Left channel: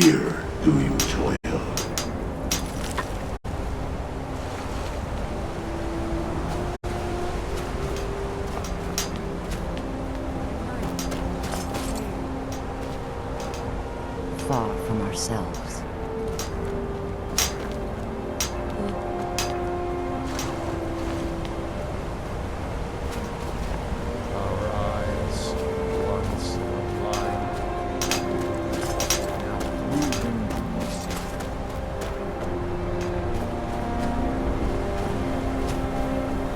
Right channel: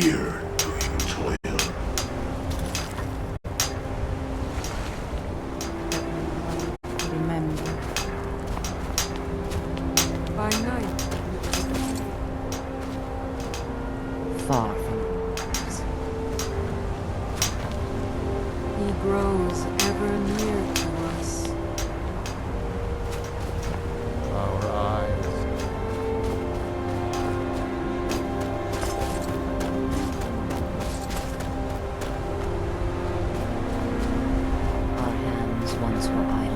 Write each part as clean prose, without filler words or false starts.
here do you live? By night, Far from ourselves. he grows ever nearer to us. Our eyes once blind. Our hands once wide.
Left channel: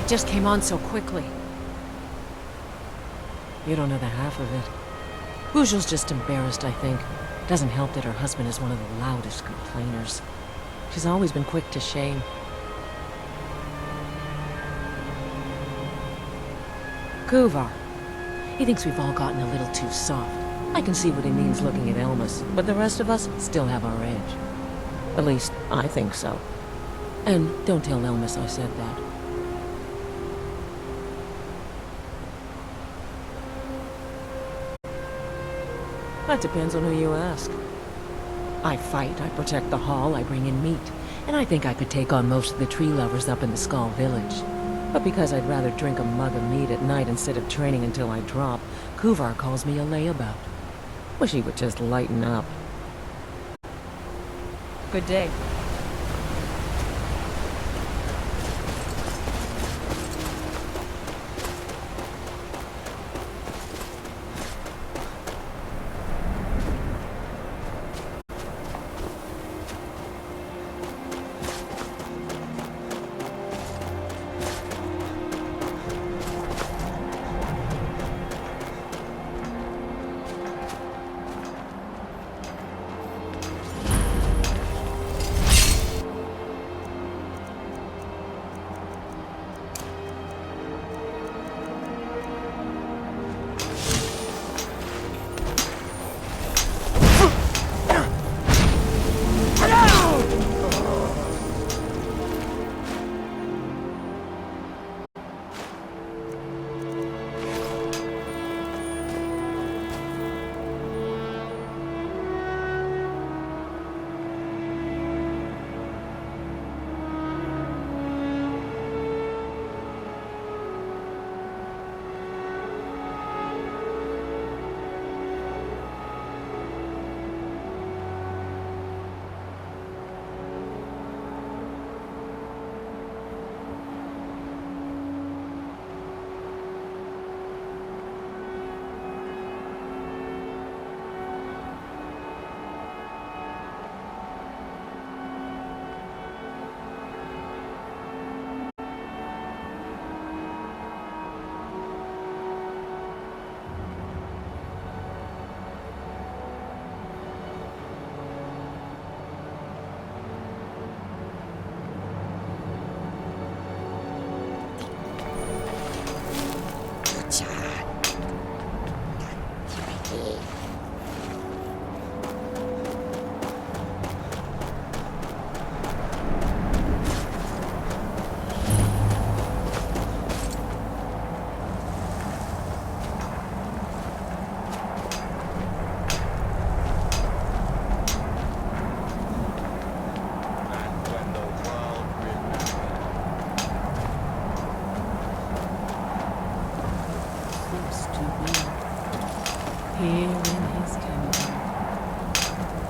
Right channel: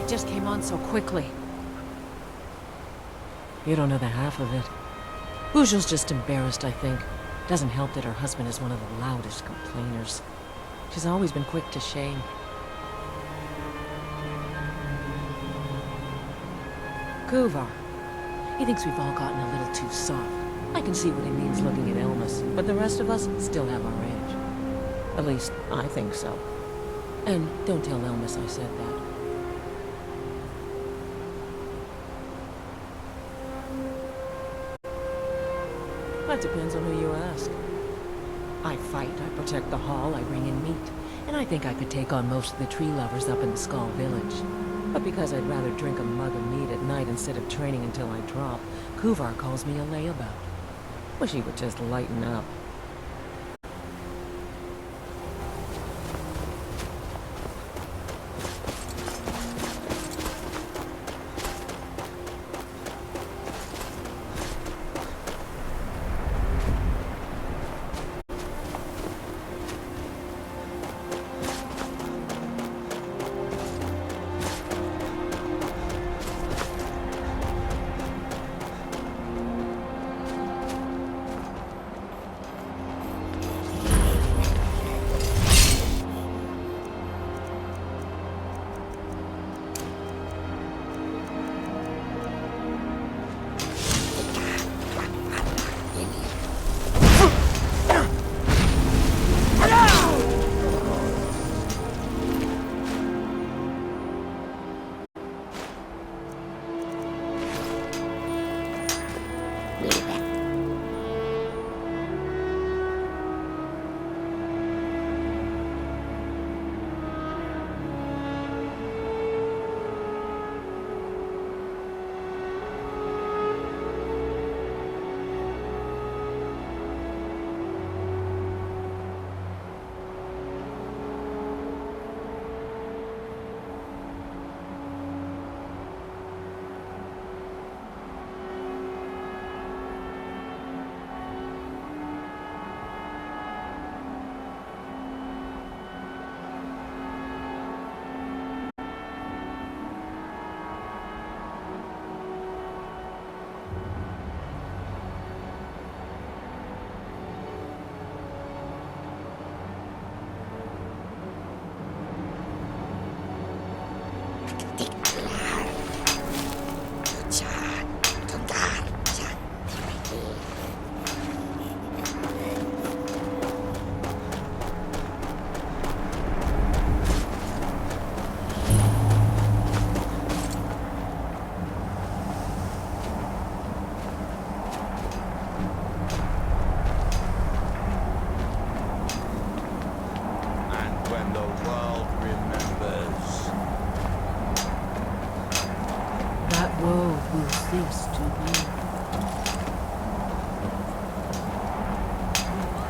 It just came on so quickly. You don't know the half of it. Bujel's just embarrassed, I think. Doesn't help that her husband is one of the loudest complainers. She's always been quick to shame. Kuvar. He thinks we've all gotten a little too soft. I can see what he means looking at Elmas, but the rest of us still have our edge. At least, I think so. And don't tell Elmas I said that. That depends on who you ask. I fight, I protect the hall, I bring in meat, and I think I could take on most of the tree lovers up in the Skull Village. But because I'd rather drink a mug of meat at night instead of training until I drop, Kuvar calls me a layabout. Wish he would just lighten up. Good day.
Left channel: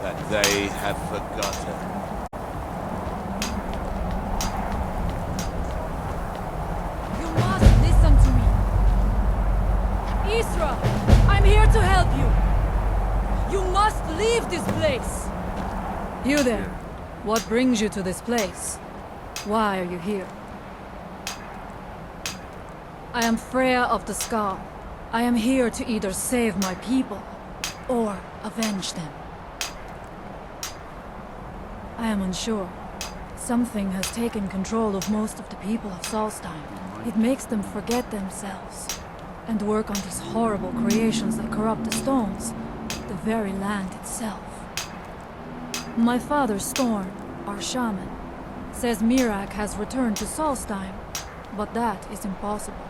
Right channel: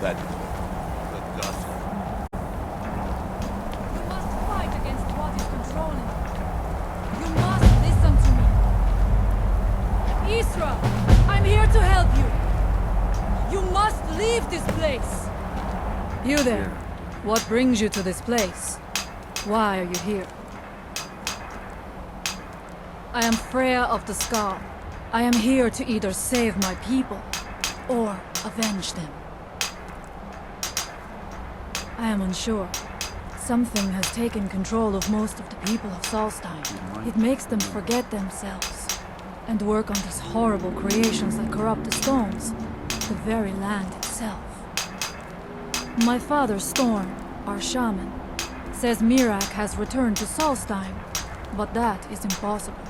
That they have forgotten. Fight against what is controlling you. You must listen to me. Isra, I'm here to help you. You must leave this place. You there. What brings you to this place? Why are you here? I am Freya of the Scar. I am here to either save my people or avenge them. I am unsure. Something has taken control of most of the people of Solstheim. It makes them forget themselves and work on these horrible creations that corrupt the stones, the very land itself. My father, Storm, our shaman, says Mirak has returned to Solstheim but that is impossible.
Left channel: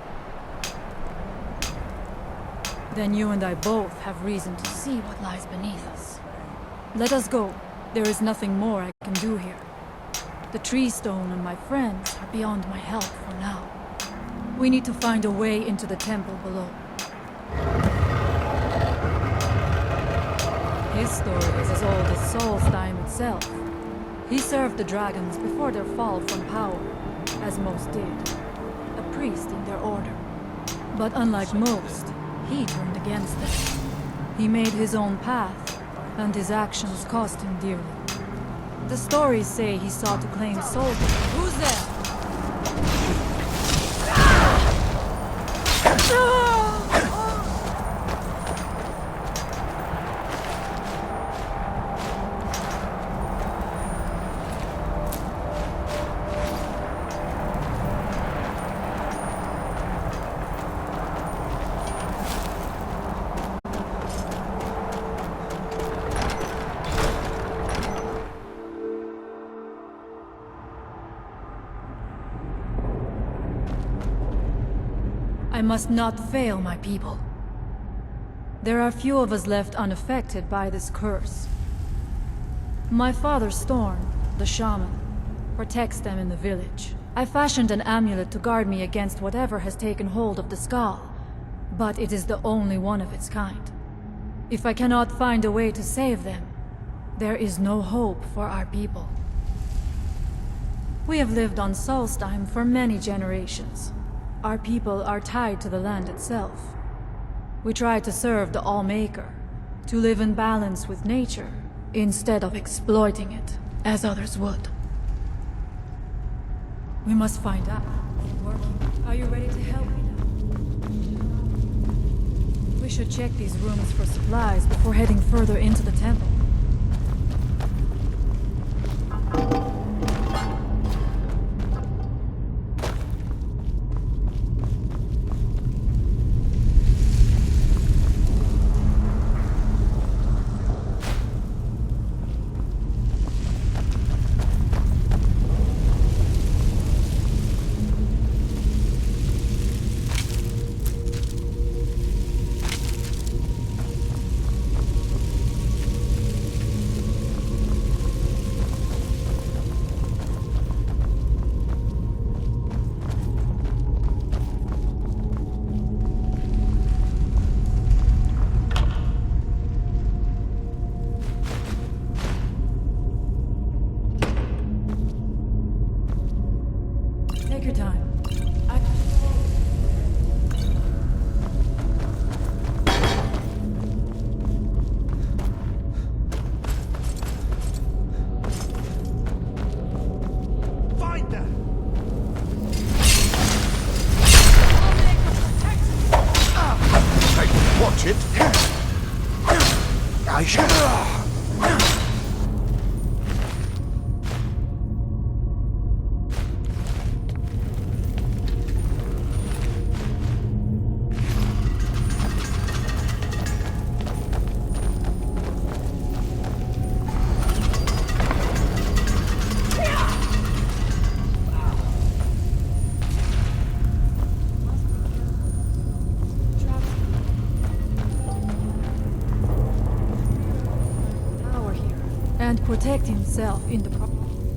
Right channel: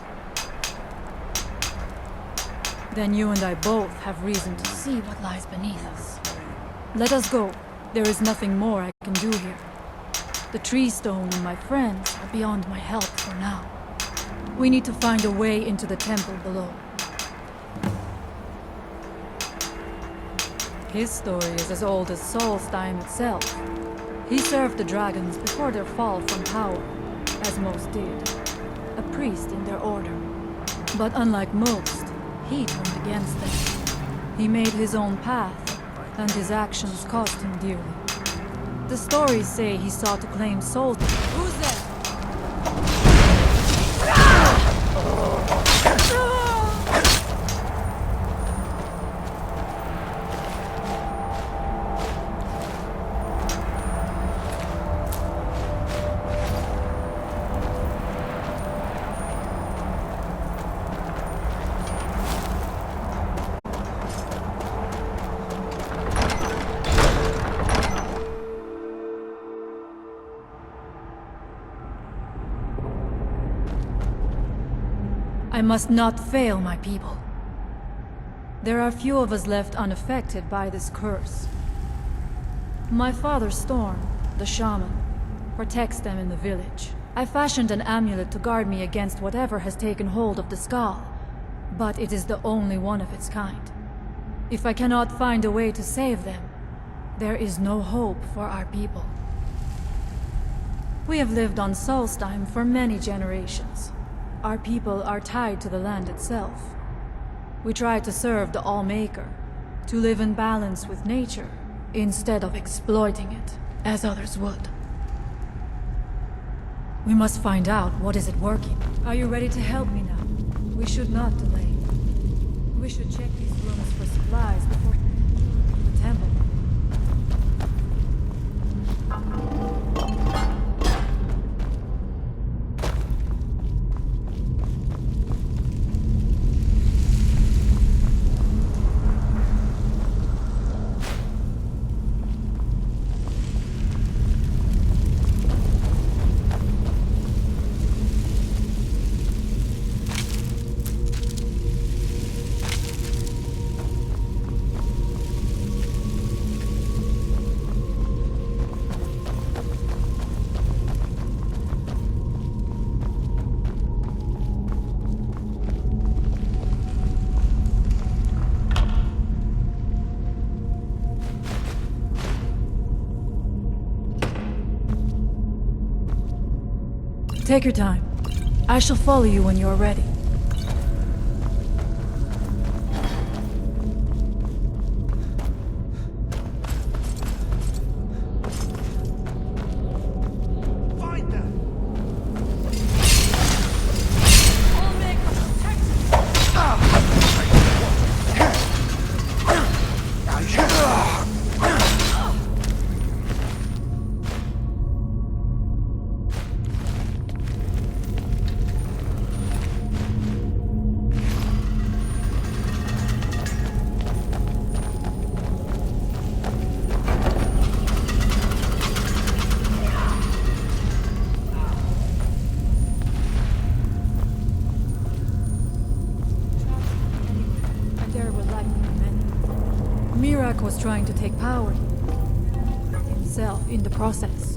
Then you and I both have reason to see what lies beneath us. Let us go. There is nothing more I can do here. The tree stone and my friends are beyond my help for now. We need to find a way into the temple below. His story is as old as Solstheim itself. He served the dragons before their fall from power, as most did. A priest in their order. But unlike most, he turned against them. He made his own path, and his actions cost him dearly. The stories say he sought to claim Solstheim. Who's there? I must not fail my people. There are few of us left unaffected by this curse. My father Storm, the shaman, protects them in the village. I fashioned an amulet to guard me against whatever has taken hold of the skull, but it is the only one of its kind. If I cannot find a way to save them, there is no hope for our people. We have lived on Solstheim for many generations. Our people are tied to the land itself. We try to serve the All-Maker, to live in balance with nature, instead of exploiting it, as others would. We must find out what is it working. Are you ready to help me now? We should not delay. We should check these rooms for supplies before heading further into the temple. Take your time. I shall follow you when you're ready. Find them! I'll make a protection! Hey, watch it! I shall. Was trying to take power here and protect himself in the process.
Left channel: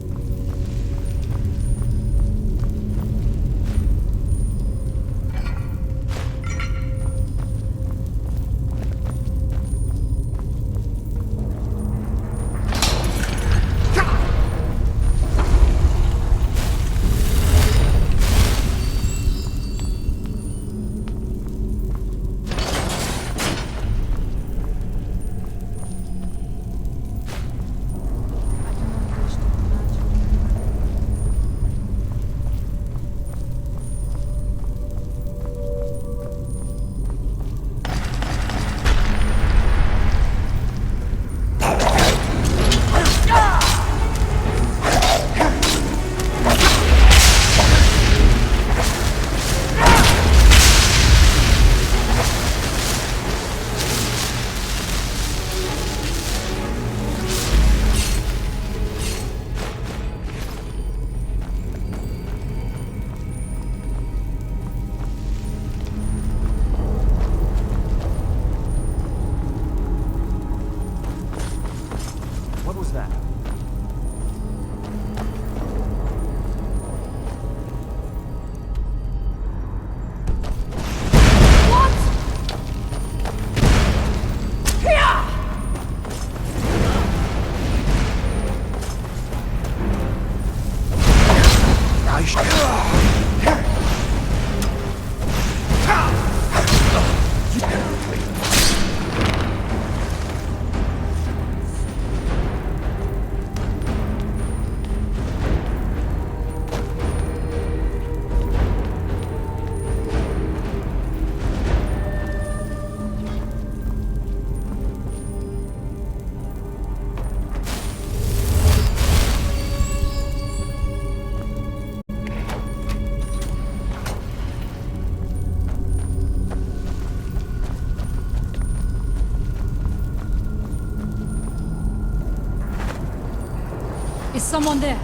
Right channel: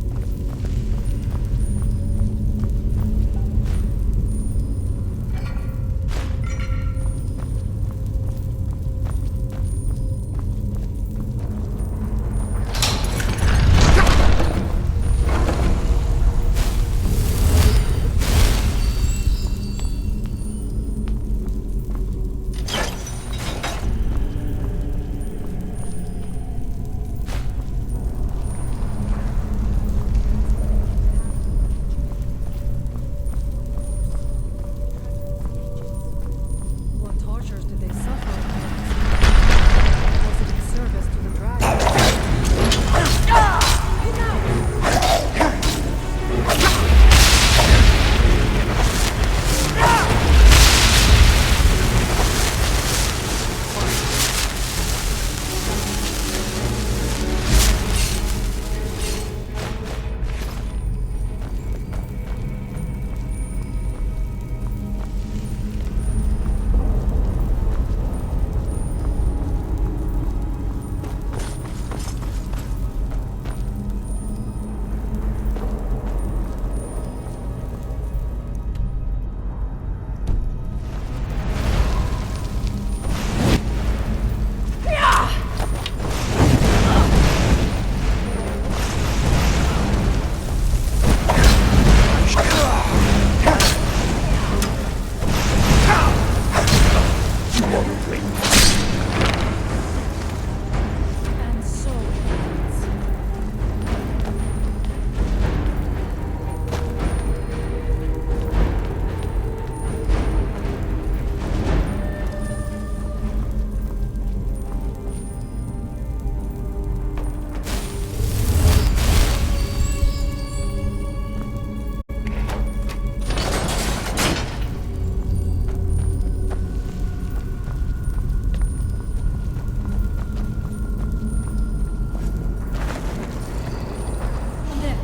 Is someone there?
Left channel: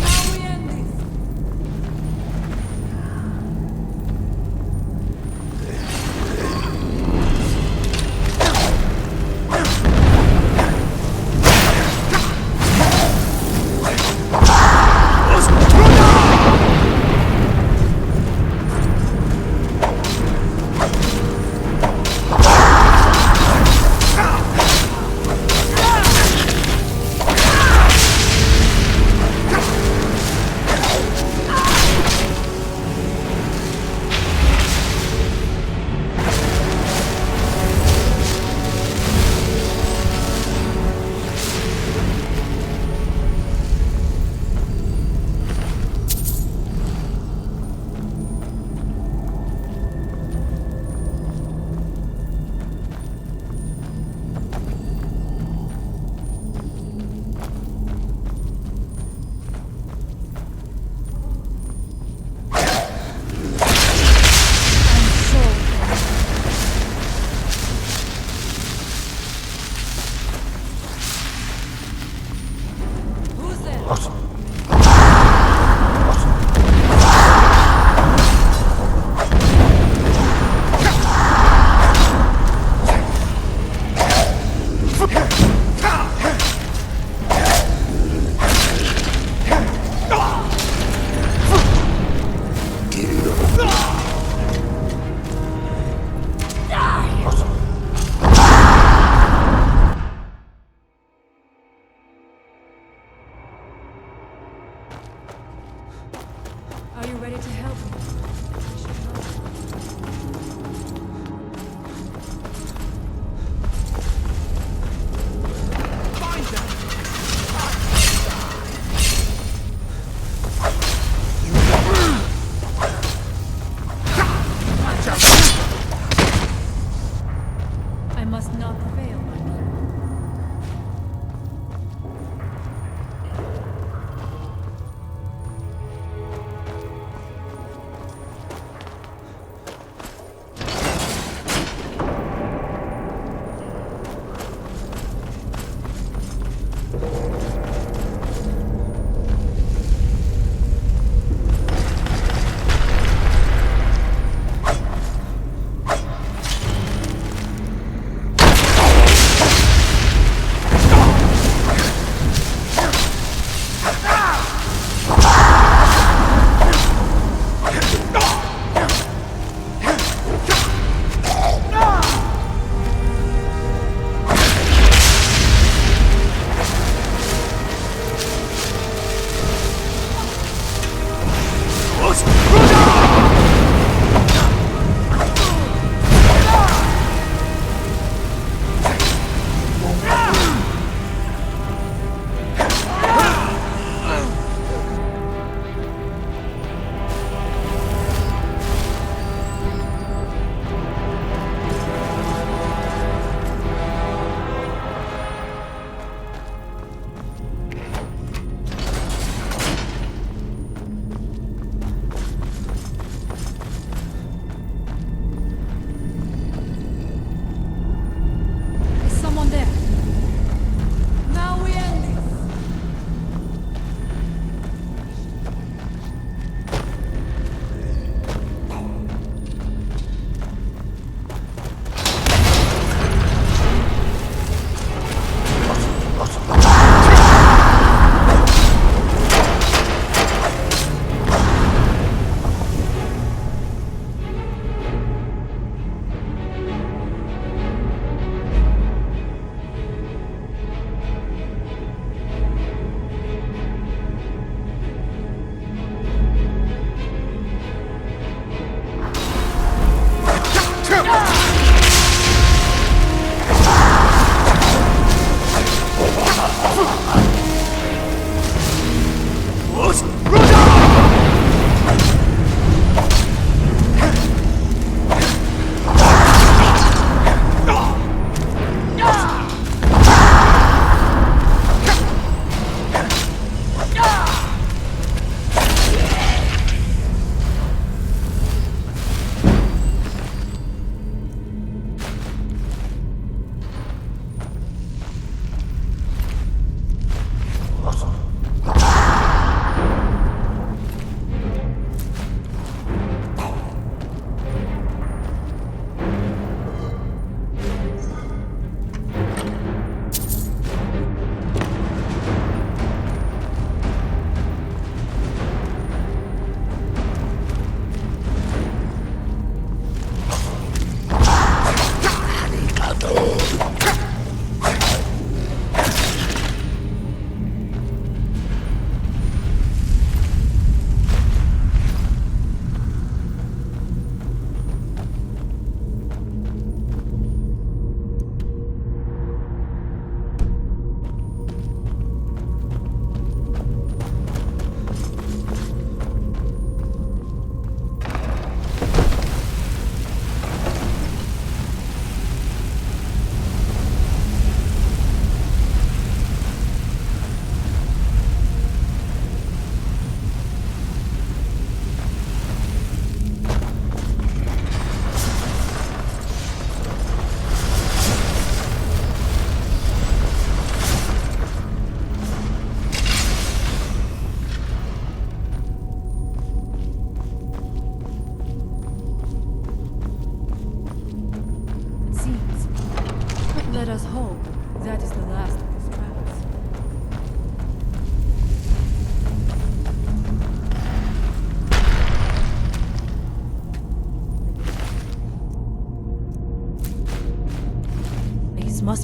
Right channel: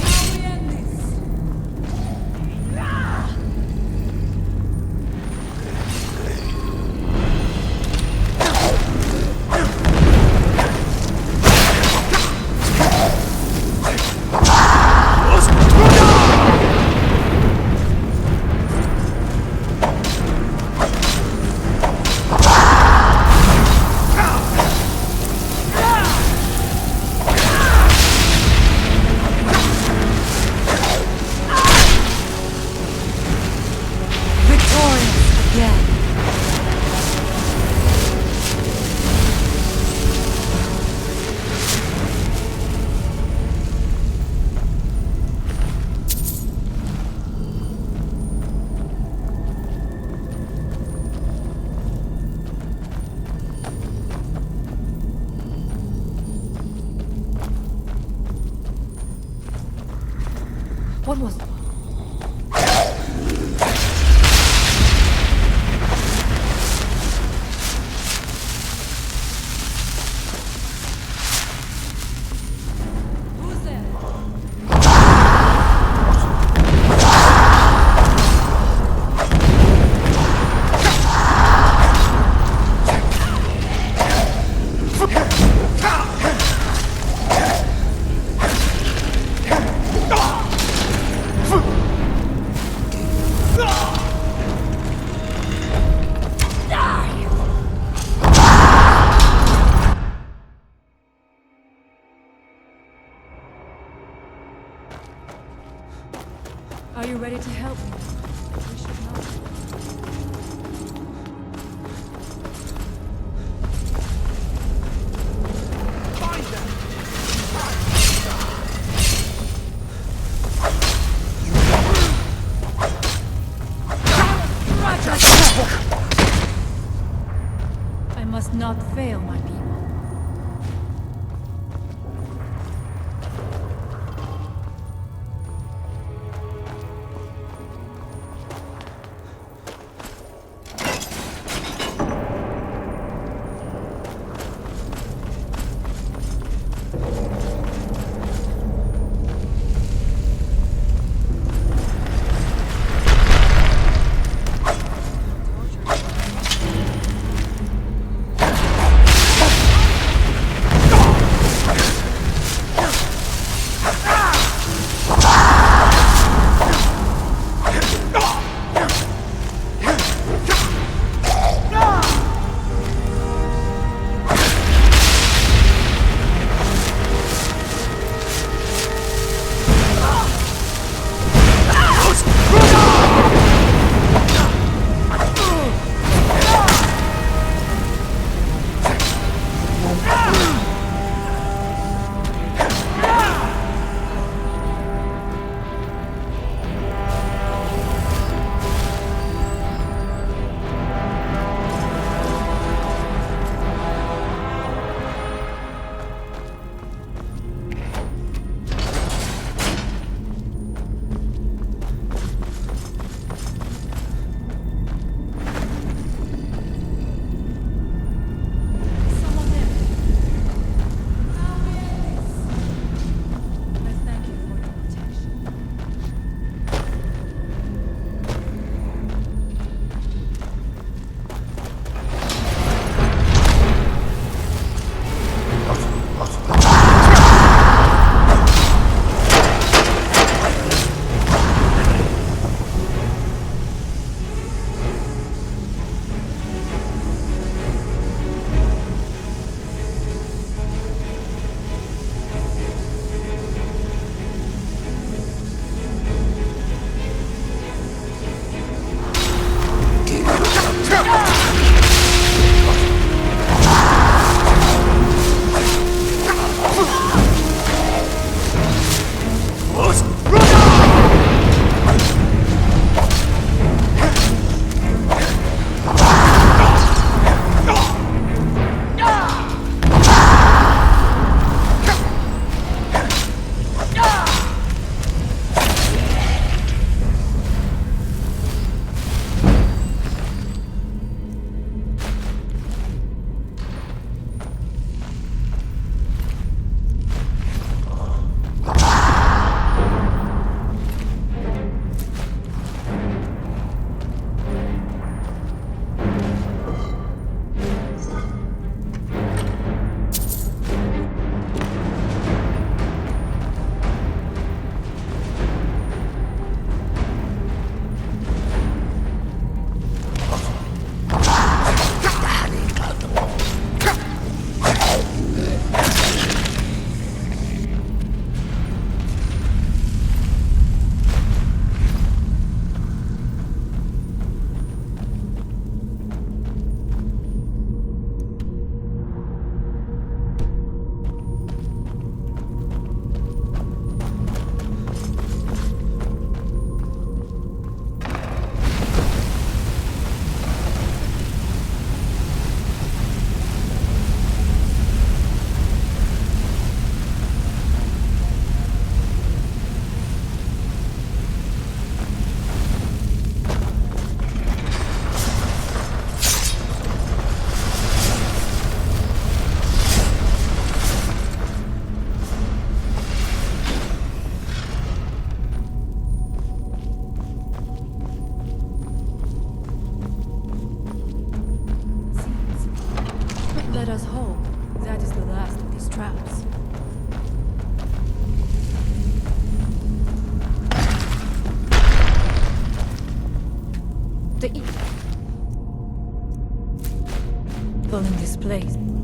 Now we end this. What was... Who's there? Are you ready to help me? We should know. Find them! I must not fail my people.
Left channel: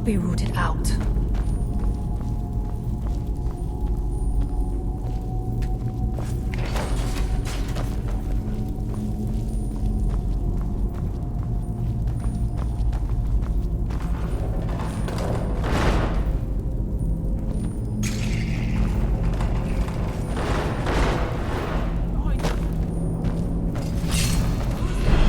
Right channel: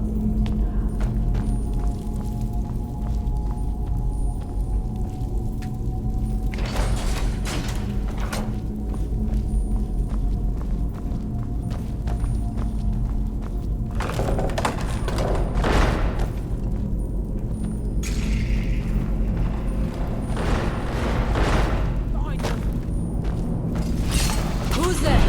must be rooted out. Who's there?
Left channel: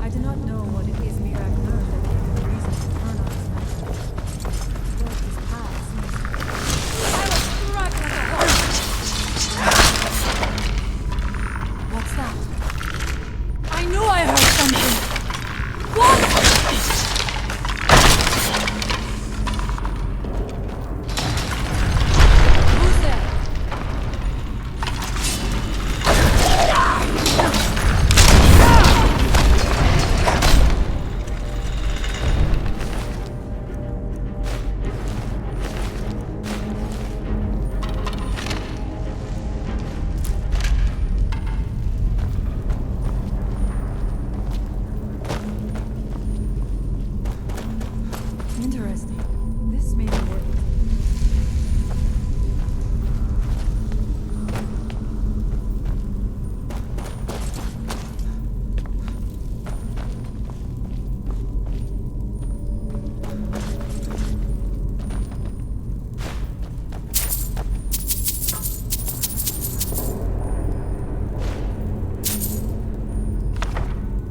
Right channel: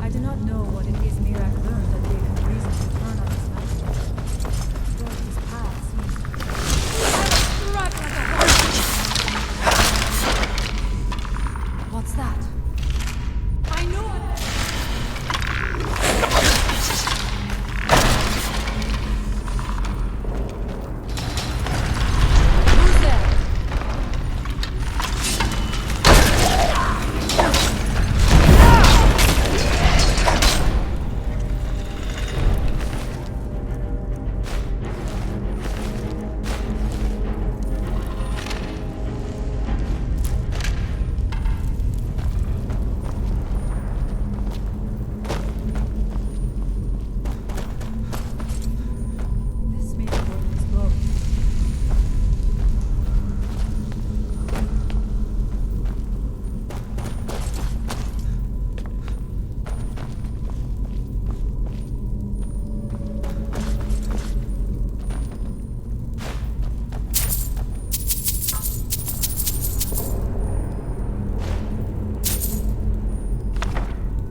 I do not know what it is Mirak learned that gave him reason to turn on his master. But his path seems... I will strike like a horse! What's that? I knew I heard something! Who's there? Interesting. This may be worth exploring.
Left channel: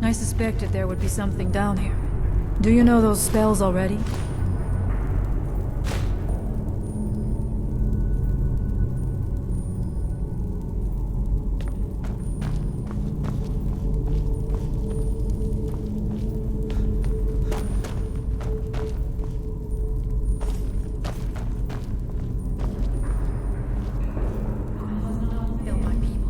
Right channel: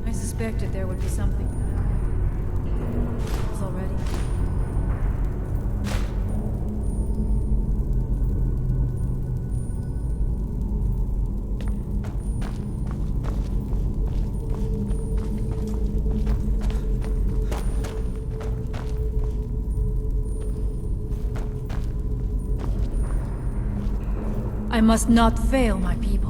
I suspected there would be something down here. Do you know those spells already? I must not fail my people.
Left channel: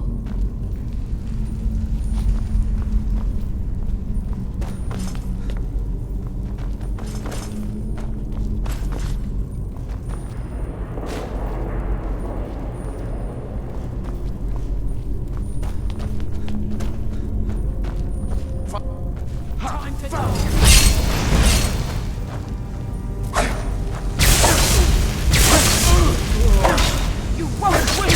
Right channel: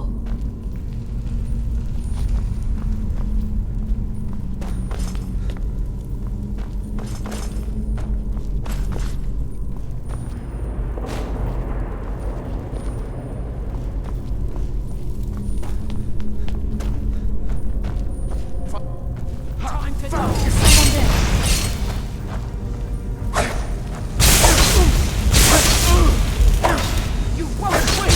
Time to go! You won't win!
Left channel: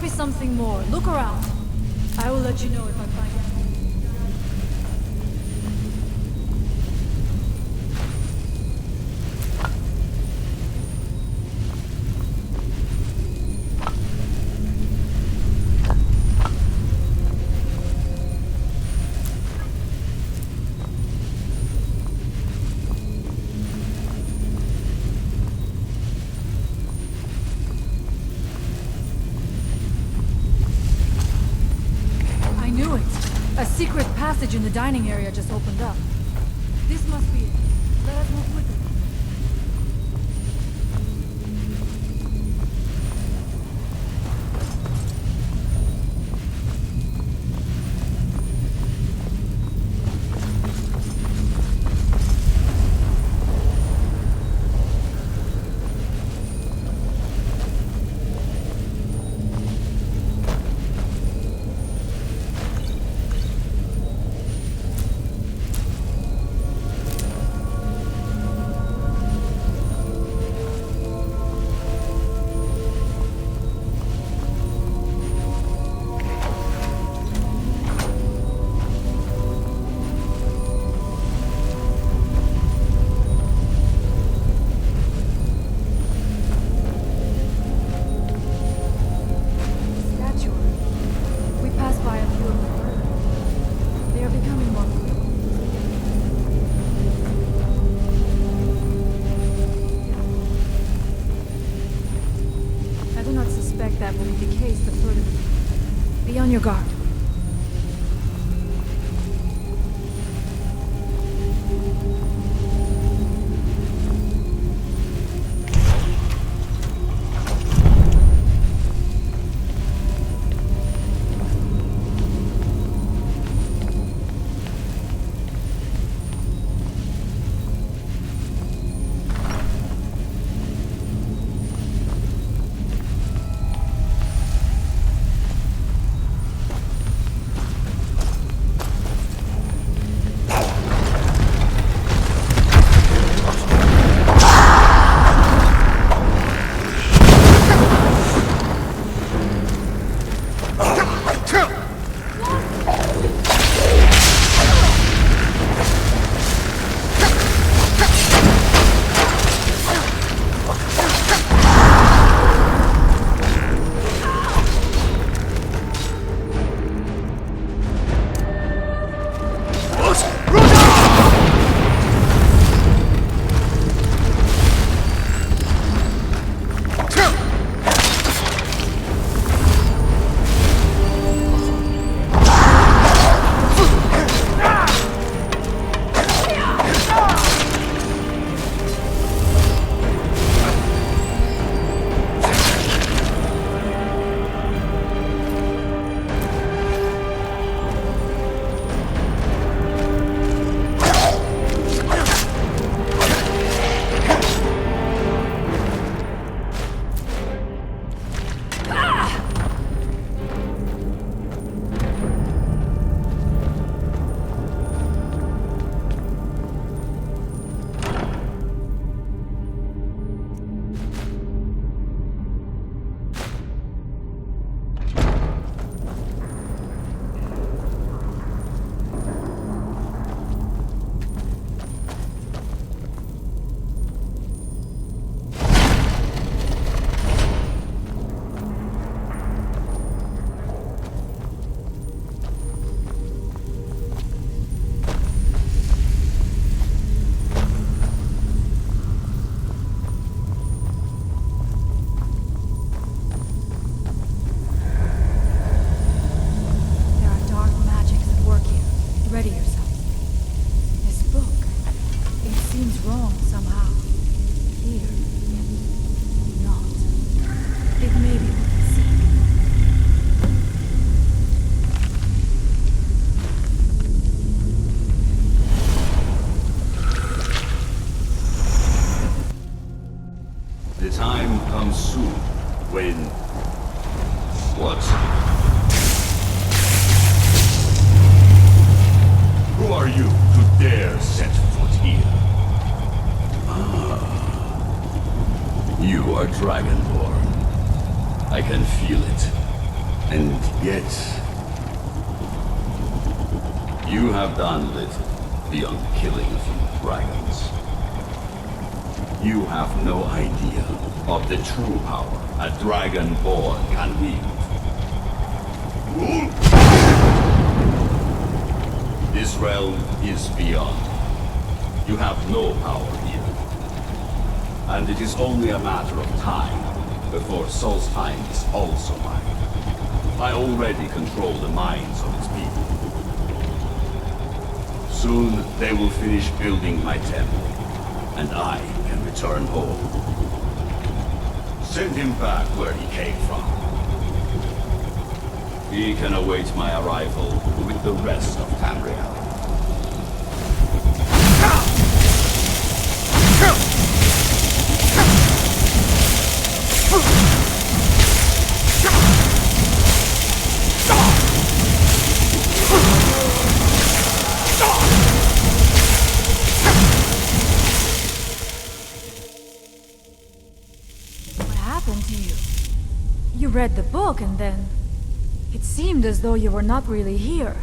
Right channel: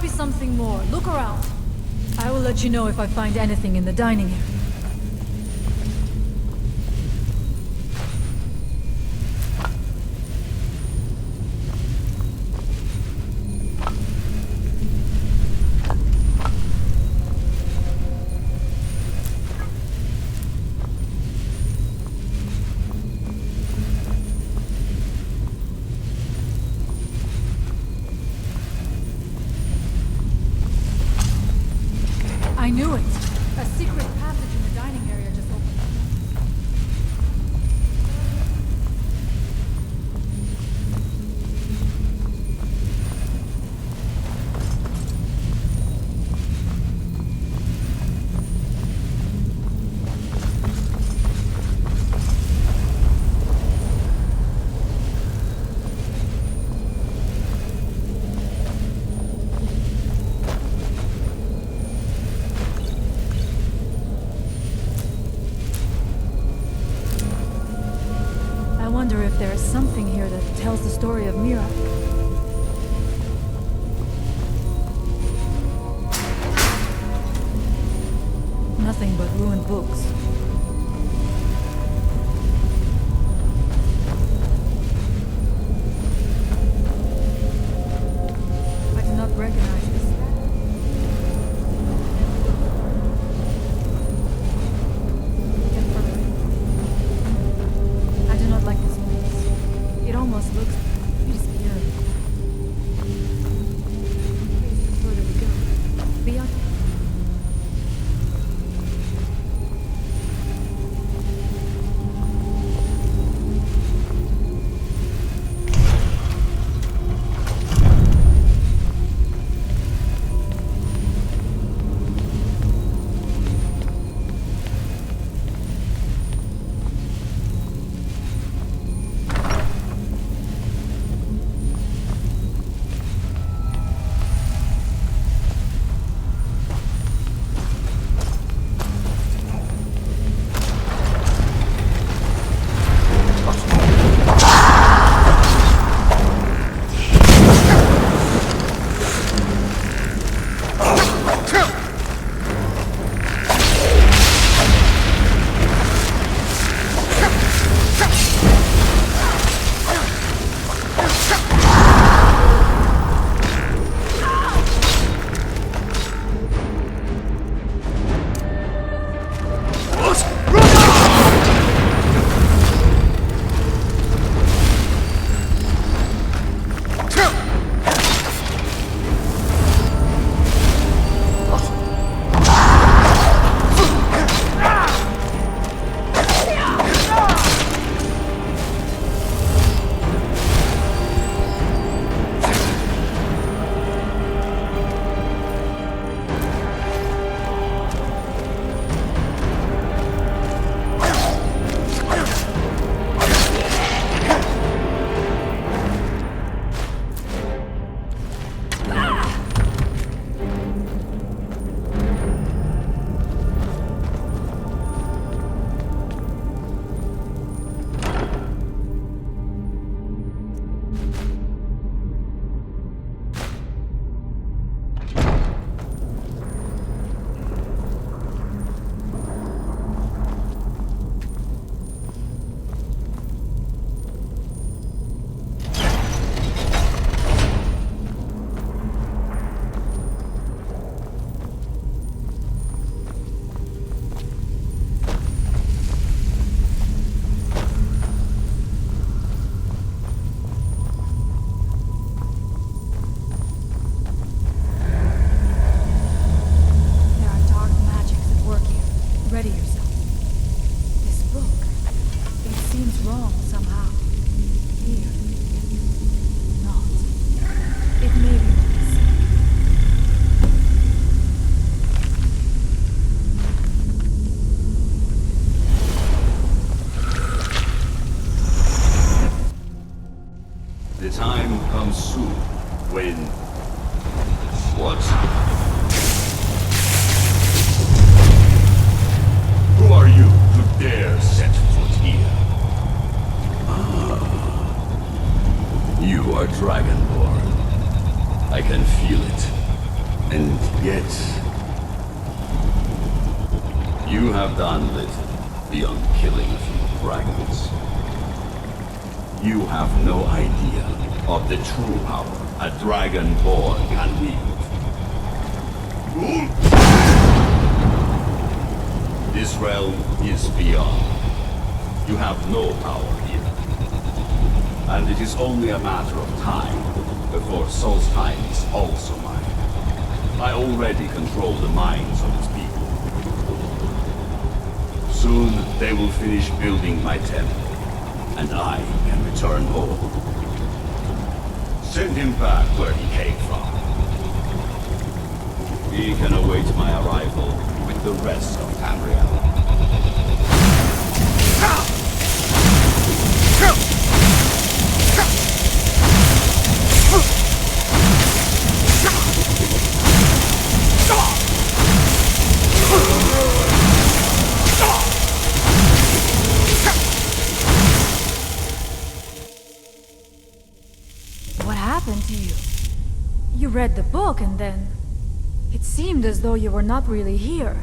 must be something more. Look around. I will let you know if I find anything in the dining area. I knew it! A secret passage in the dining area just opened up. This must be it. Let us move quickly. I wonder if there is something here that tells the story of Mira. Nothing but ruined books. I do not recognize this statue. We passed by a few of them earlier. They are becoming more sleek and perfect. I do not like this place. It almost looks disappearing. I do not suspect that will be the case the further we go. Be on your guard. Ready yourself. This book, it seems wrong somehow. Here, yet not. It may be what we seek. The time comes soon when... What? Who are you to dare set foot here? Ah. You are Dragonborn. I can feel it. And yet, you have done little beyond killing a few dragons. You have no idea of the true power a dragonborn can wield. This realm is beyond. You have no power here. And it is only a matter of time before Solstheim is also mine. I already control the minds of its people. Soon they will finish building my temple, and I can return home. Send him back where he came from. He can await my arrival with the rest of Tamriel. What happened to you? You read the book and then... It seemed as though you were not really here.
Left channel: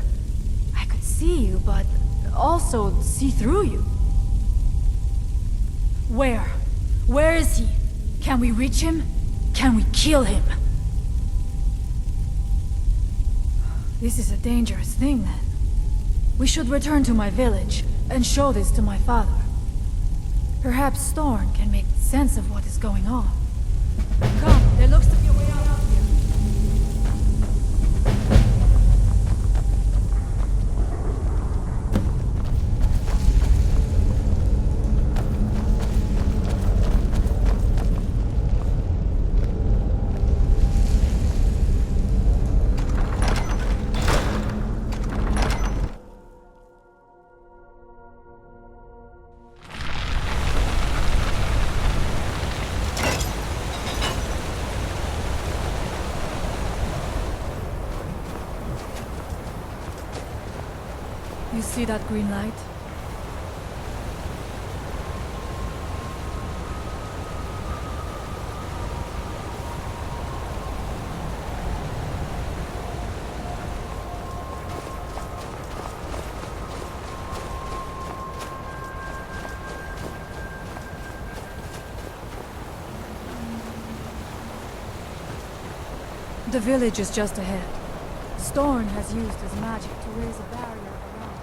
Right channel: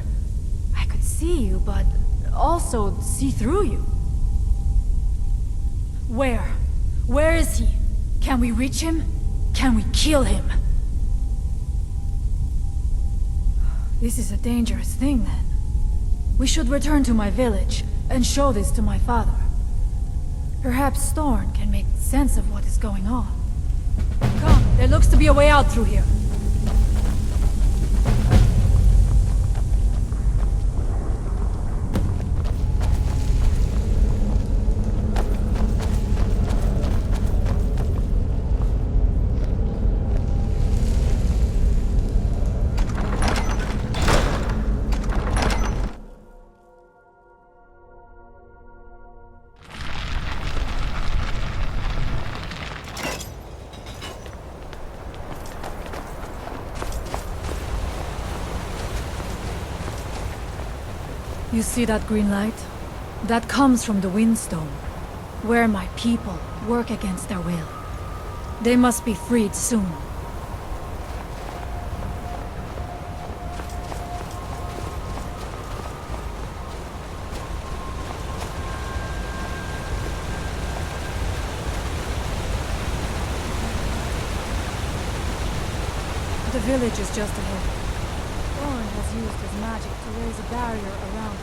I could see you, but also see through you. Where? Where is he? Can we reach him? Can we kill him? This is a dangerous thing, then. We should return to my village and show this to my father. Perhaps Storn can make sense of what is going on. Come, there looks to be a way out through here. You see that green light? That comes from the Windstone, where my people work against their will. They must be freed soon. The village is just ahead. Storn has used his magic to raise a barrier around it,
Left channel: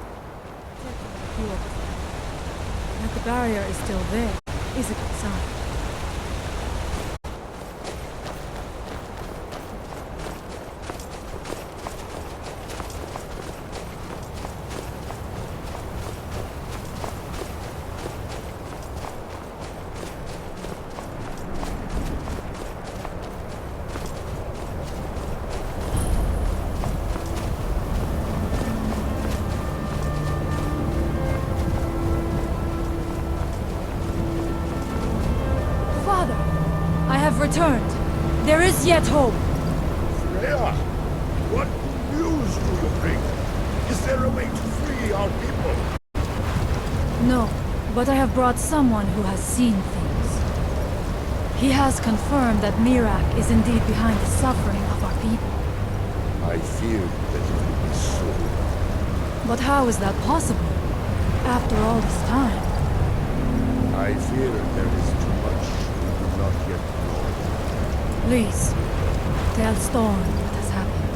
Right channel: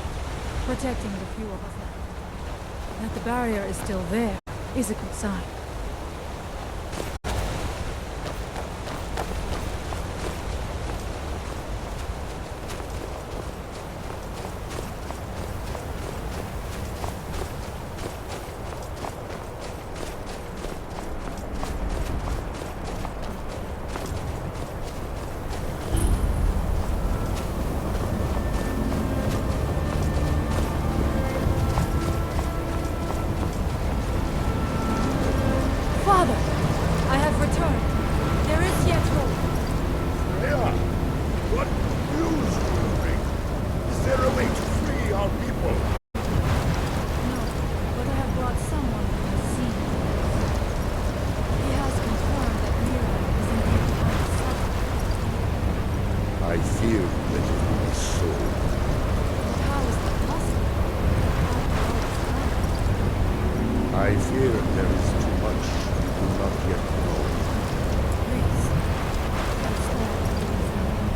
protecting the few of us left. That the barrier is still there is a good sign. Father, I have returned. There is yet hope. Freya, what news do you bring? Is there a way to free our people? No, but I have brought someone who has seen things. He has confirmed that Mirak is indeed behind the suffering of our people. I feared that it would be so. But how is that possible? After all this time? I fear there is too much we do not yet know. Please, tell Storm what has happened.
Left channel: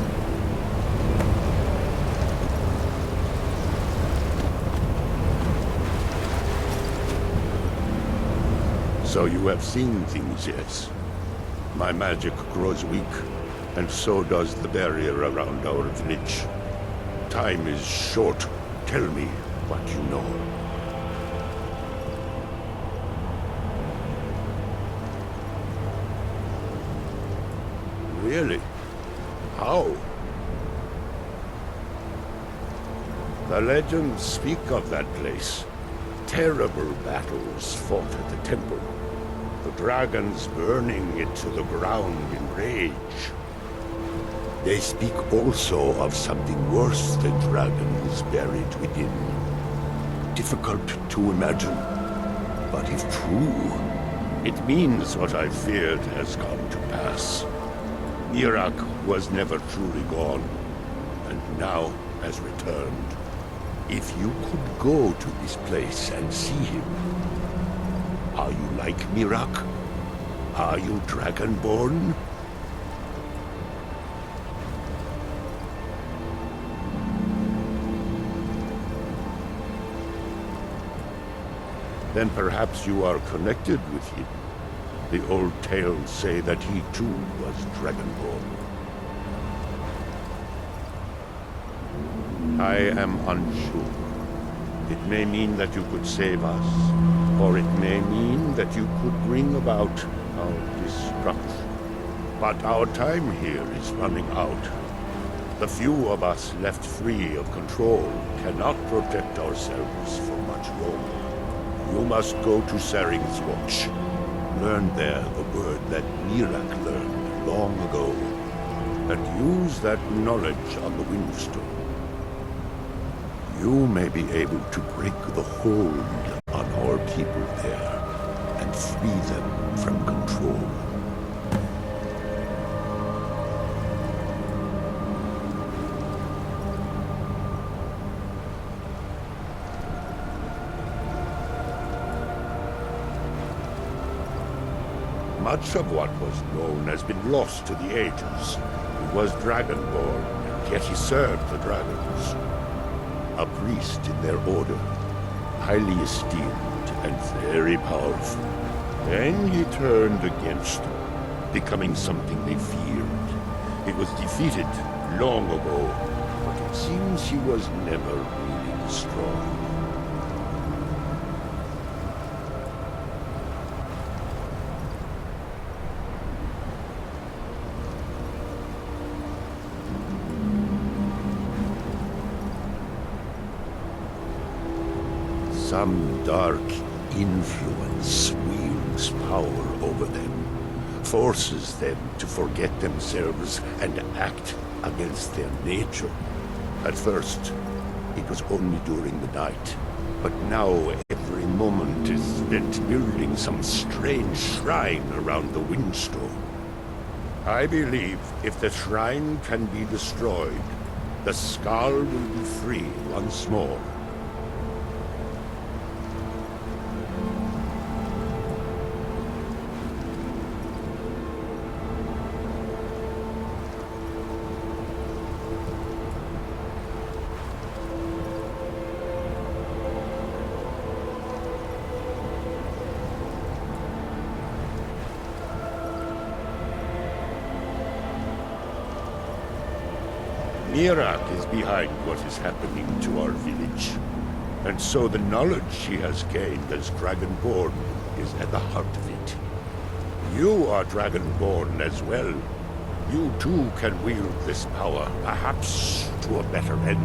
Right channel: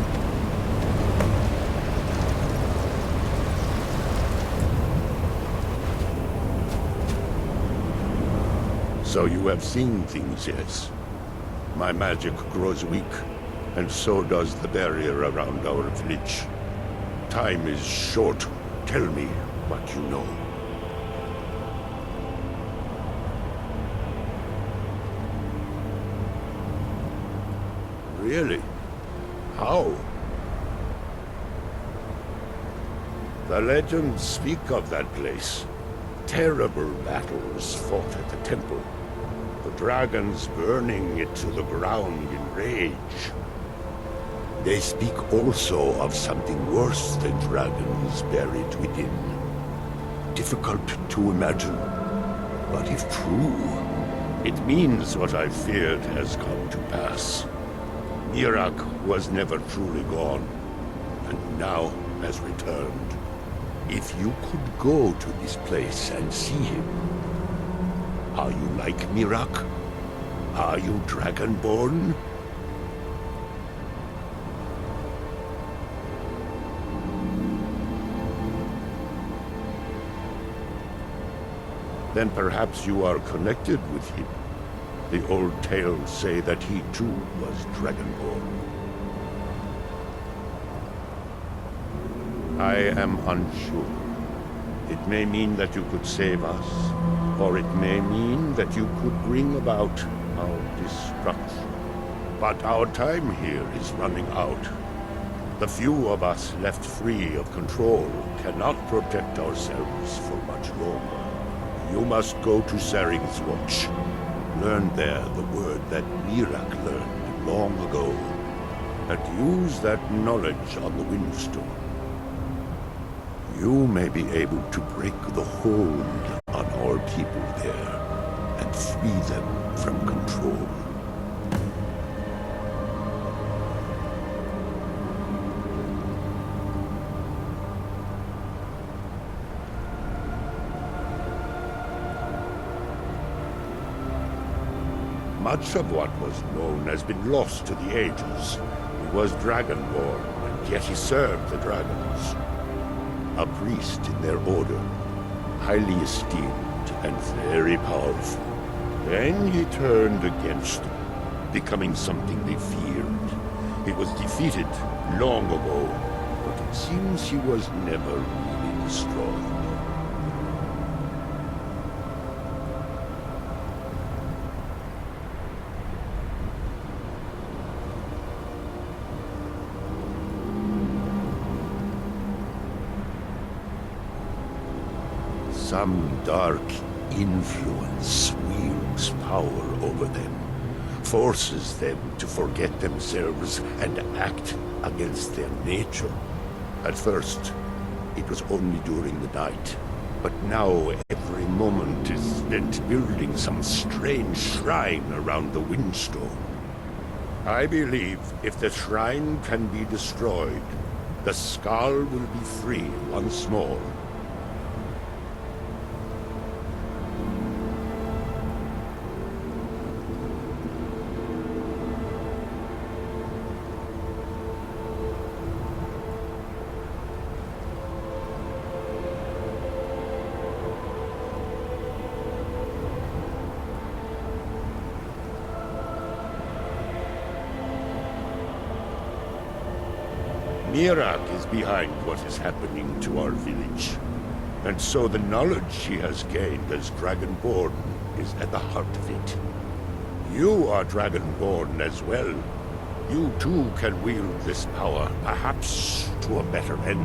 So you have seen things, yes? My magic grows weak, and so does the barrier around our village. Time is short. Tell me what you know. Really? How? The legends speak of that place. Terrible battles fought at the temple. The dragons burning it to the ground in rage. They speak also of something worse than dragons buried within. Difficult to imagine, but if true, it means what I feared has come to pass. Mirak was never truly gone, and now has returned. If you could go to this place and see him, are you like Mirak? Are you Dragonborn? Then perhaps you are connected with him. The old tales say that he too was Dragonborn. I am unsure. It may mean that you could save us, or it may mean that you could bring about our destruction. But our time here is running out. The few of us left free of control cannot protect ourselves for much longer. You must go to Saring's Watch. Learn there the word that Mirak learned long ago, and use that knowledge on the Windstone. You may be able to break the hold on our people there, and free them from control. Much of what was known has been lost to the ages. He was Dragonborn, and yet he served the dragons. A priest in their order, highly esteemed and very powerful. Then he turned against them, becoming something they feared. He was defeated long ago, but it seems he was never really destroyed. Some dark influence wields power over them, forces them to forget themselves and act against their nature. At first, it was only during the night, but now every moment is spent building some strange shrine around the Windstone. I believe if the shrine can be destroyed, the Skull will be free once more. Mirak is behind what is happening to our village. And so the knowledge she has gained as Dragonborn is at the heart of it. You are Dragonborn as well. You too can wield this power, perhaps to a better end.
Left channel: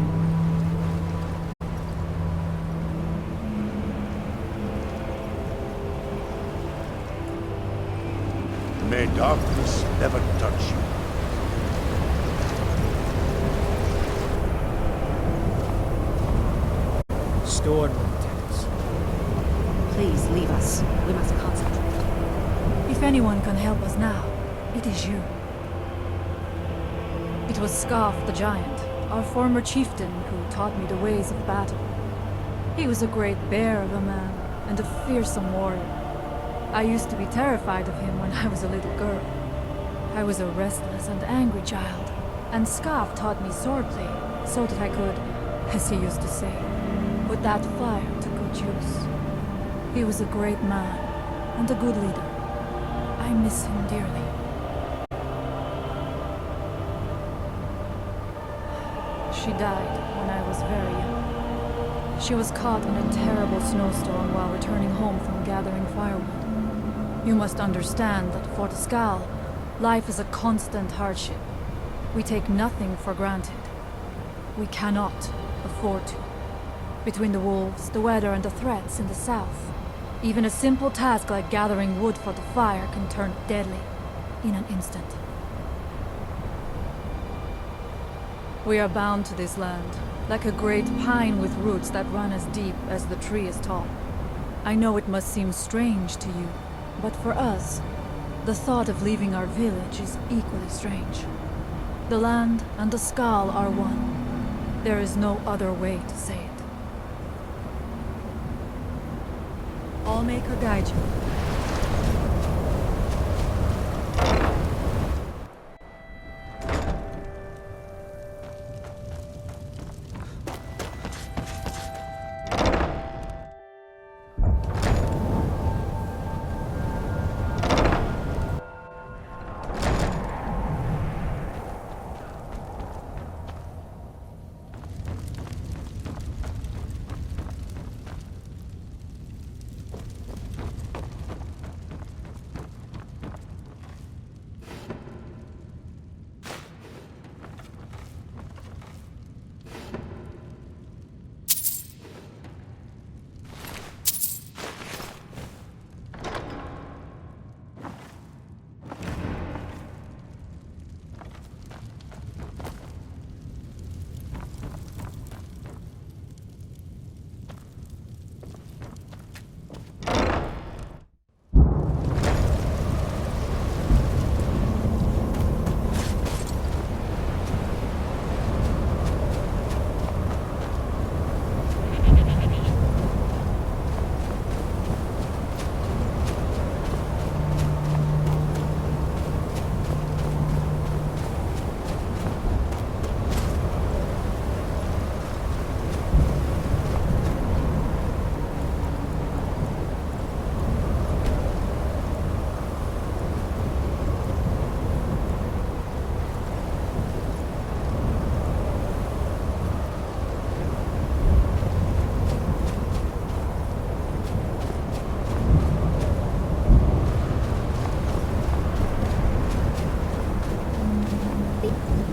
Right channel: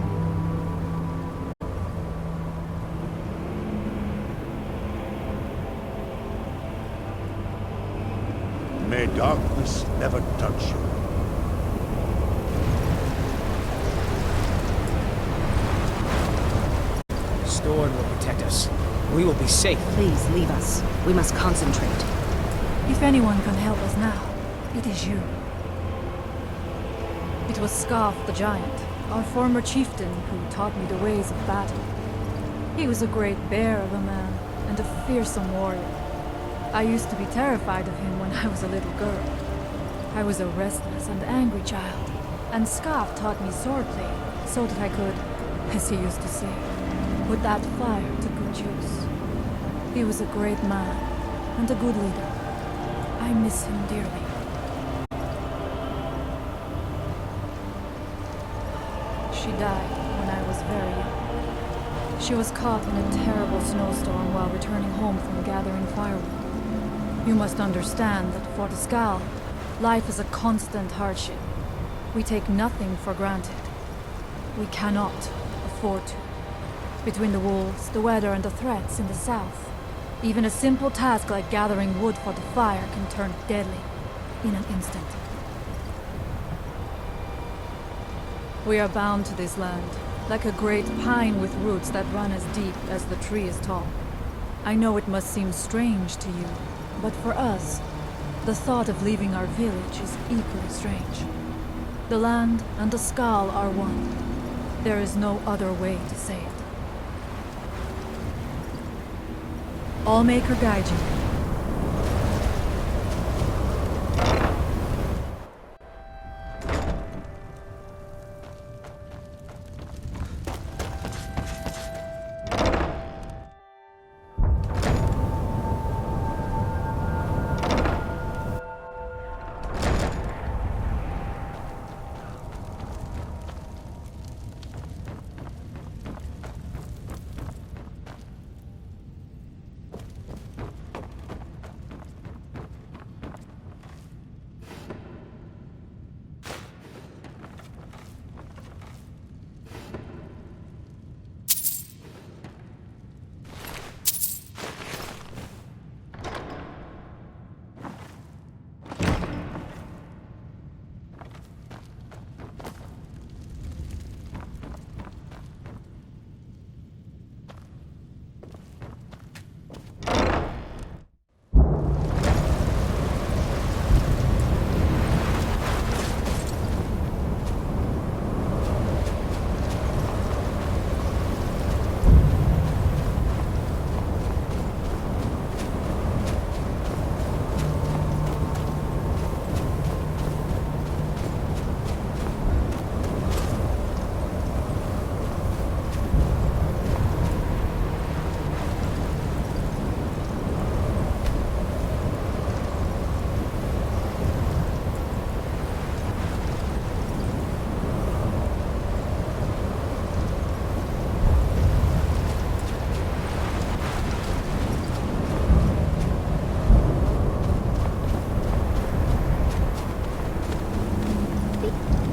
May darkness never touch you. Storn will protect us. We will be safe. Please leave us. We must concentrate. If anyone can help us now, it is you. It was Scarf the Giant, our former chieftain, who taught me the ways of battle. He was a great bear of a man, and a fearsome warrior. I used to be terrified of him when I was a little girl. I was a restless and angry child, and Scarf taught me swordplay, so that I could, as he used to say, put that fire to good use. He was a great man, and a good leader. I miss him dearly. She died when I was very young. She was caught in a terrible snowstorm while returning home from gathering firewood. You must understand that for the Skal, life is a constant hardship. We take nothing for granted. We cannot afford to. Between the wolves, the weather, and the threats in the south, even a simple task like gathering wood for the fire can turn deadly in an instant. We are bound to this land, like a great pine with roots that run as deep as the tree is tall. I know it must seem strange to you, but for us, The thought of leaving our village is equally strange. The land and the Skal are one. There is no other way to say it. Allmaker guide you.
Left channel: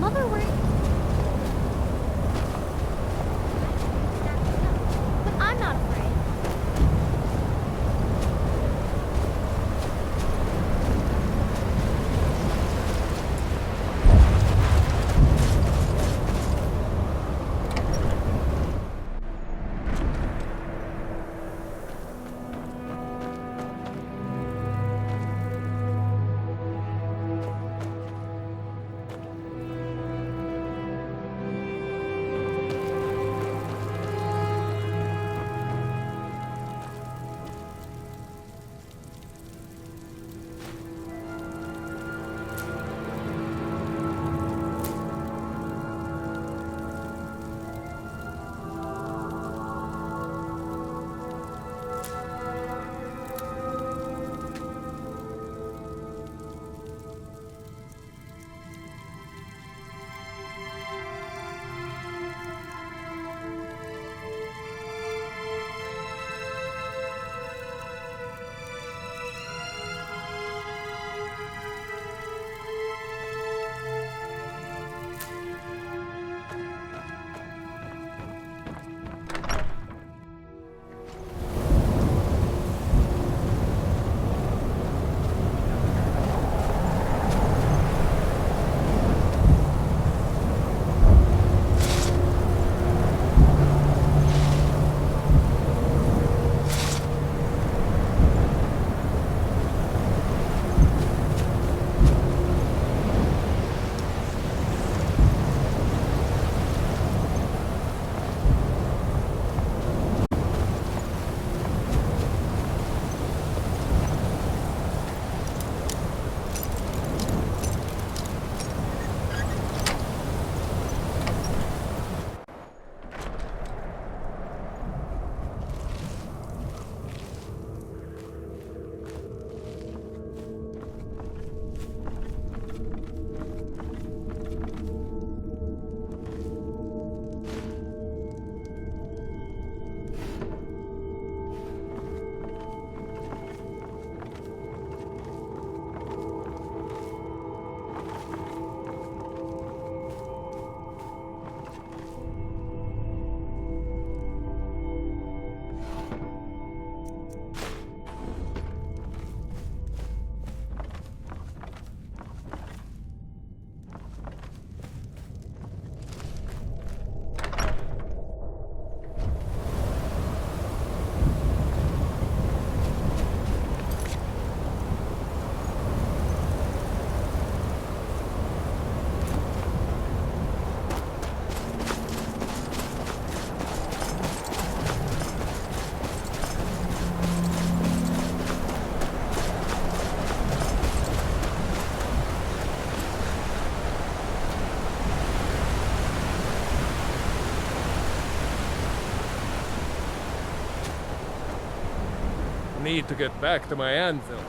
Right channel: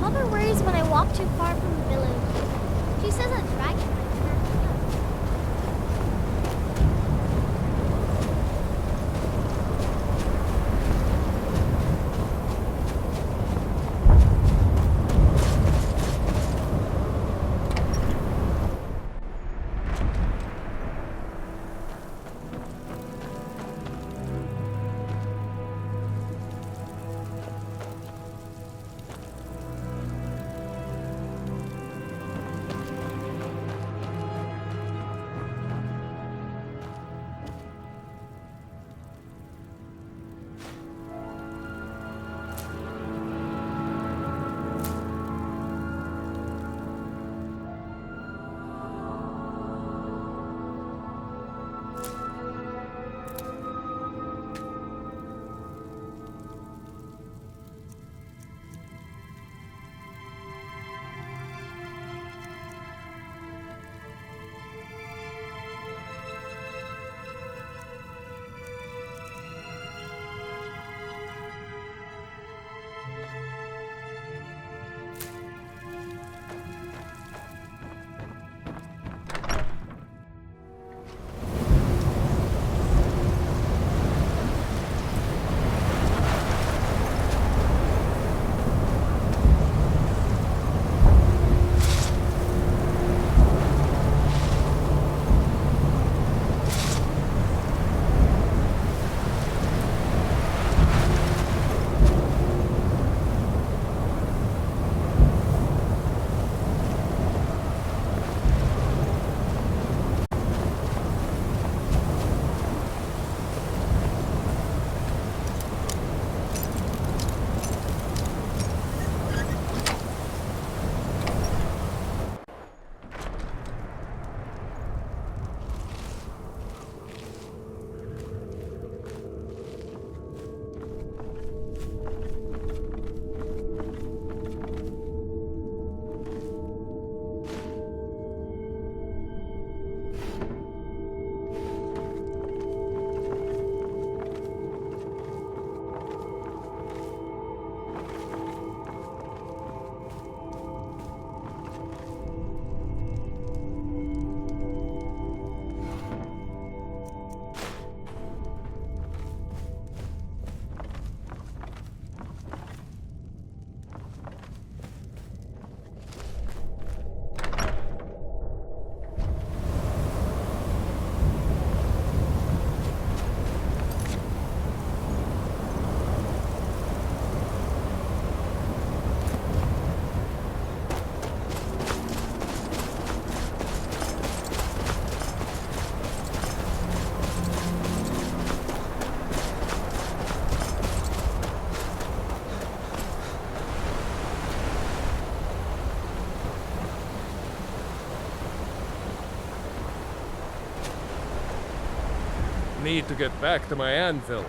Mother worries when I walk too far from the village. She says I'm dragging her to snap me up, but I'm not afraid. Need to get back to my anvil.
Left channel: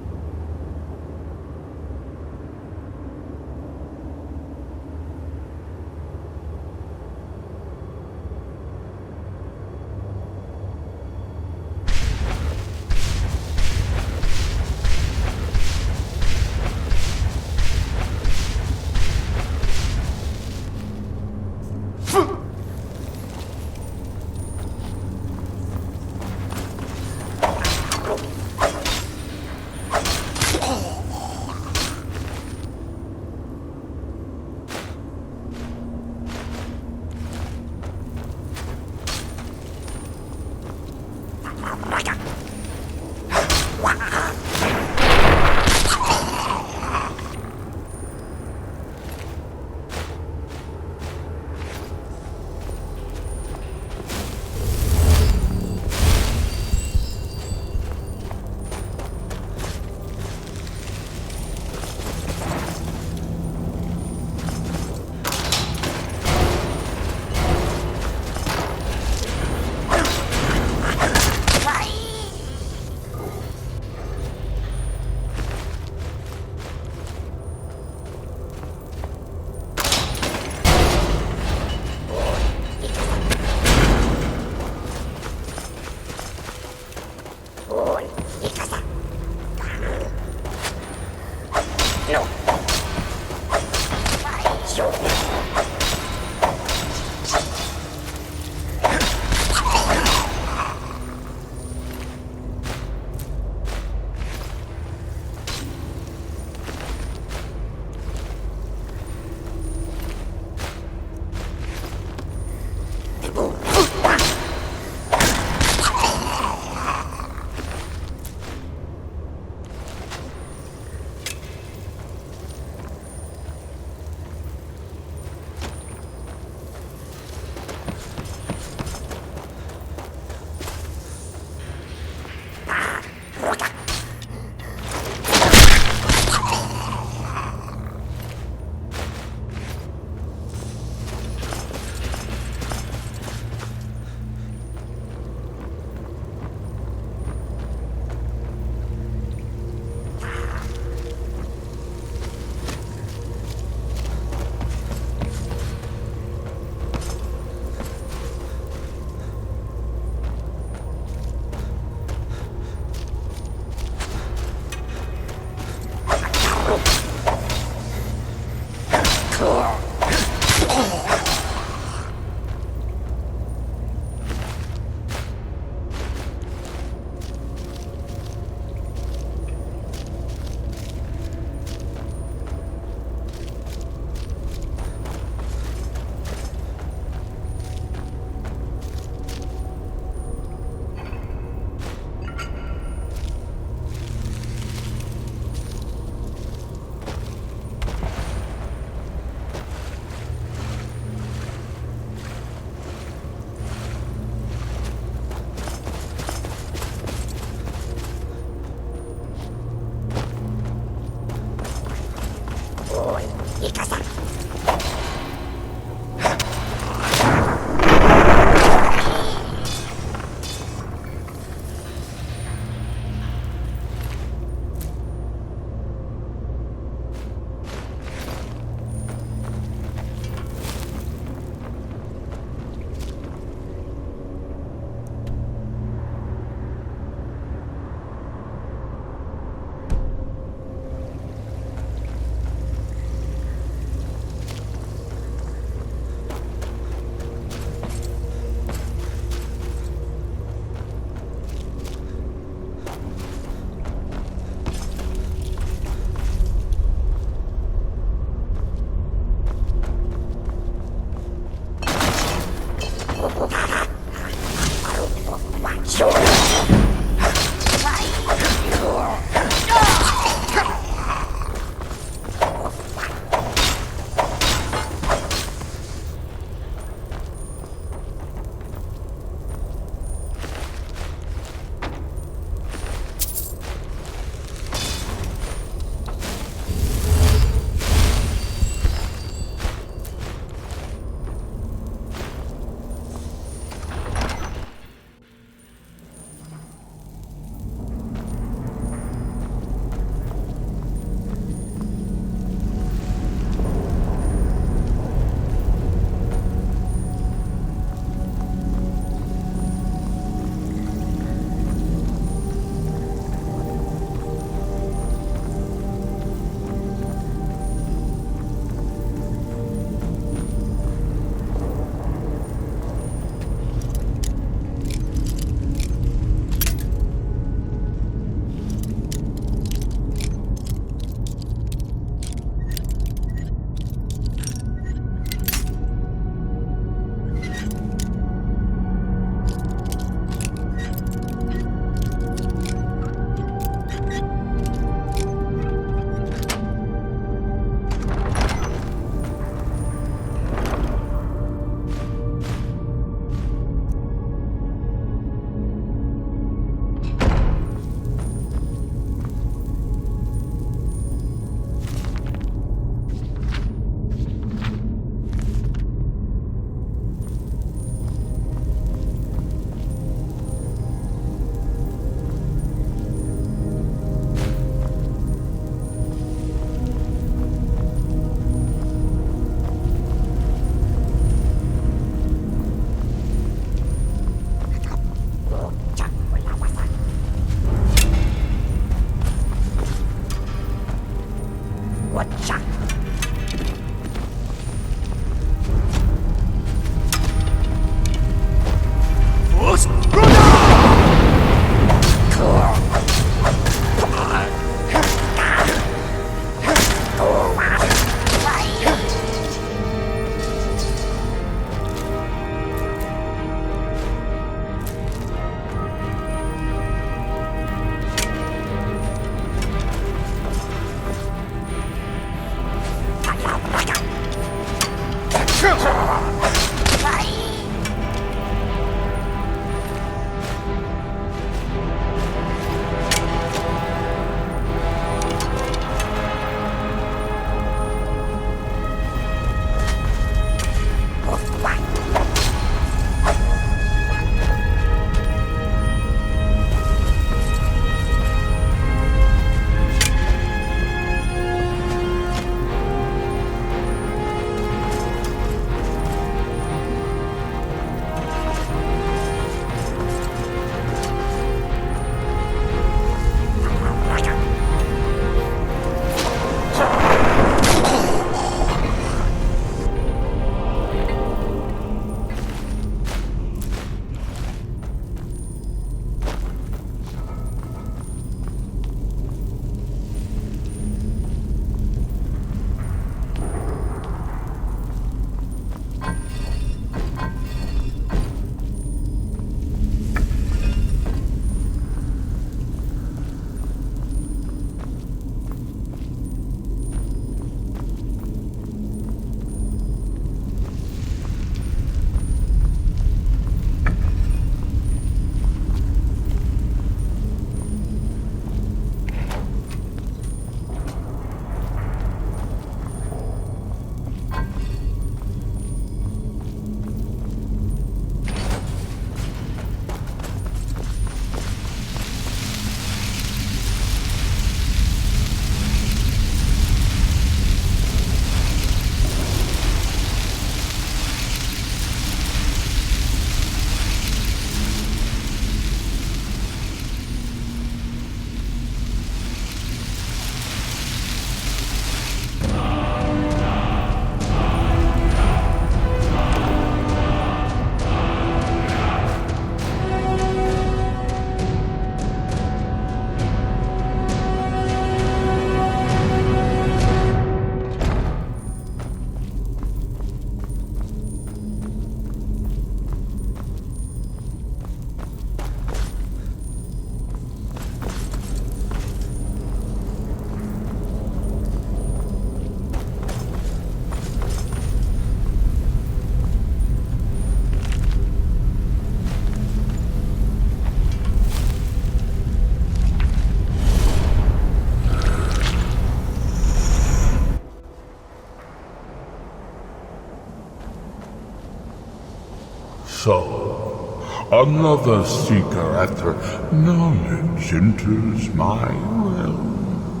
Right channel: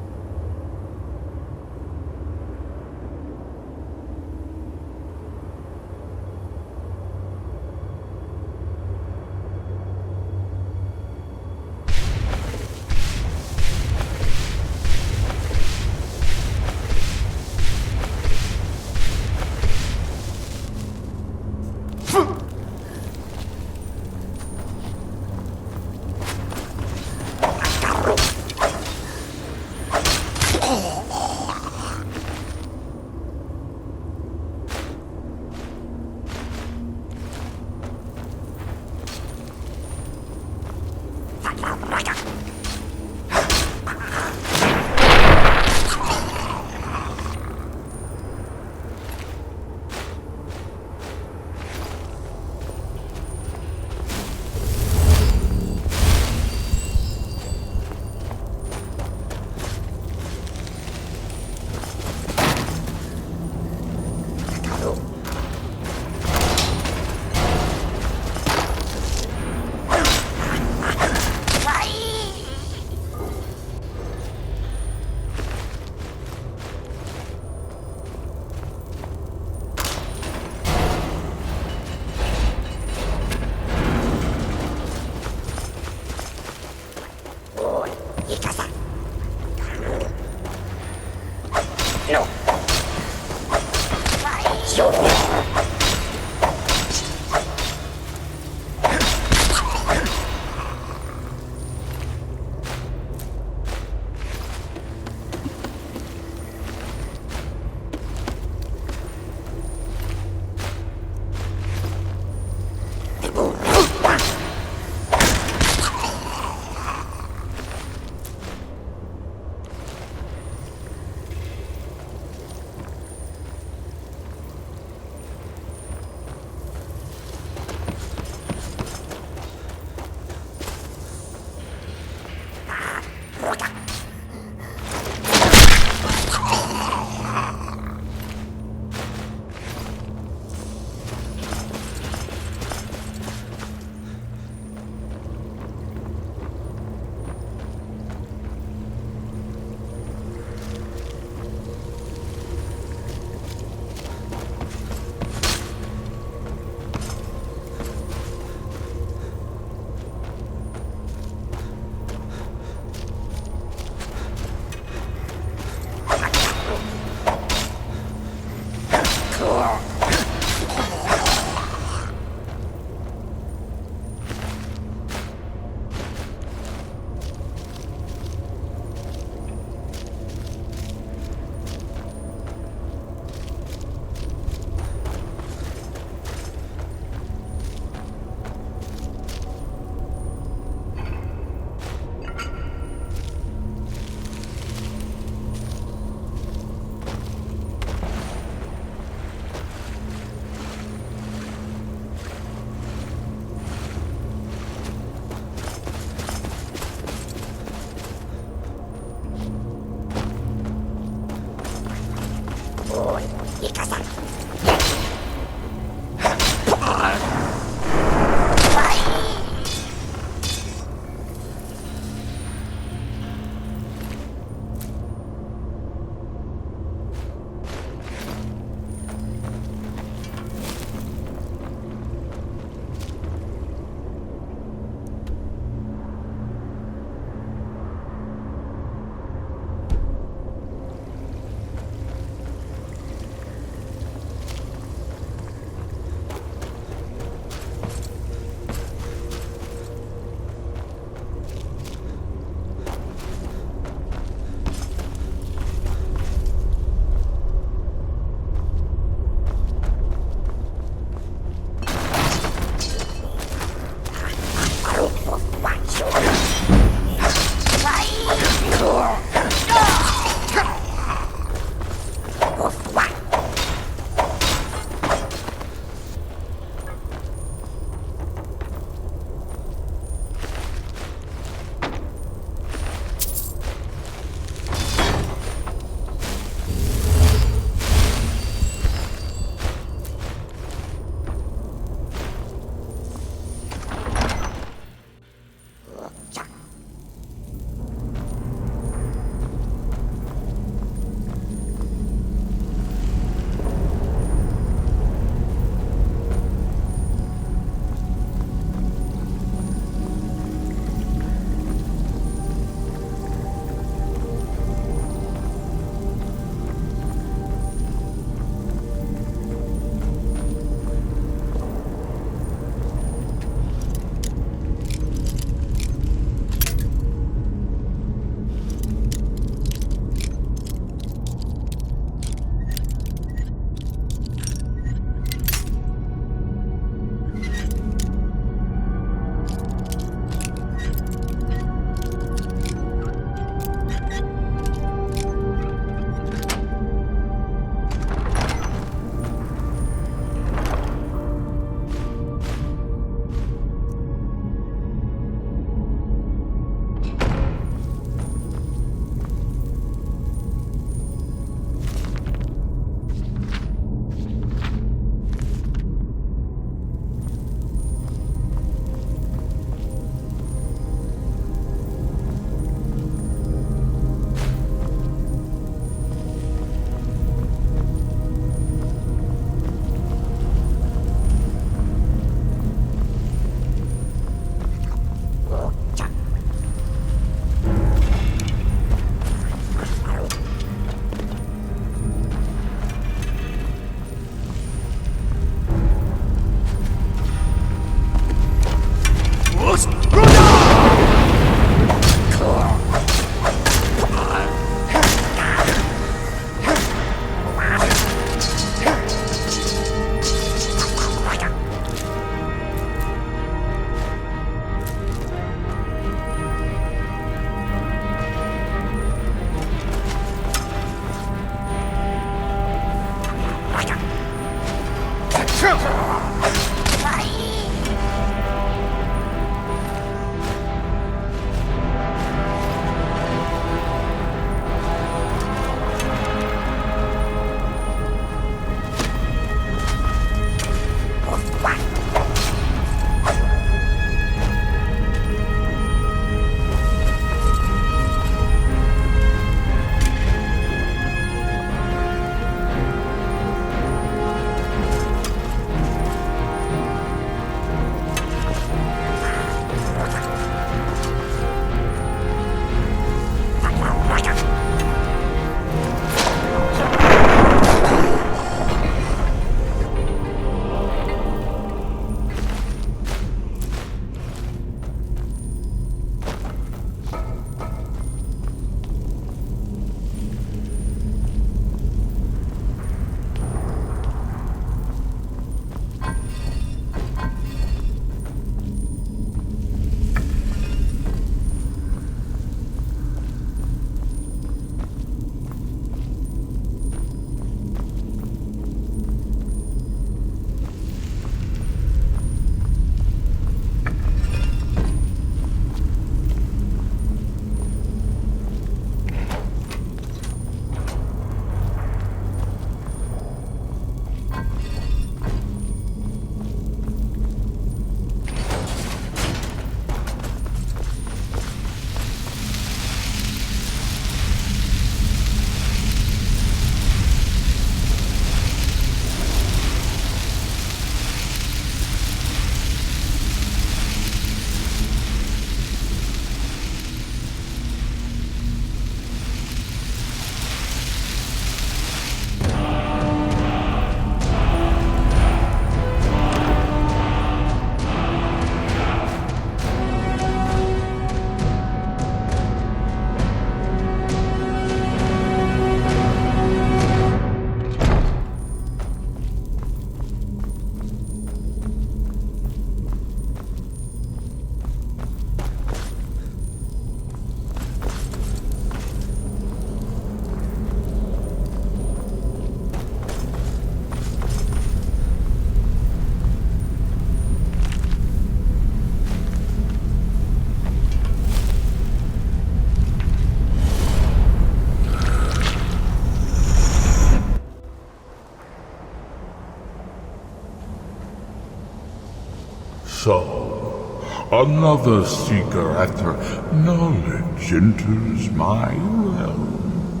So, another seeker after knowledge enters my realm.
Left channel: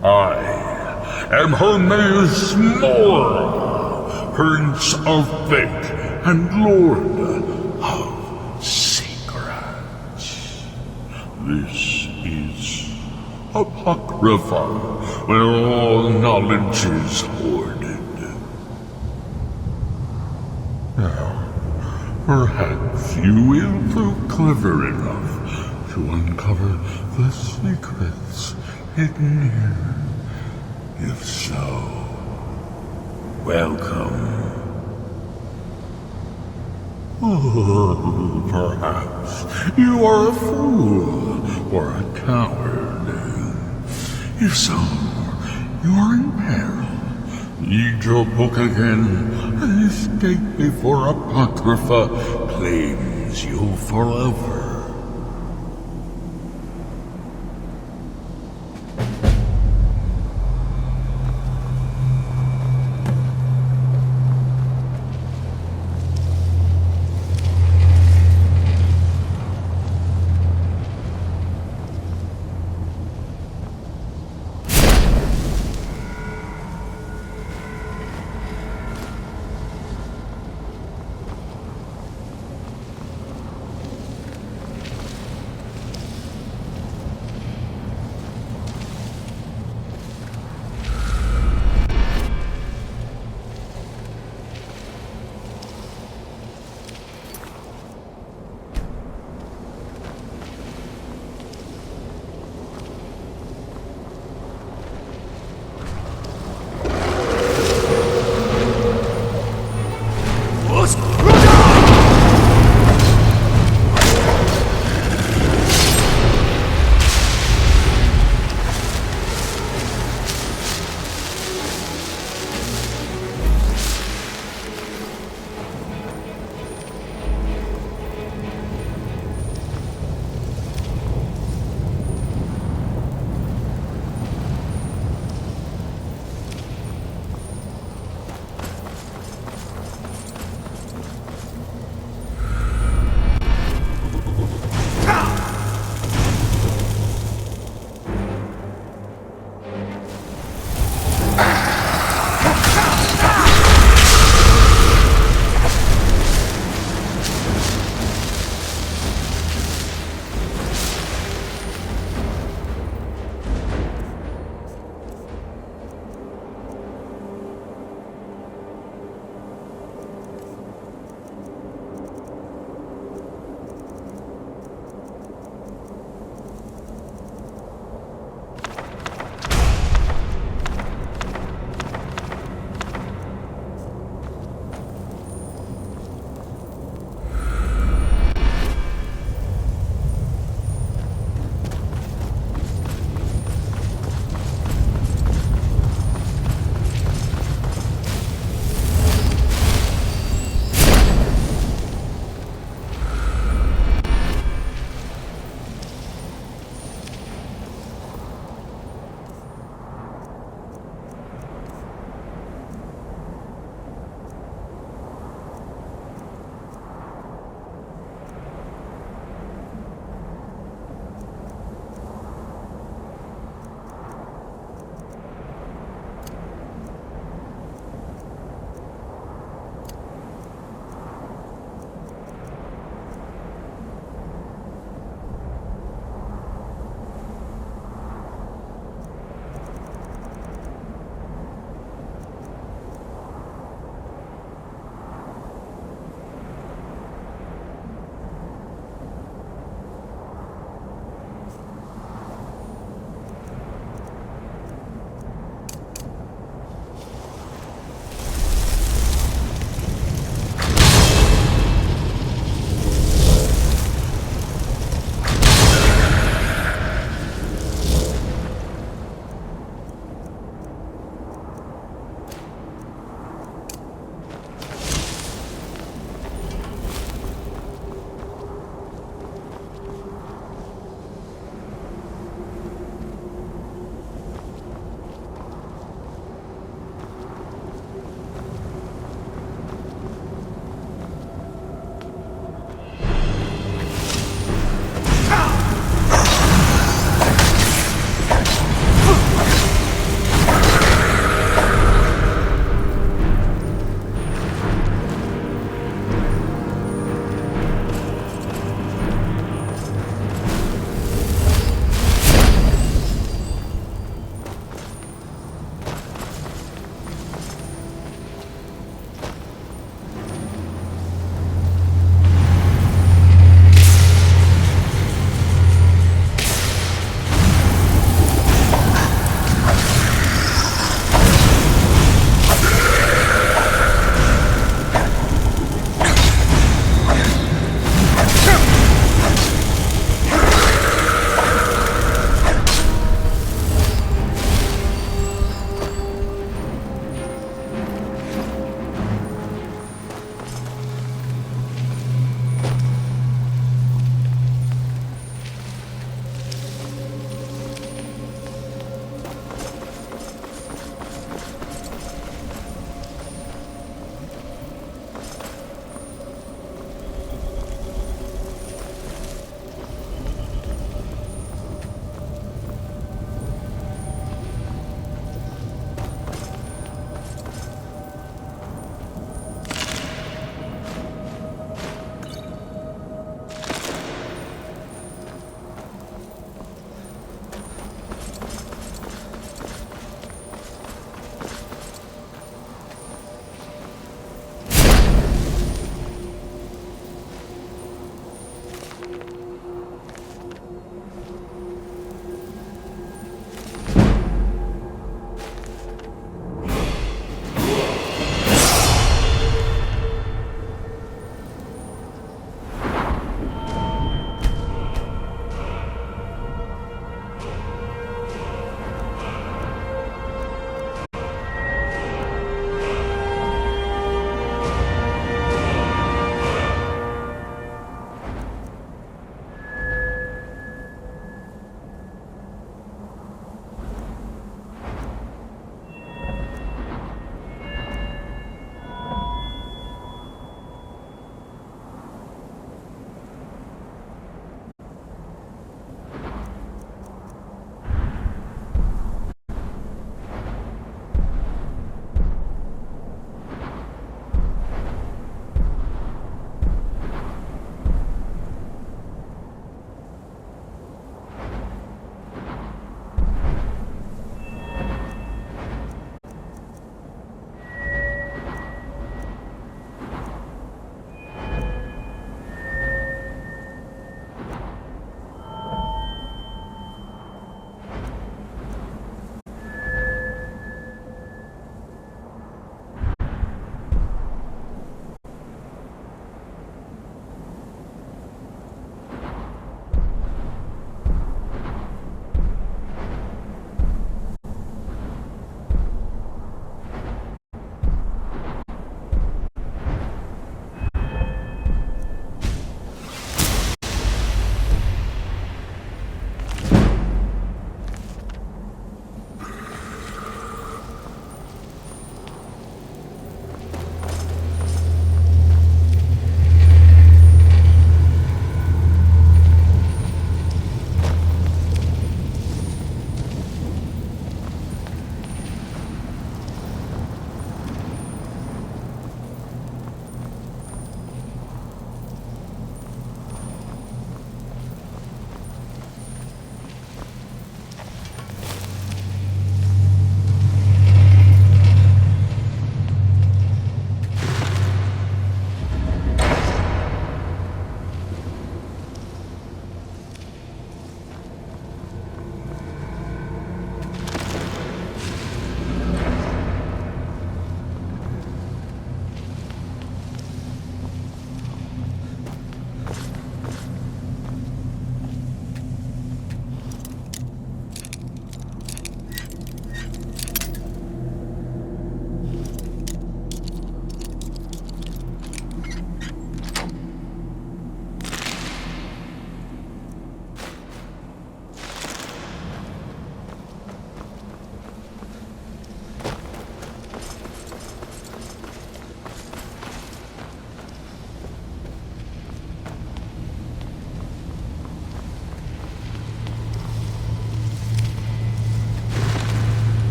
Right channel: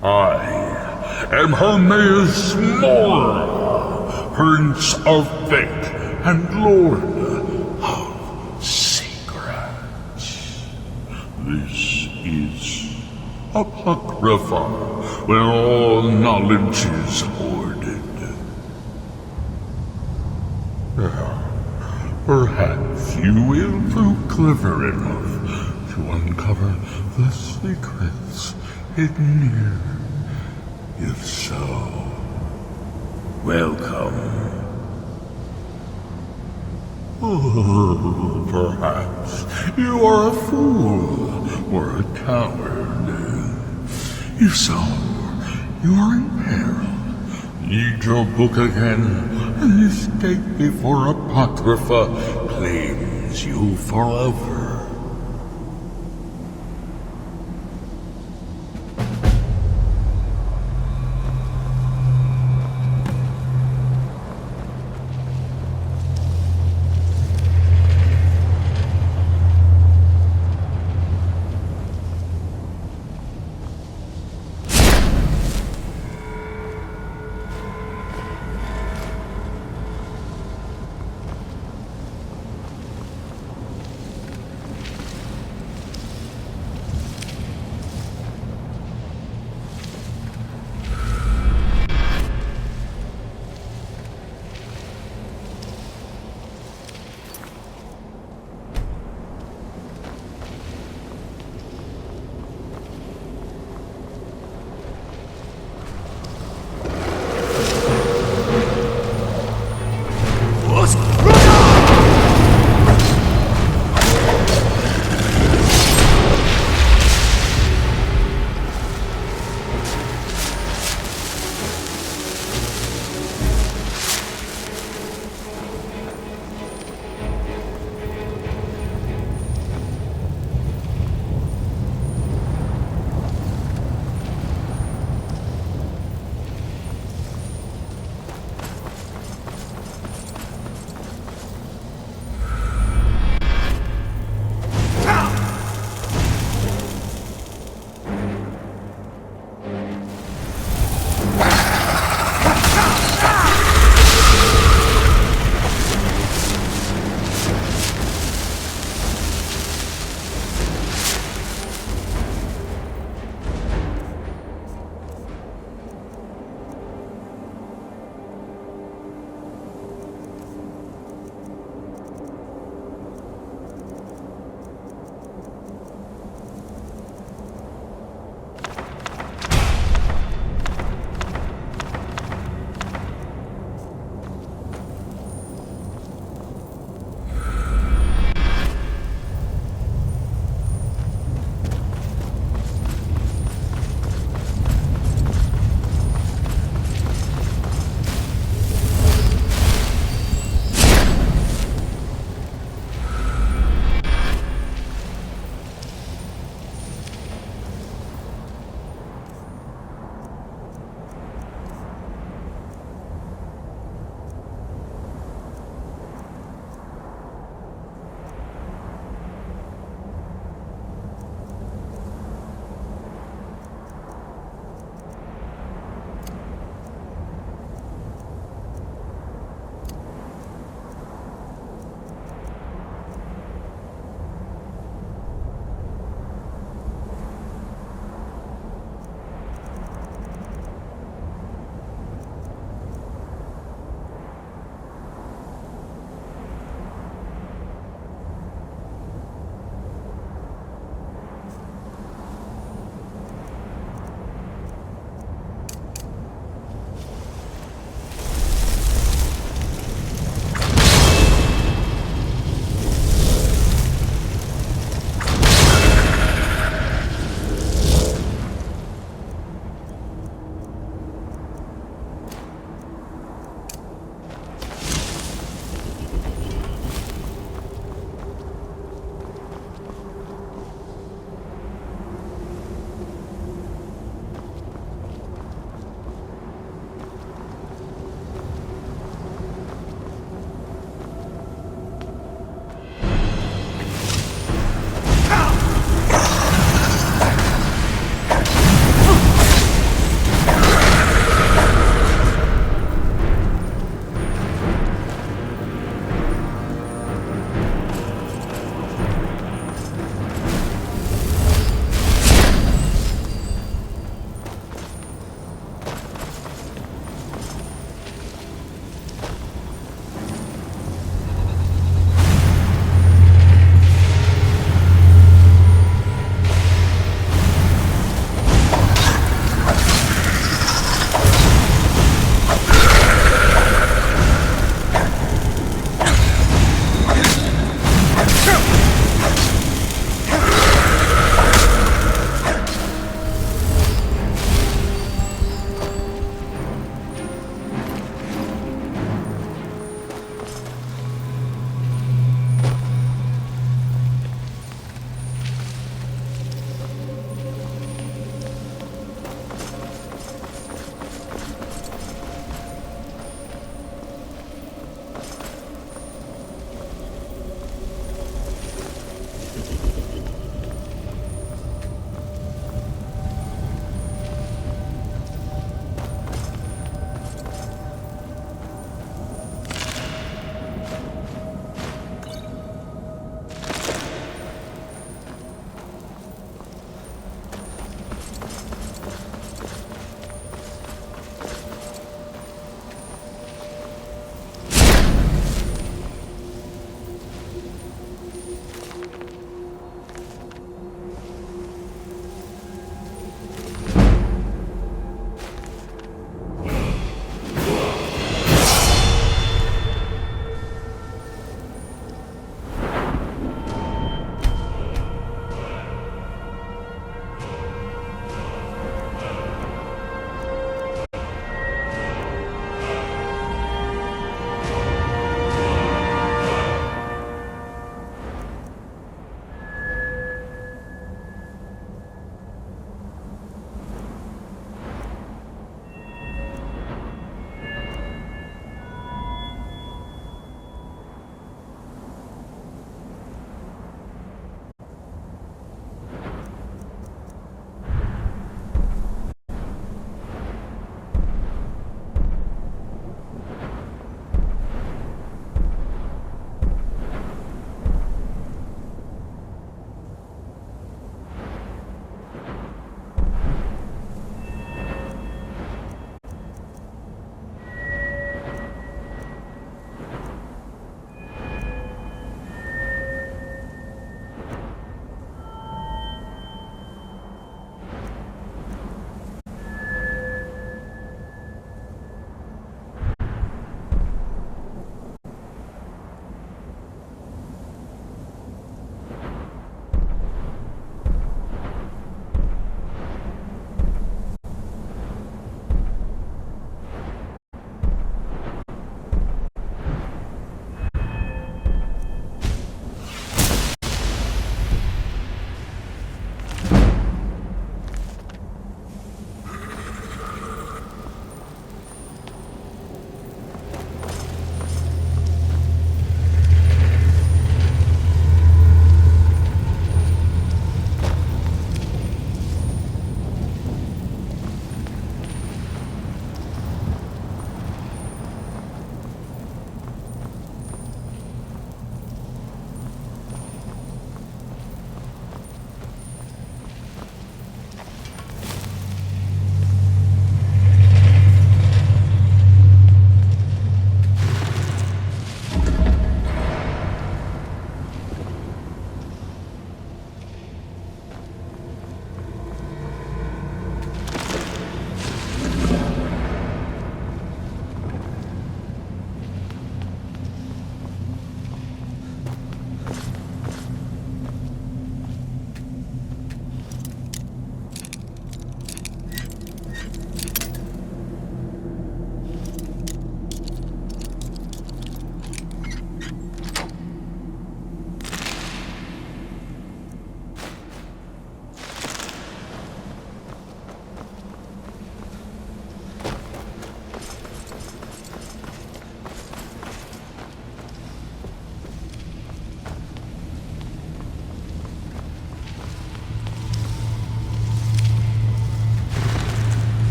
I am Hermaeus Mora, Prince of Fate and Lord of Secrets. This is Apocrypha, where all knowledge is hoarded. Perhaps you will prove clever enough to uncover the secrets hidden here. If so, welcome. Perhaps you are a fool or a coward. If so, you are in peril. Read your book again and escape before Apocrypha claims you forever.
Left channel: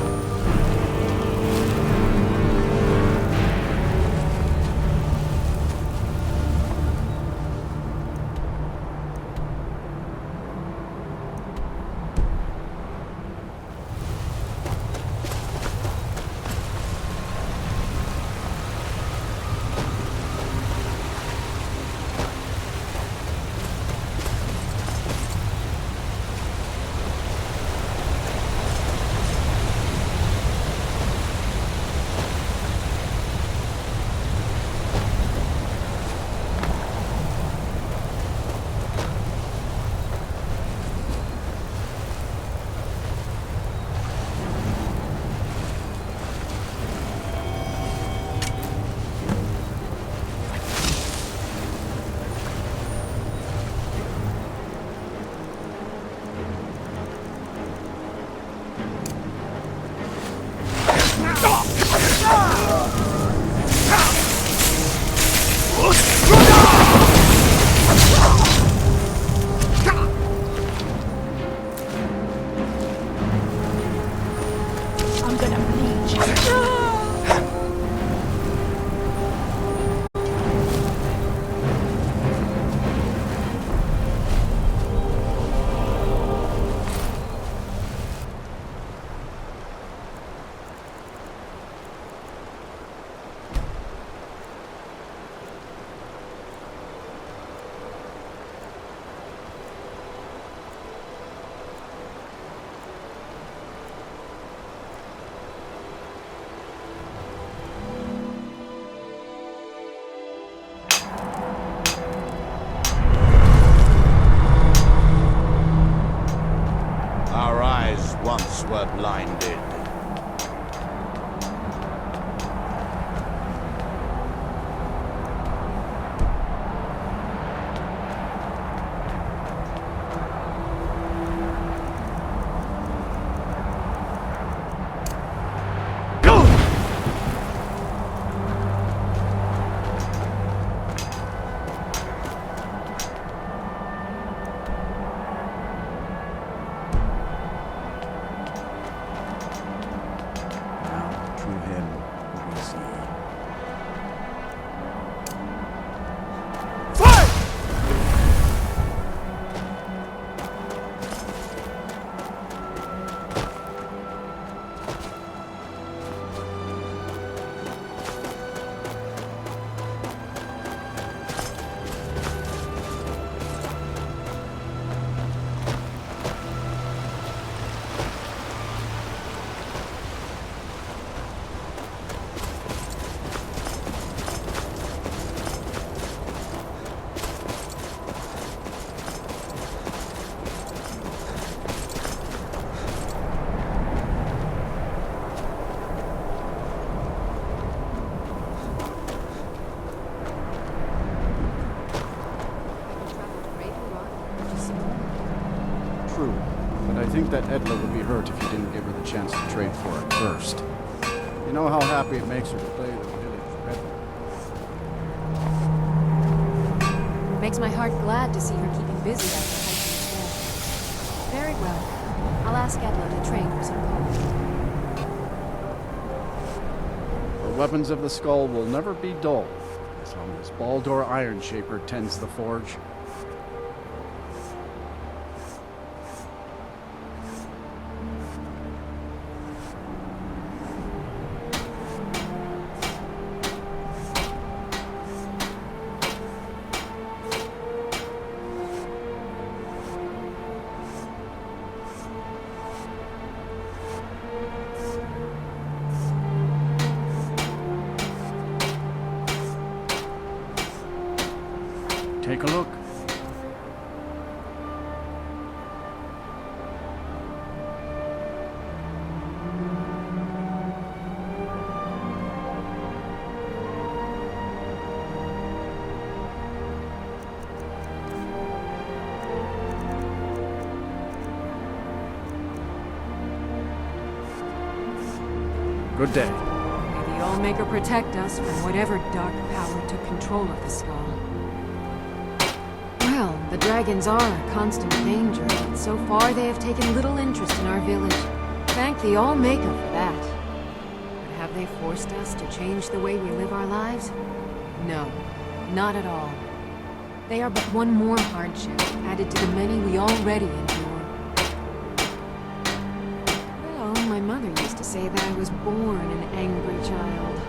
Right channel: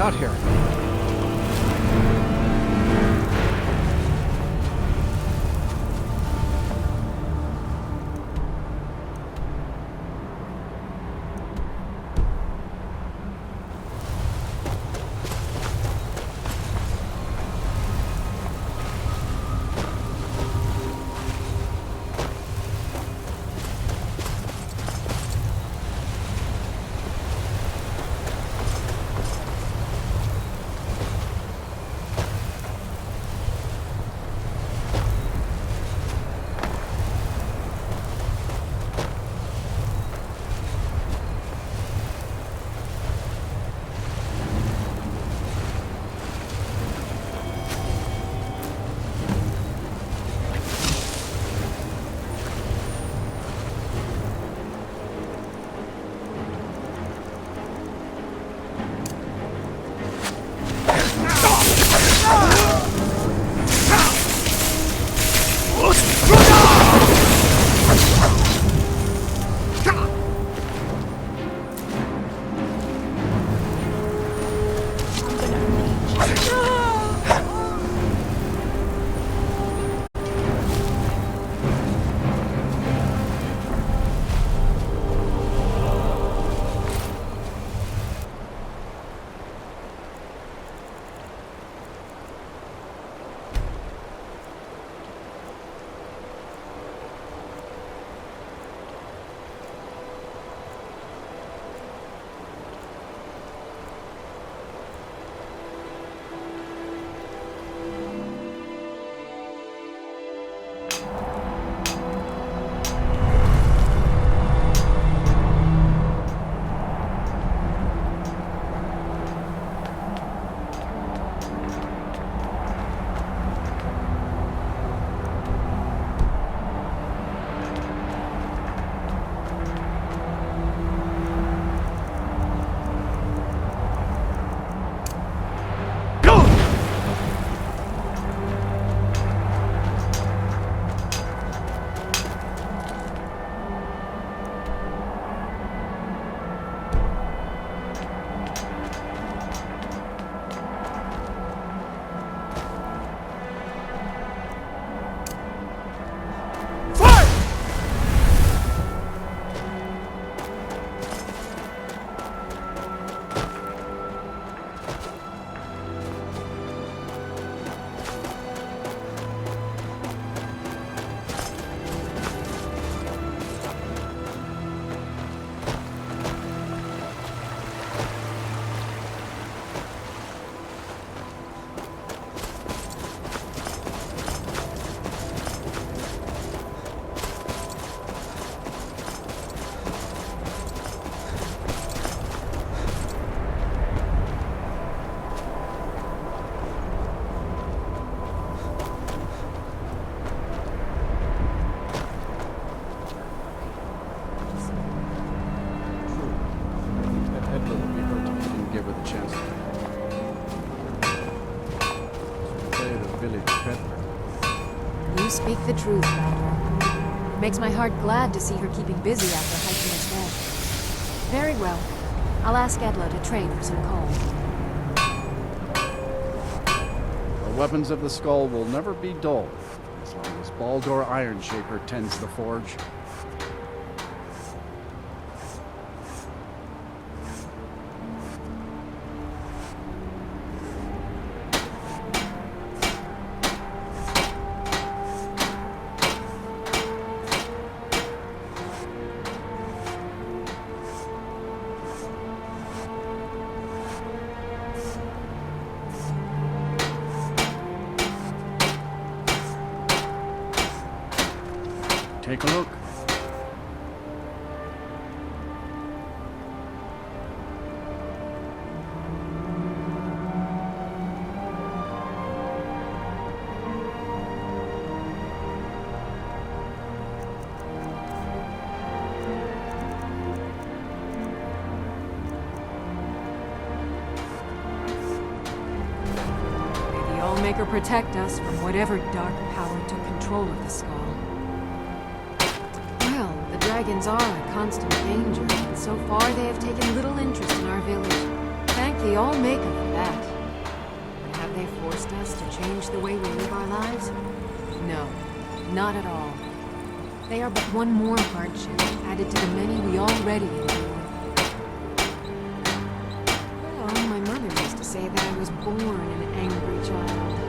got here. Our eyes once were blinded. True, but I think that Edla would be hurt if you didn't give her the chance to trade for it first. You know how happy it makes her to play the village peddler. You speak the truth. It makes my heart glad to see her keeping busy after hiking as well. Very well. I'll ask Edla to trade for some coal. The weapons of the skull will never be dull, as long as Baldur Ironshaper tends the forge. Take a look. Good day. May the Allmaker protect us from whatever dark power took control of the skull. Well, the dragons are a constant danger, but so far they have taken little interest in our village. Thank the All-Maker for that. But have they forced us to change the way we live our lives? No, not at all. They are but one more hardship added to the many we already endure. Well, my mother used to say that I was born an angry child.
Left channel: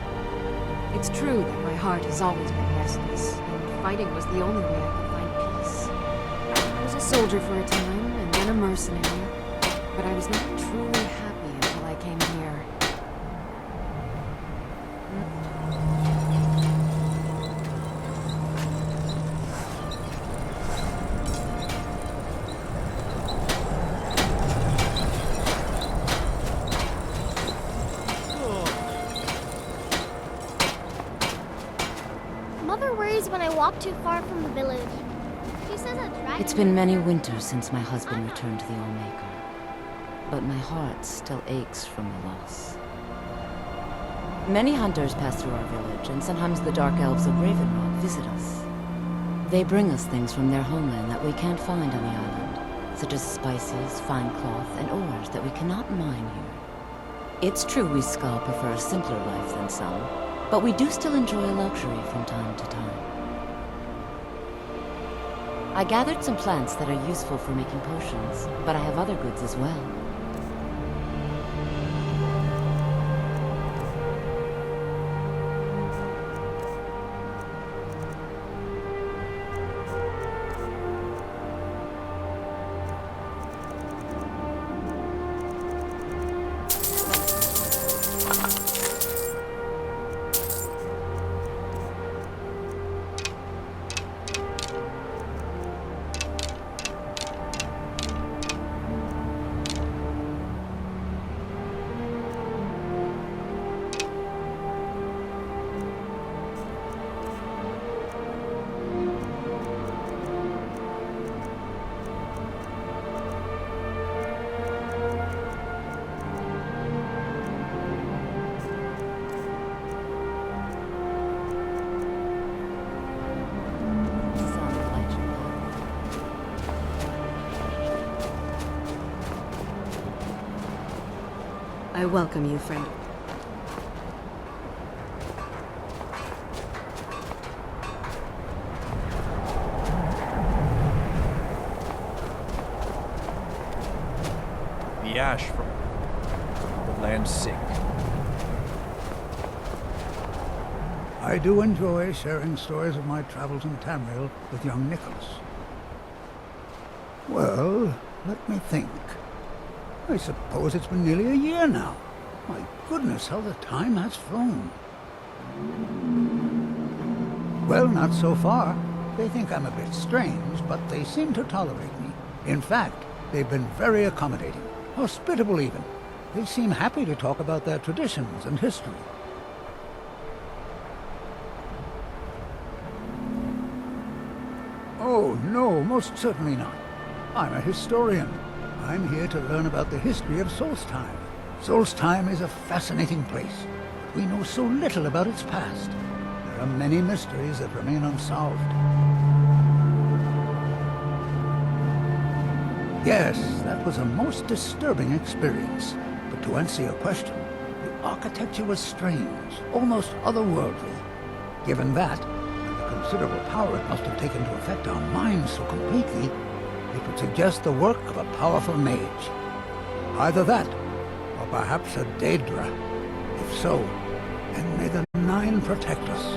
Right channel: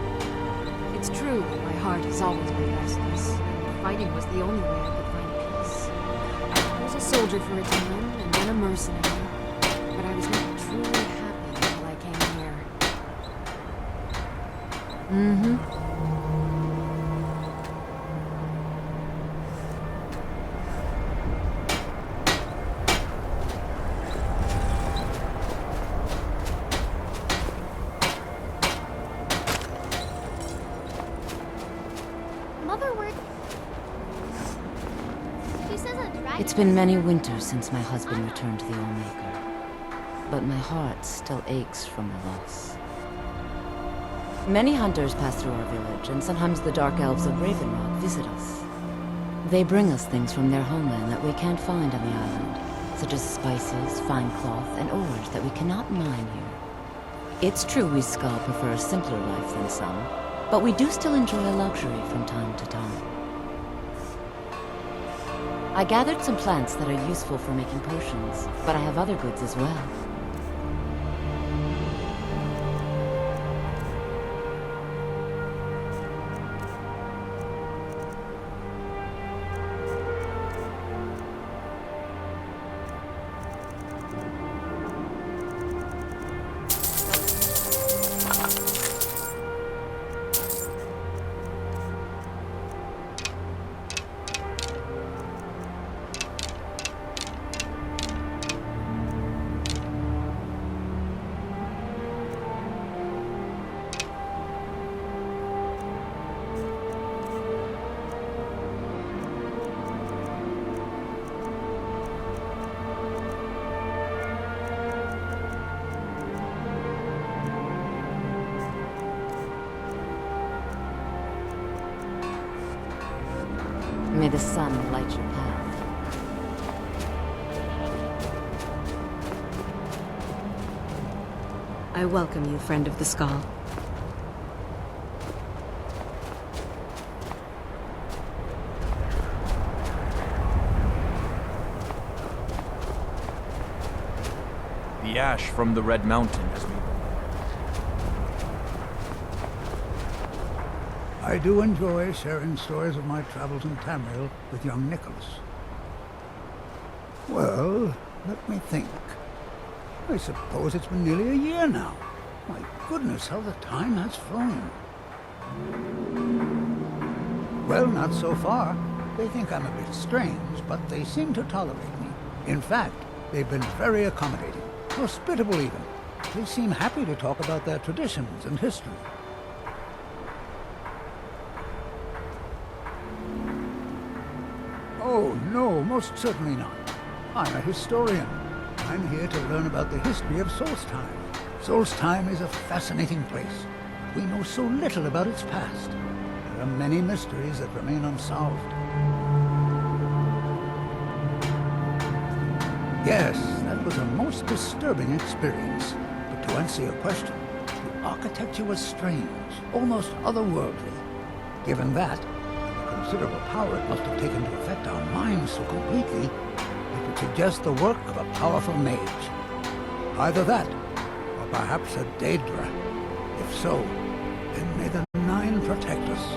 It's true that my heart has always been restless, and fighting was the only way I could find peace. I was a soldier for a time, and then a mercenary, but I was not truly happy until I came here. Mother worries when I walk too far from the village. She says a dragon... It's been many winters since my husband returned to the All-Maker, but my heart still aches from the loss. Many hunters pass through our village, and sometimes the Dark Elves of Ravenrock visit us. They bring us things from their homeland that we can't find on the island, such as spices, fine cloth, and ores that we cannot mine here. It's true we Skal prefer a simpler life than some, but we do still enjoy a luxury from time to time. I gathered some plants that are useful for making potions, but I have other goods as well. May the sun light your path. I welcome you, friend of the Skal. The ash from the Red Mountains made the land sick. I do enjoy sharing stories of my travels in Tamriel with young Nicholas. Well, let me think. I suppose it's been nearly a year now. My goodness, how the time has flown. Well, not so far. They think I'm a bit strange, but they seem to tolerate me. In fact, they've been very accommodating, hospitable even. They seem happy to talk about their traditions and history. Oh, no, most certainly not. I'm a historian. I'm here to learn about the history of Solstheim. Solstheim is a fascinating place, but we know so little about its past. There are many mysteries that remain unsolved. Yes, that was a most disturbing experience. But to answer your question, the architecture was strange, almost otherworldly. Given that, and the considerable power it must have taken to affect our minds so completely, it would suggest the work of a powerful mage. Either that, or perhaps a Daedra. If so, then may the Nine protect us.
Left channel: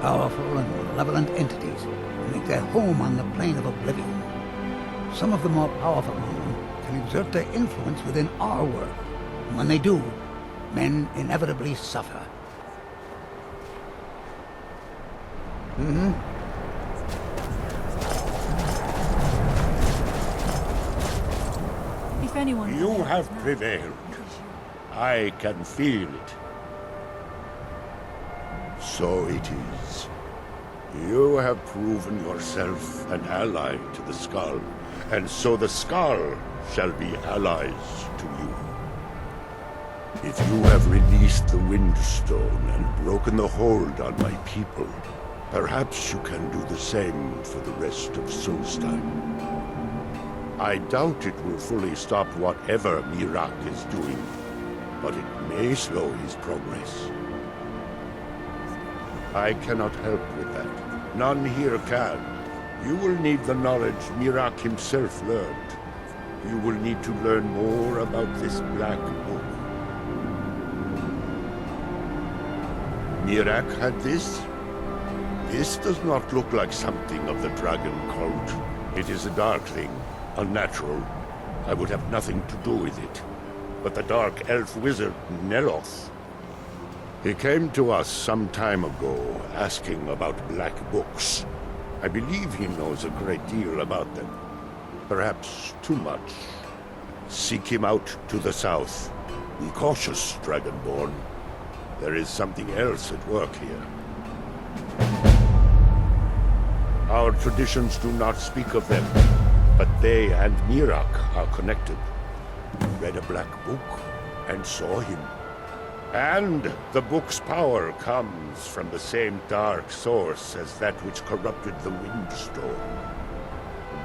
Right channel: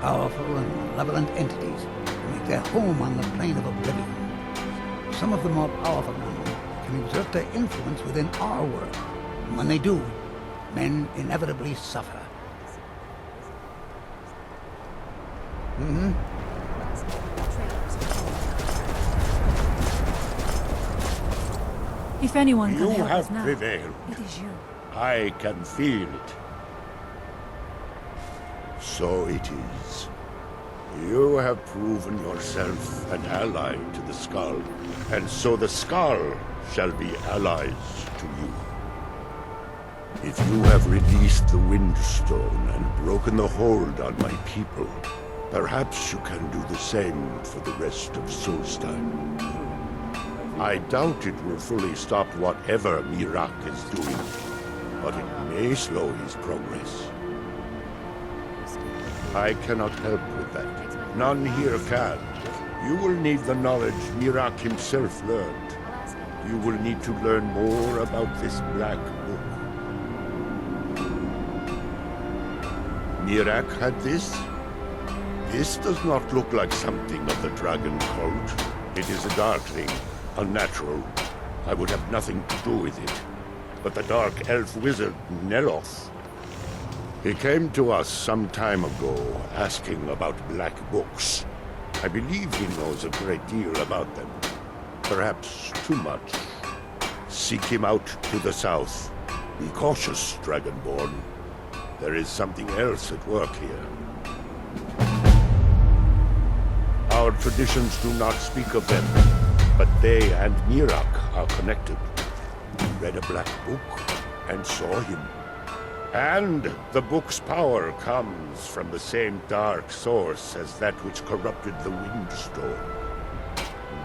Powerful and malevolent entities who make their home on the plane of oblivion. Some of the more powerful among them can exert their influence within our world. And when they do, men inevitably suffer. If anyone can You help have us now, prevailed. it is you. I can feel it. So it is. You have proven yourself an ally to the Skal, and so the Skal shall be allies to you. If you have released the Windstone and broken the hold on my people, perhaps you can do the same for the rest of Solstheim. I doubt it will fully stop whatever Mirak is doing, but it may slow his progress. I cannot help with that. None here can. You will need the knowledge Mirak himself learned. You will need to learn more about this Black Book. Mirak had this? This does not look like something of the dragon cult. It is a dark thing, unnatural. I would have nothing to do with it. But the dark elf wizard, Neloth, he came to us some time ago, asking about black books. I believe he knows a great deal about them. Perhaps too much. Seek him out to the south. Be cautious, Dragonborn. There is something else at work here. Our traditions do not speak of them, but they and Mirak are connected. Read a black book and saw him. And the book's power comes from the same dark source as that which corrupted the Windstone.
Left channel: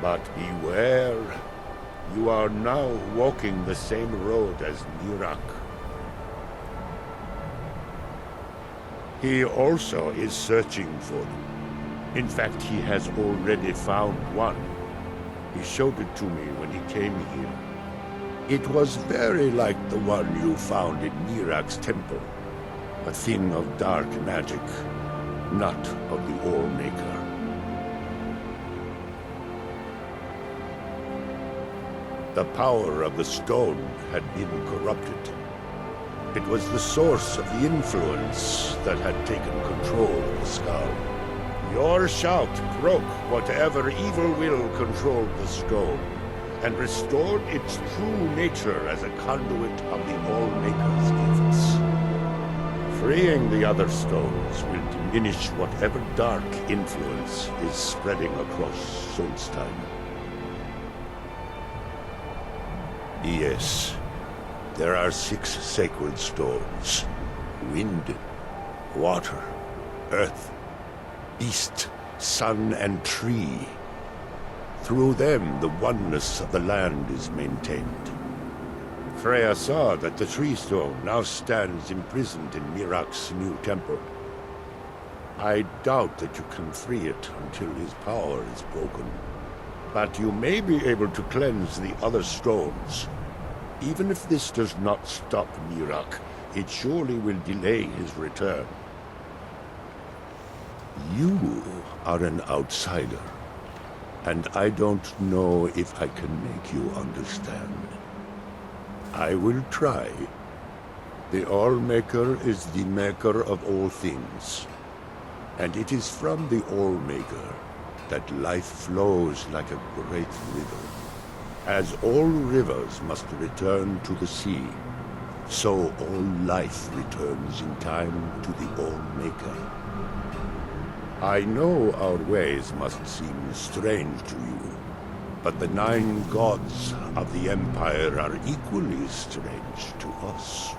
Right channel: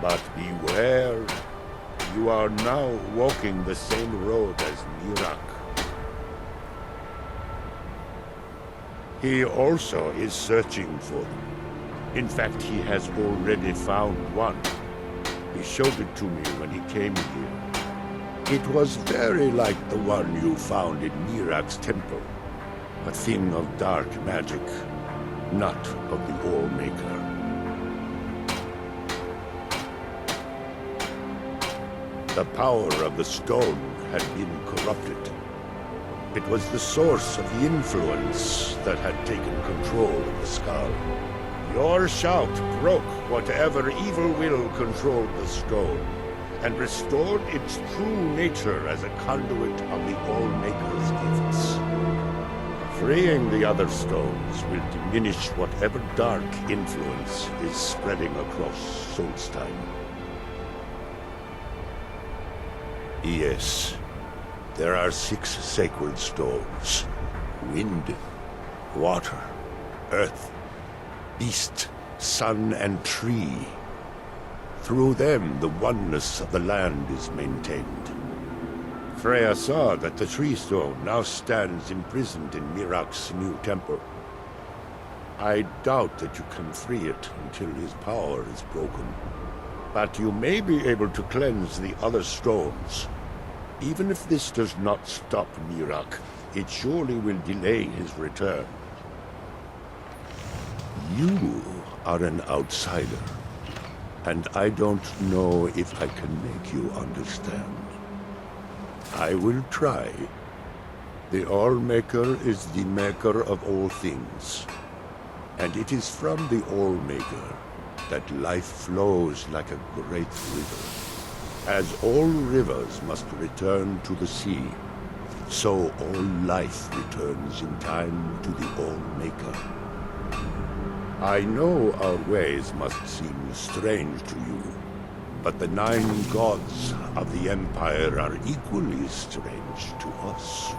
But beware, you are now walking the same road as Mirak. He also is searching for them. In fact, he has already found one. He showed it to me when he came here. It was very like the one you found in Mirak's temple. A thing of dark magic, not of the All-Maker. The power of the stone had been corrupted. It was the source of the influence that had taken control of the skull. Your shout broke whatever evil will controlled the stone, and restored its true nature as a conduit of the All-Maker's gifts. Freeing the other stones will diminish whatever dark influence is spreading across Solstheim. Yes, there are 6 sacred stones. Wind, water, earth, beast, sun, and tree. Through them, the oneness of the land is maintained. Freya saw that the tree stone now stands imprisoned in Mirak's new temple. I doubt that you can free it until his power is broken. But you may be able to cleanse the other stones. Even if this does not stop Mirak, it surely will delay his return. You are an outsider, and I don't know if I can make you understand. I will try. The All-Maker is the maker of all things, and it is from the All-Maker that life flows like a great river. As all rivers must return to the sea, so all life returns in time to the All-Maker. I know our ways must seem strange to you, but the 9 gods of the Empire are equally strange to us.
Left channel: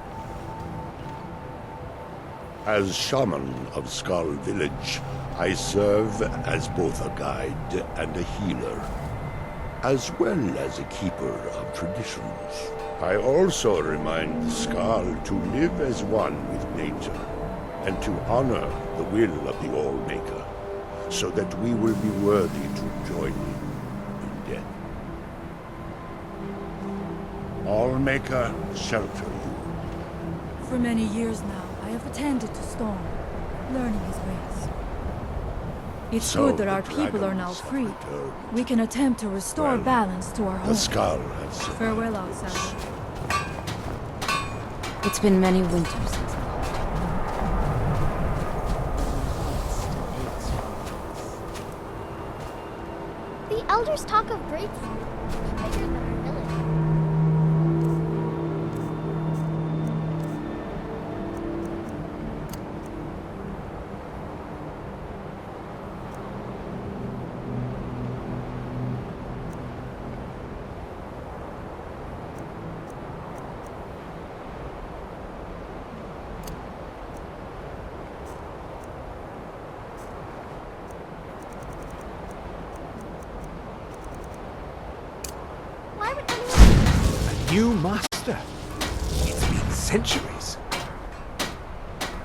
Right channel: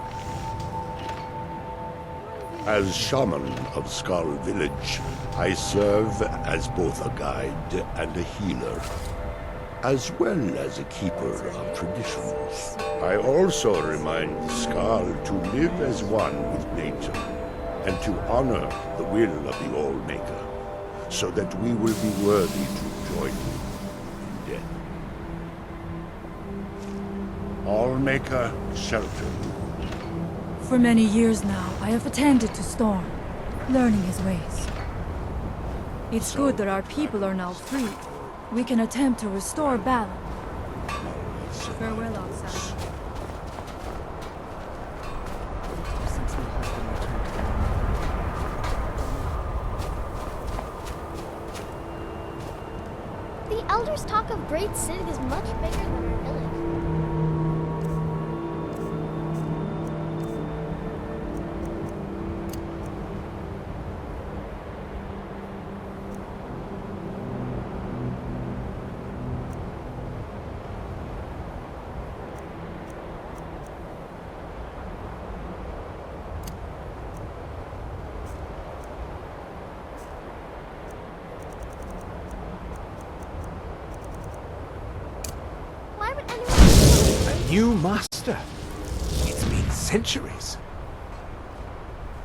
As shaman of Skull Village, I serve as both a guide and a healer, as well as a keeper of traditions. I also remind the Skull to live as one with nature, and to honor the will of the All-Maker, so that we will be worthy to join him in death. All-Maker, shelter you. For many years now, I have attended to Storm, learning his ways. It's So good that the our people are now dragons free. have returned. We can attempt to restore Well, balance to our The home. Skull has survived Farewell, worse. outsider. It's been many winters since my husband returned. The elders talk of Great Sid is much bigger than our village. new master? It's been centuries.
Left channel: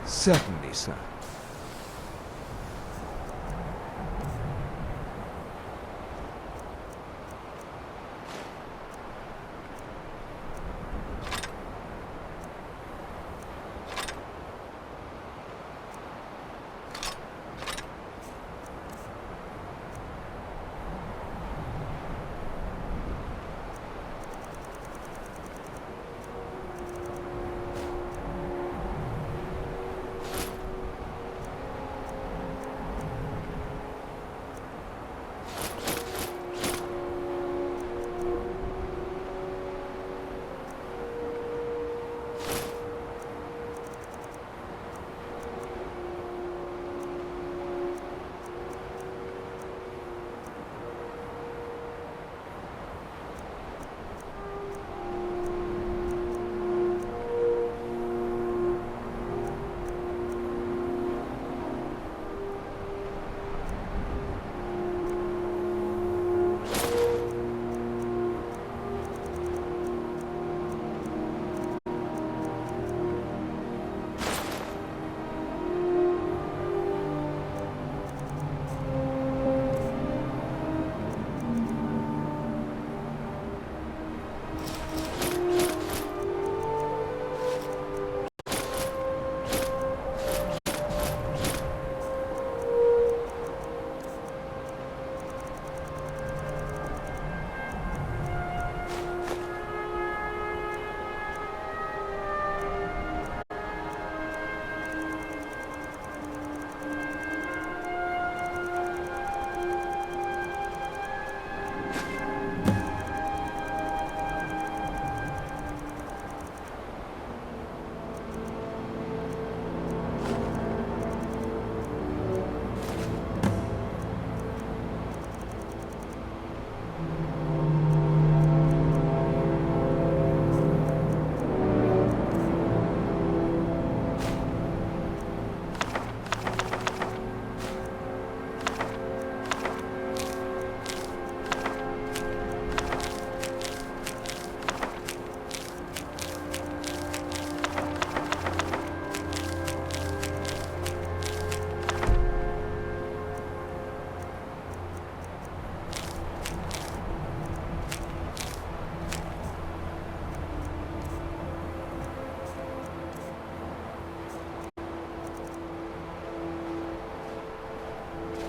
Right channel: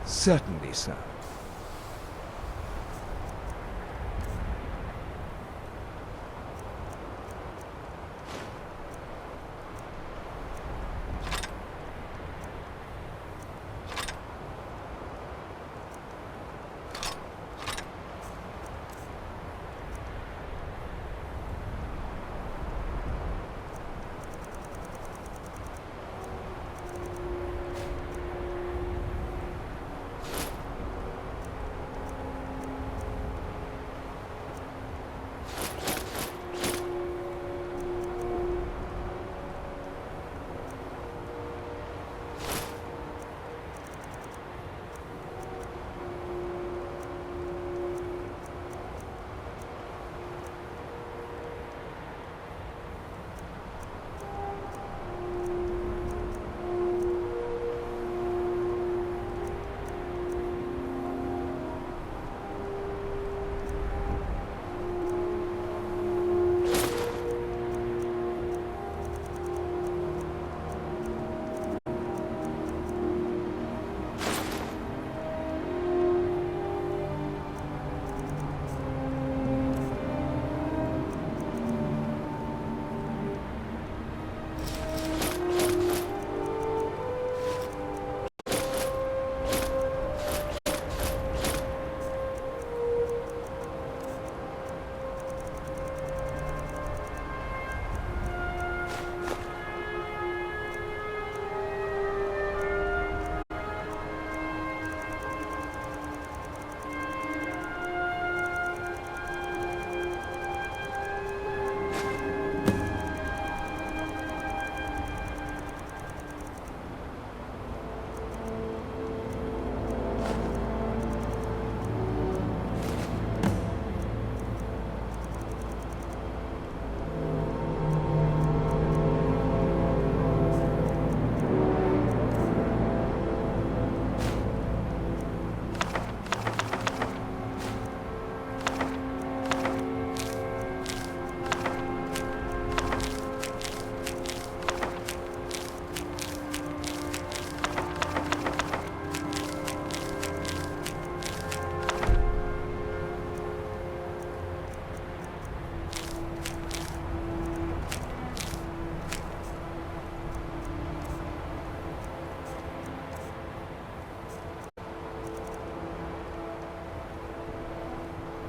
Certainly, sir.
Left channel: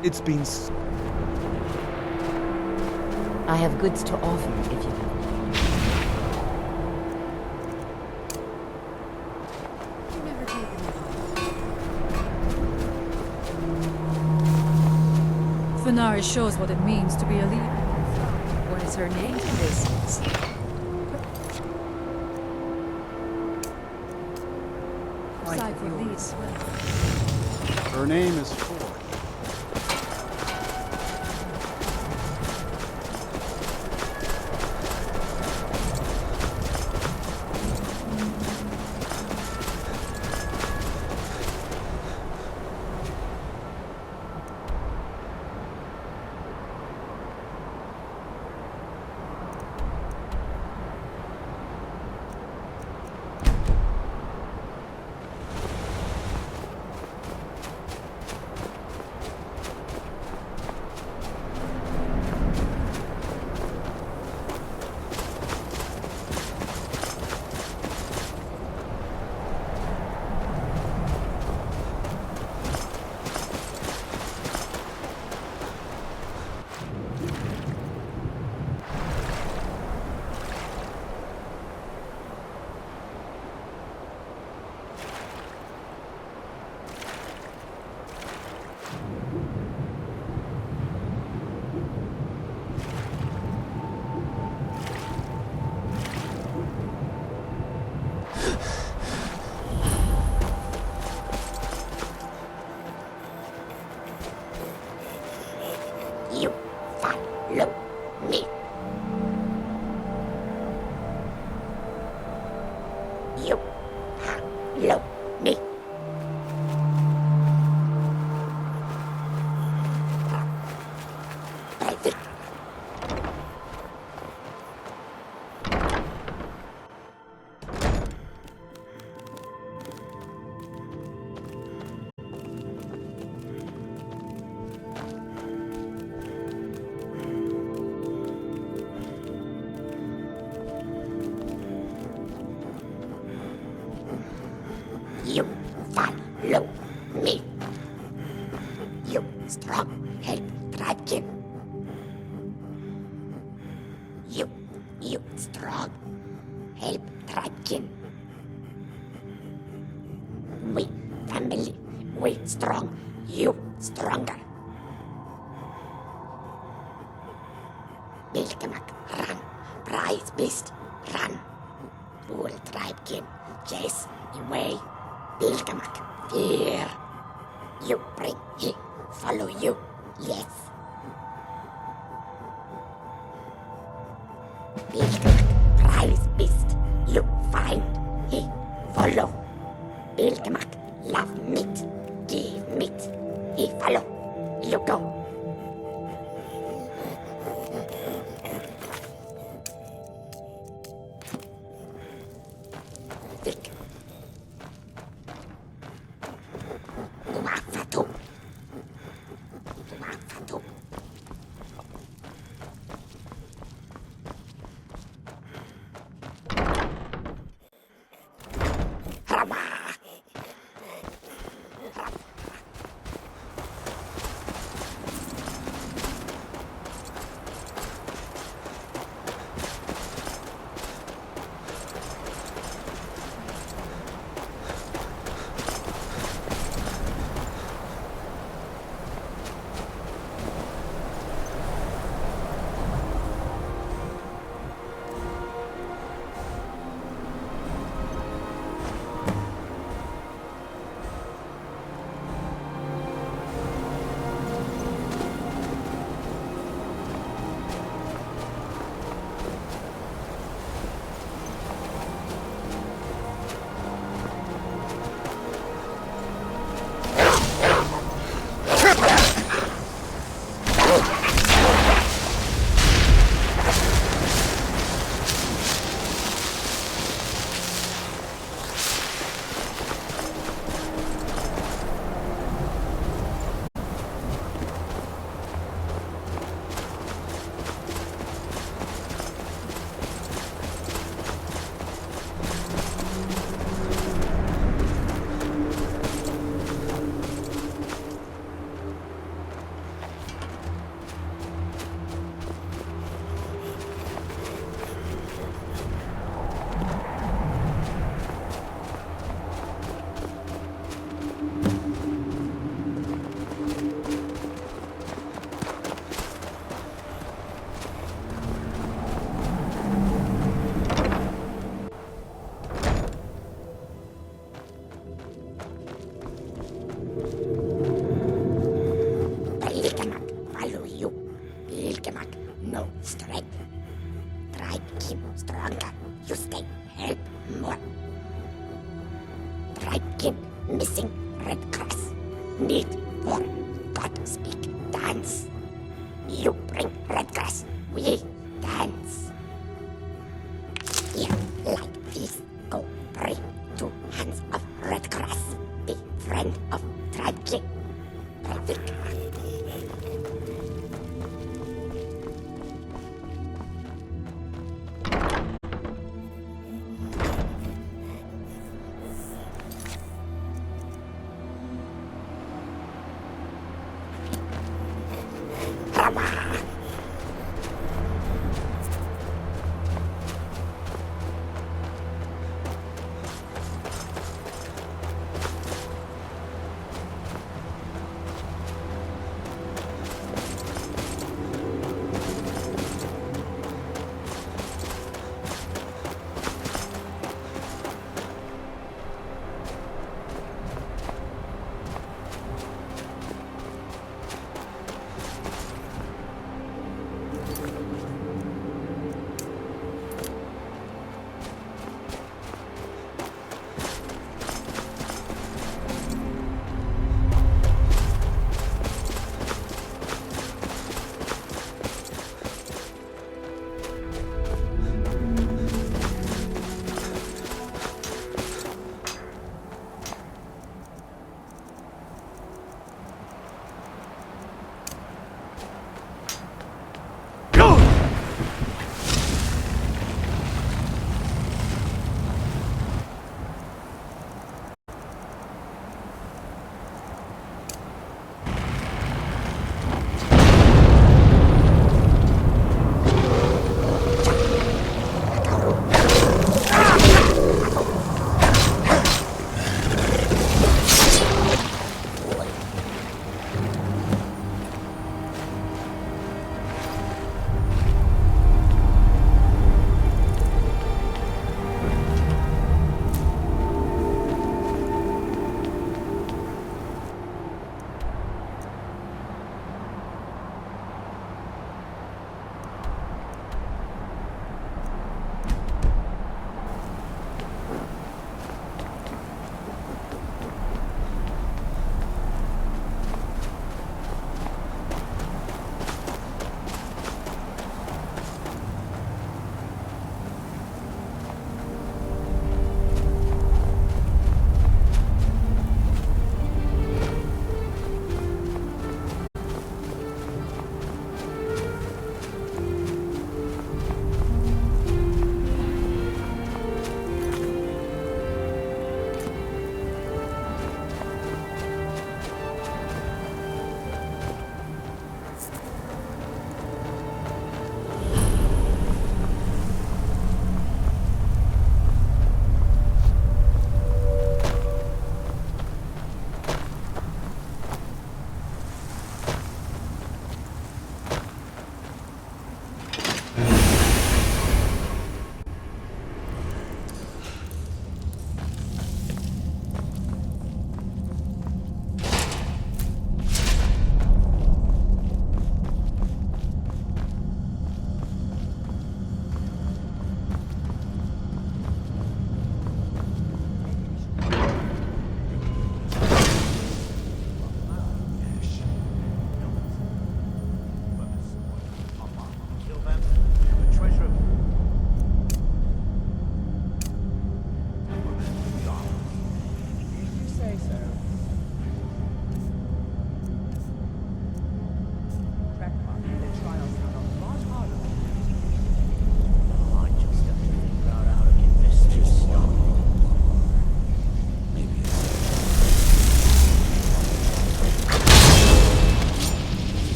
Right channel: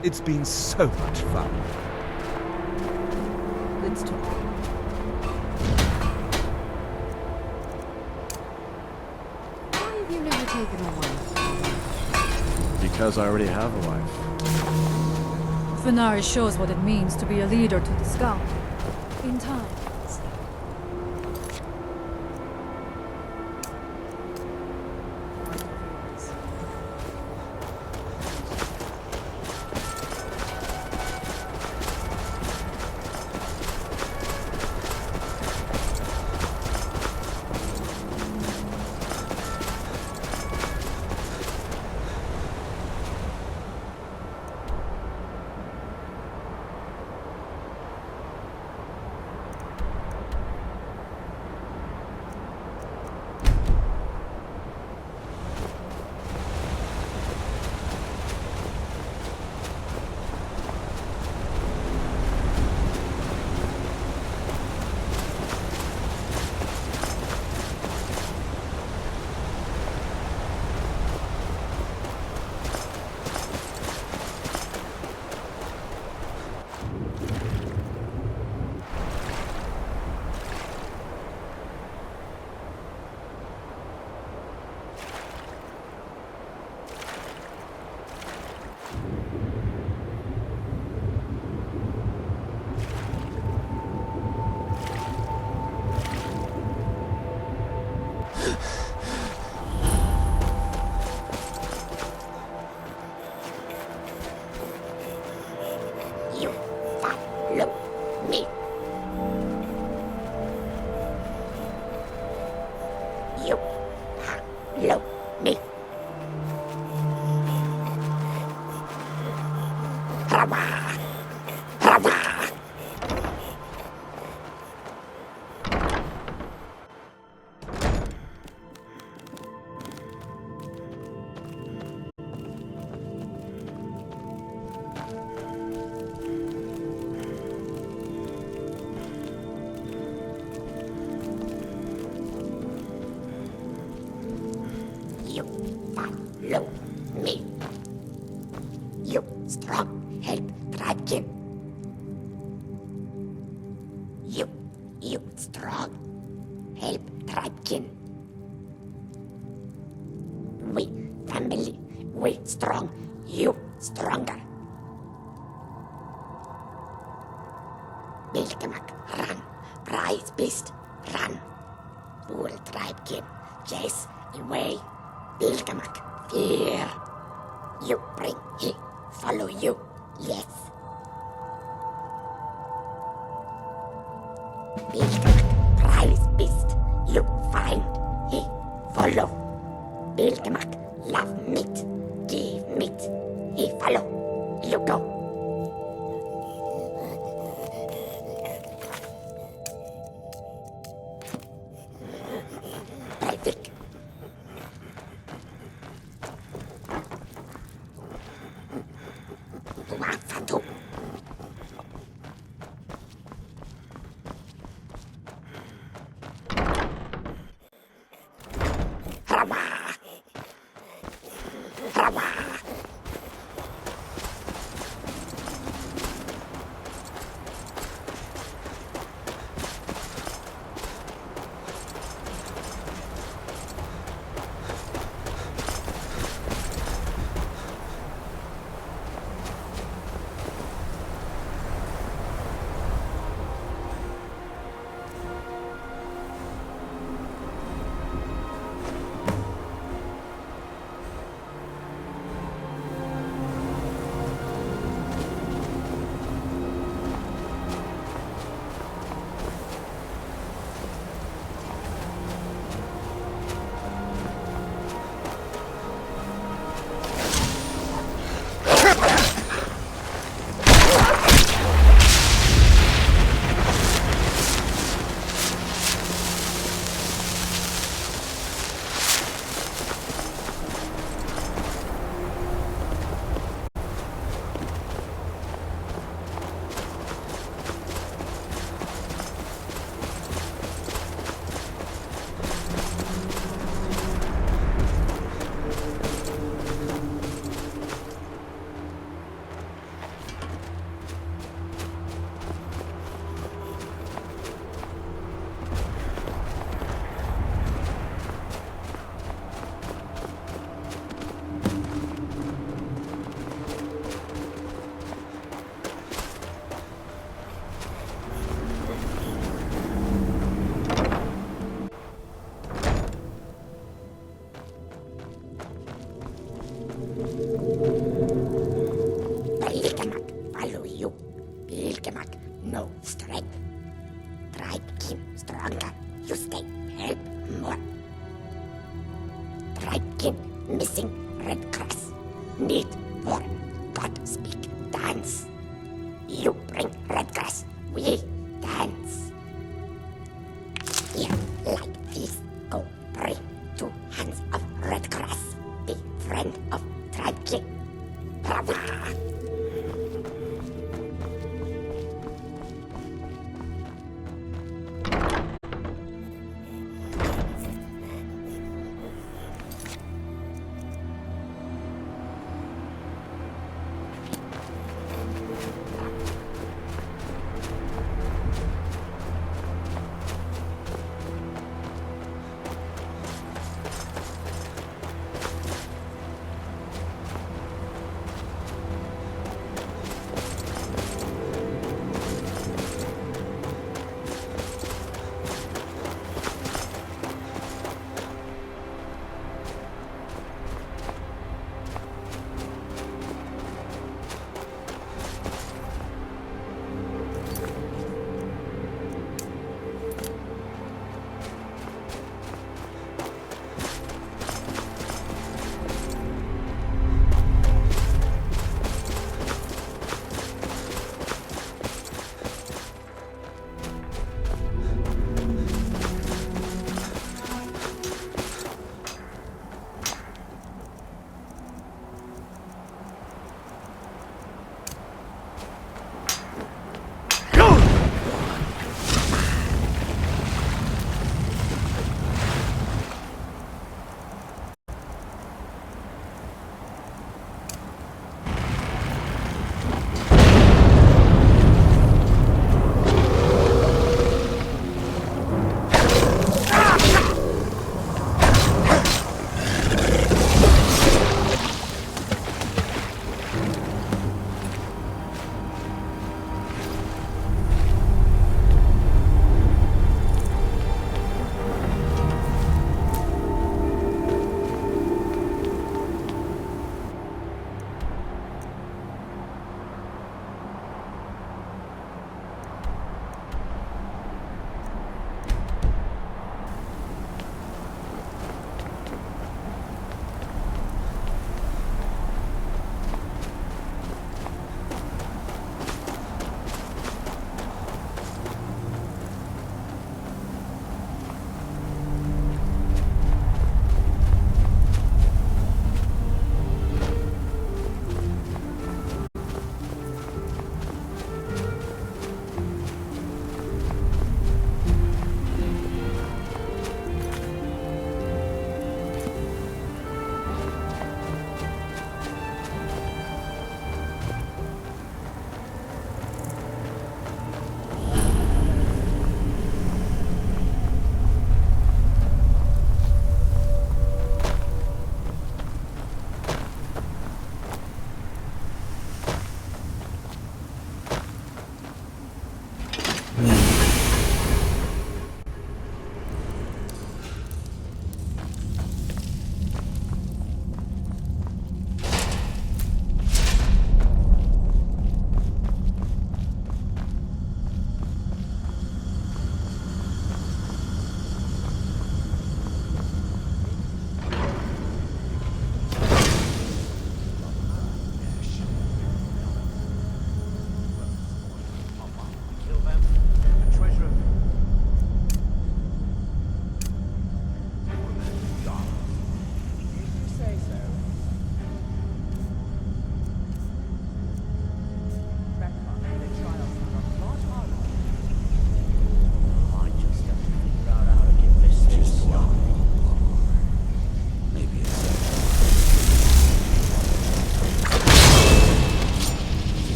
It's been so much fun. I have goods to offer if you Why have you never taken a wife? Because I already have a wife. Fenari shows what it means to be a leader to the Skull. What is her name? In time. Like yours. Her name is Tor. You follow me. You follow me. Brava. Brava. keep Dragon. We family, we strong, you stronger. Bilgemak, run. Prize beast, run. Fool tribe kin, chase away. Bilgemak, fear. You bring, he follow you, yes. Bilgemak, prize beast, you find, he follow. Bilgemak, love meat, give meat, he follow, you go. Perfect. Wafatu. Wafatu. Harawa. Harawa. Bilgemak, follow you. Bilgemak, no strength. Tribe kin stronger. You stay, help more. Tribe kin missing red grass. Need for God speak dance. You bring red grass. We dance. Here, like this, go bring 2 hands of red grass. Be friend of tribe kin. Bravo.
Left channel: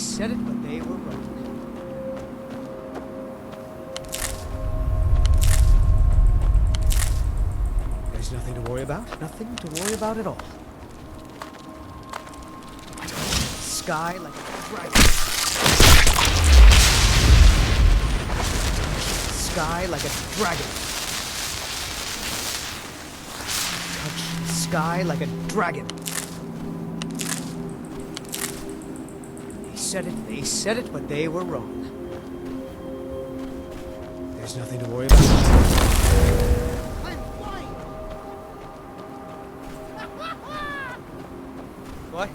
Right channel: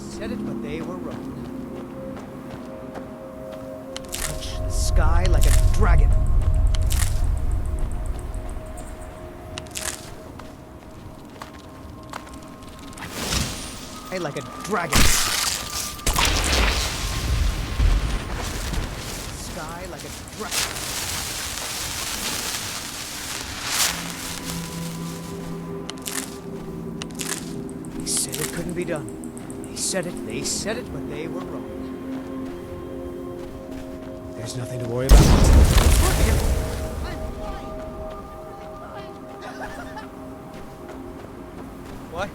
said it, but they were wrong. Sky like a dragon. There's nothing to worry about. Nothing to worry about at all. Sky like a dragon. Sky like a dragon. Sky like a dragon. They said it couldn't be done. They said it, but they were wrong. There's nothing to worry about. What?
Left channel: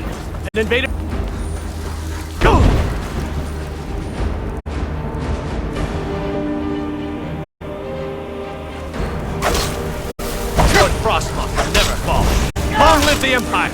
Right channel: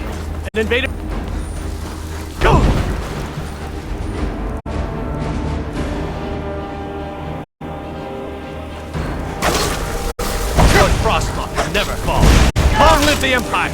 men and invaded. Go! Lord Frostmoth will never fall. Long live the Empire!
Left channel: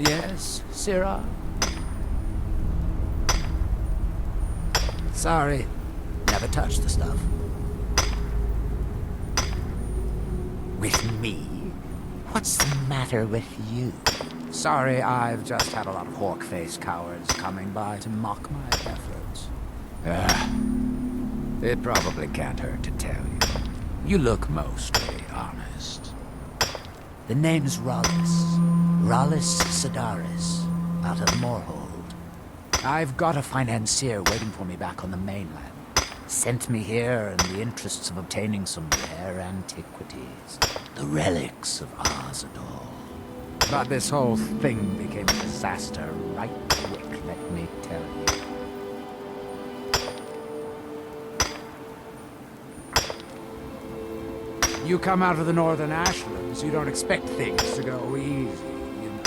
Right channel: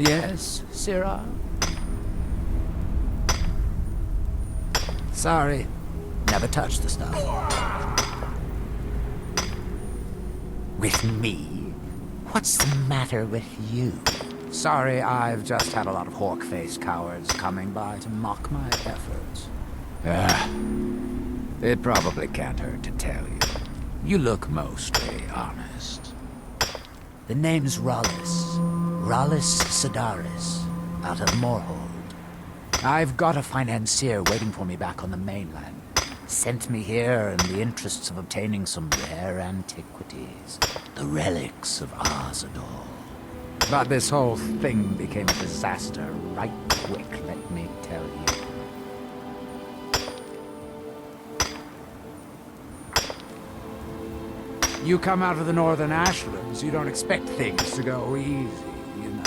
Yes, Sirrah? Sorry, never touched the stuff. With me? What's the matter with you? Sorry, I've just had a lot of hawk-faced cowards coming by to mock my efforts. It probably can't hurt to tell you. You look mostly honest. The name's Rollis. Rollis Sedaris, out of Moorhold. I've got a financier waiting for me back on the mainland. Sent me here in the interests of obtaining some rare antiquities. The relics of Arzador. But this whole thing became a disaster right quick, let me tell you. You come out of the northern ashlands, you don't expect things to go easy, you know.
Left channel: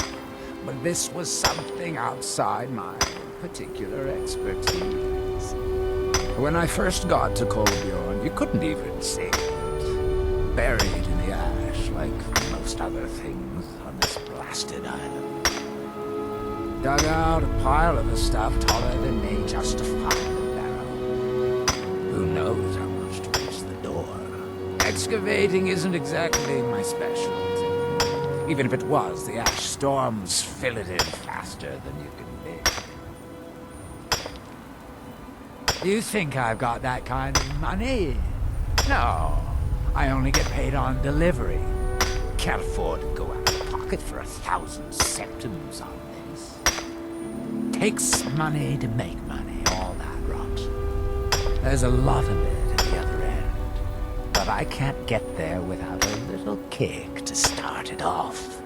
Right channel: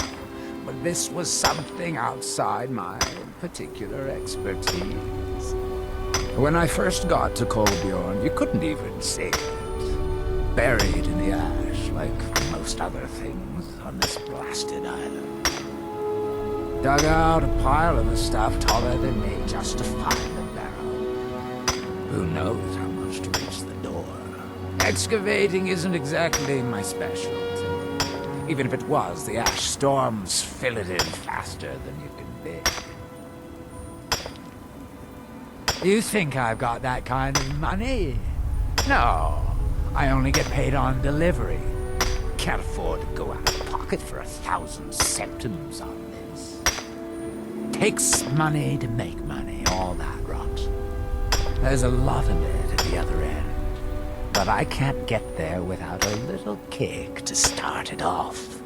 But this was something outside my particular expertise. When I first got to Kolbjorn, you couldn't even see it. Buried in the ash, like most other things on this blasted island. Dug out a pile of the stuff taller than me just to find the barrel. Who knows how much to reach the door? Excavating isn't exactly my specialty. Even if it was, the ash storms fill it in faster than you can dig. You think I've got that kind of money? No, I only get paid on delivery. Can't afford to go out of pocket for 1,000 septims on this. Takes money to make money, all that rot. There's a lot of it at the other end. But I can't get there without a little kick to start it off.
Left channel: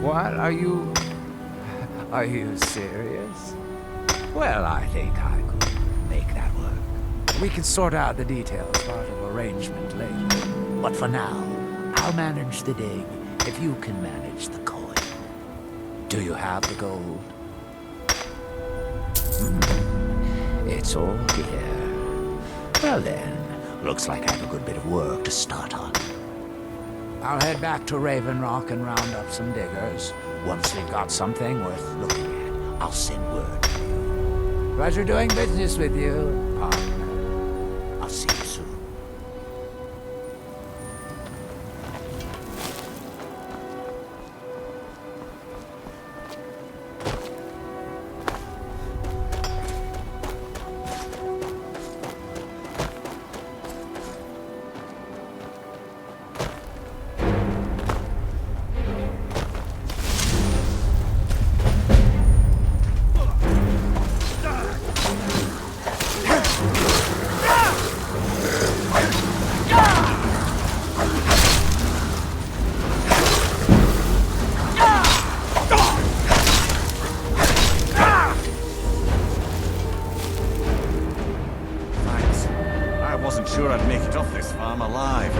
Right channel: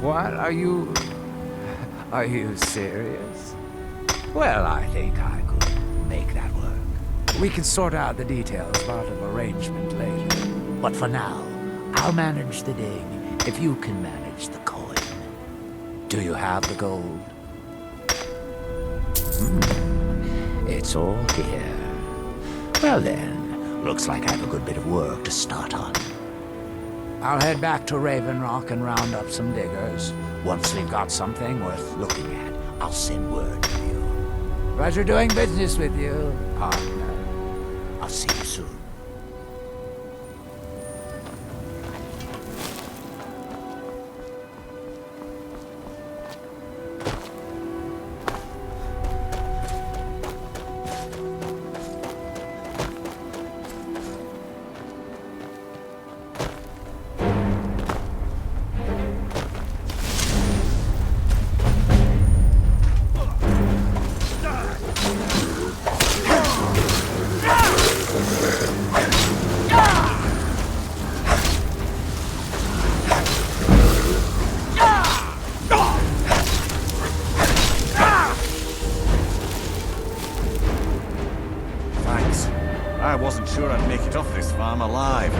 What? Are you serious? Well, I think I could make that work. We can sort out the details part of arrangement later. But for now, I'll manage the dig if you can manage the coin. Do you have the gold? It's all here. Well then, looks like I have a good bit of work to start on. I'll head back to Raven Rock and round up some diggers. Once we've got something worth looking at, I'll send word to you. Pleasure doing business with you, partner. I'll see you soon. I wasn't sure I'd make it off this farm alive.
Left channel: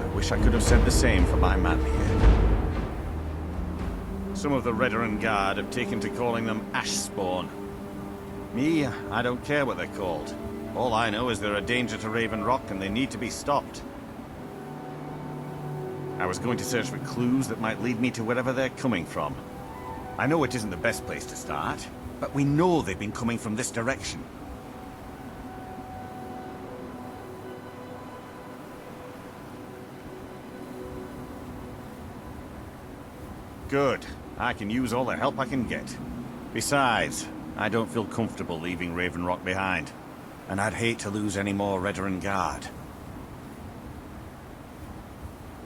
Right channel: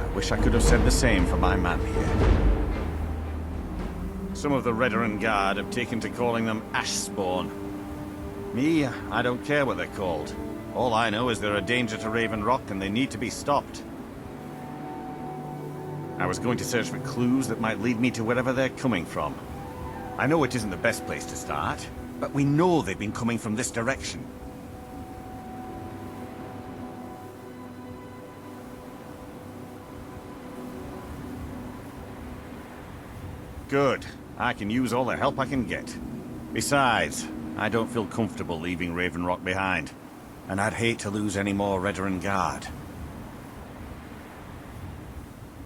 I wish I could have said the same for my man here. Some of the Redoran Guard have taken to calling them ash spawn. Me, I don't care what they're called. All I know is they're a danger to Raven Rock and they need to be stopped. I was going to search for clues that might lead me to wherever they're coming from. I know it isn't the best place to start, but we know they've been coming from this direction. Good. I can use all the help I can get. Besides, I don't feel comfortable leaving Raven Rock behind. And I'd hate to lose any more Redoran Guard.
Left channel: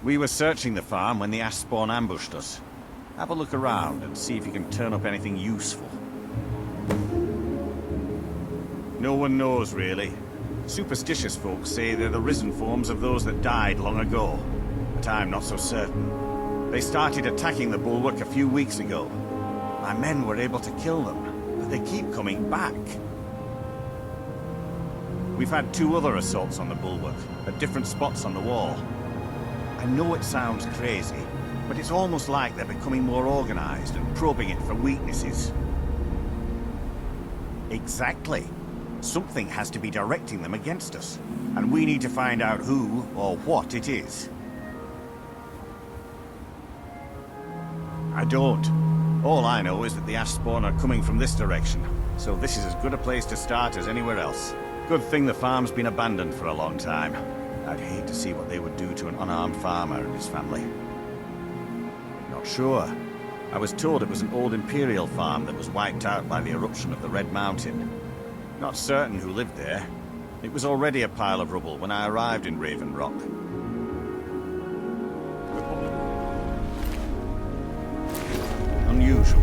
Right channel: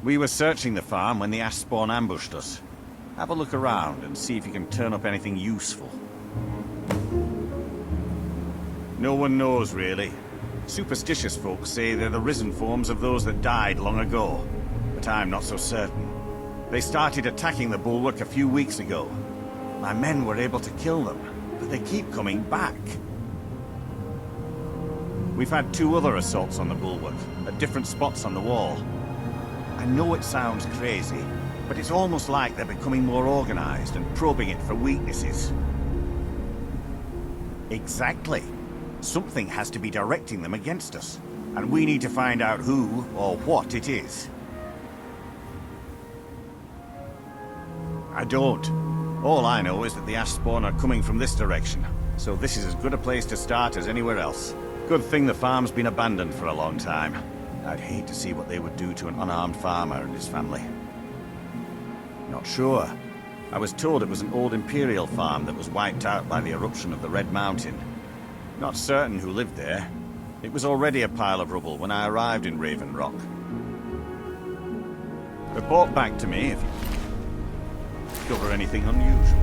We were searching the farm when the ash spawn ambushed us. Have a look around and see if you can turn up anything useful. No one knows, really. Superstitious folks say they're the risen forms of those that died long ago. But I'm not so certain. They started attacking the bulwark a few weeks ago. My men were able to kill them, but they keep coming back. We've had 2 other assaults on the bulwark, at different spots on the wall. I know it sounds crazy, but it's almost like they're becoming more organized and probing it for weaknesses. Exactly. Something has to be directing them against us, and we need to find out who or what it is. I don't. All I know is that the ash spawn are coming from this direction, so this is as good a place to start as anywhere else. Good thing the farm's been abandoned for a long time. I'd hate to see what they would do to an unarmed farmer and his family. Not sure. I was told it was an old Imperial farm that was wiped out by the eruption of the Red Mountain. Not certain who lived there. It was already a pile of rubble when I arrived in Raven Rock. Report back to me if you discover anything unusual.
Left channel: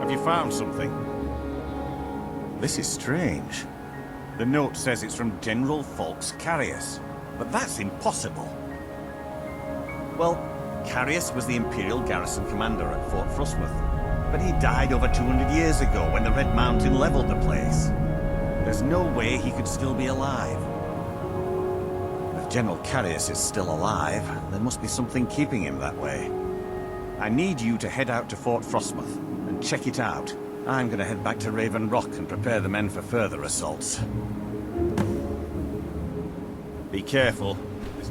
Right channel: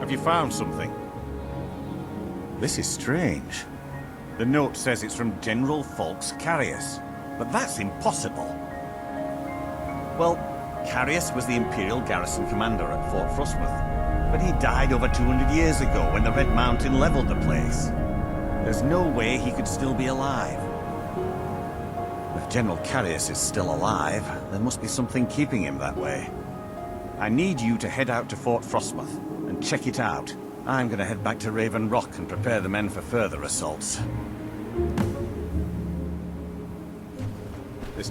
Have you found something? This is strange. The note says it's from General Falks Carius, but that's impossible. Well, Carius was the Imperial garrison commander at Fort Frostmoth, but he died over 200 years ago when the Red Mountain leveled the place. There's no way he could still be alive. If General Carius is still alive, there must be something keeping him that way. I need you to head out to Fort Frostmoth and check it out. I'm gonna head back to Raven Rock and prepare the men for further assaults. Be careful. This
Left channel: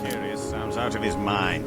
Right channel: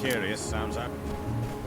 Curious sounds out of his mind.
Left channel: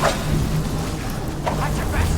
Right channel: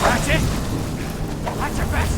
That's it! That's your best!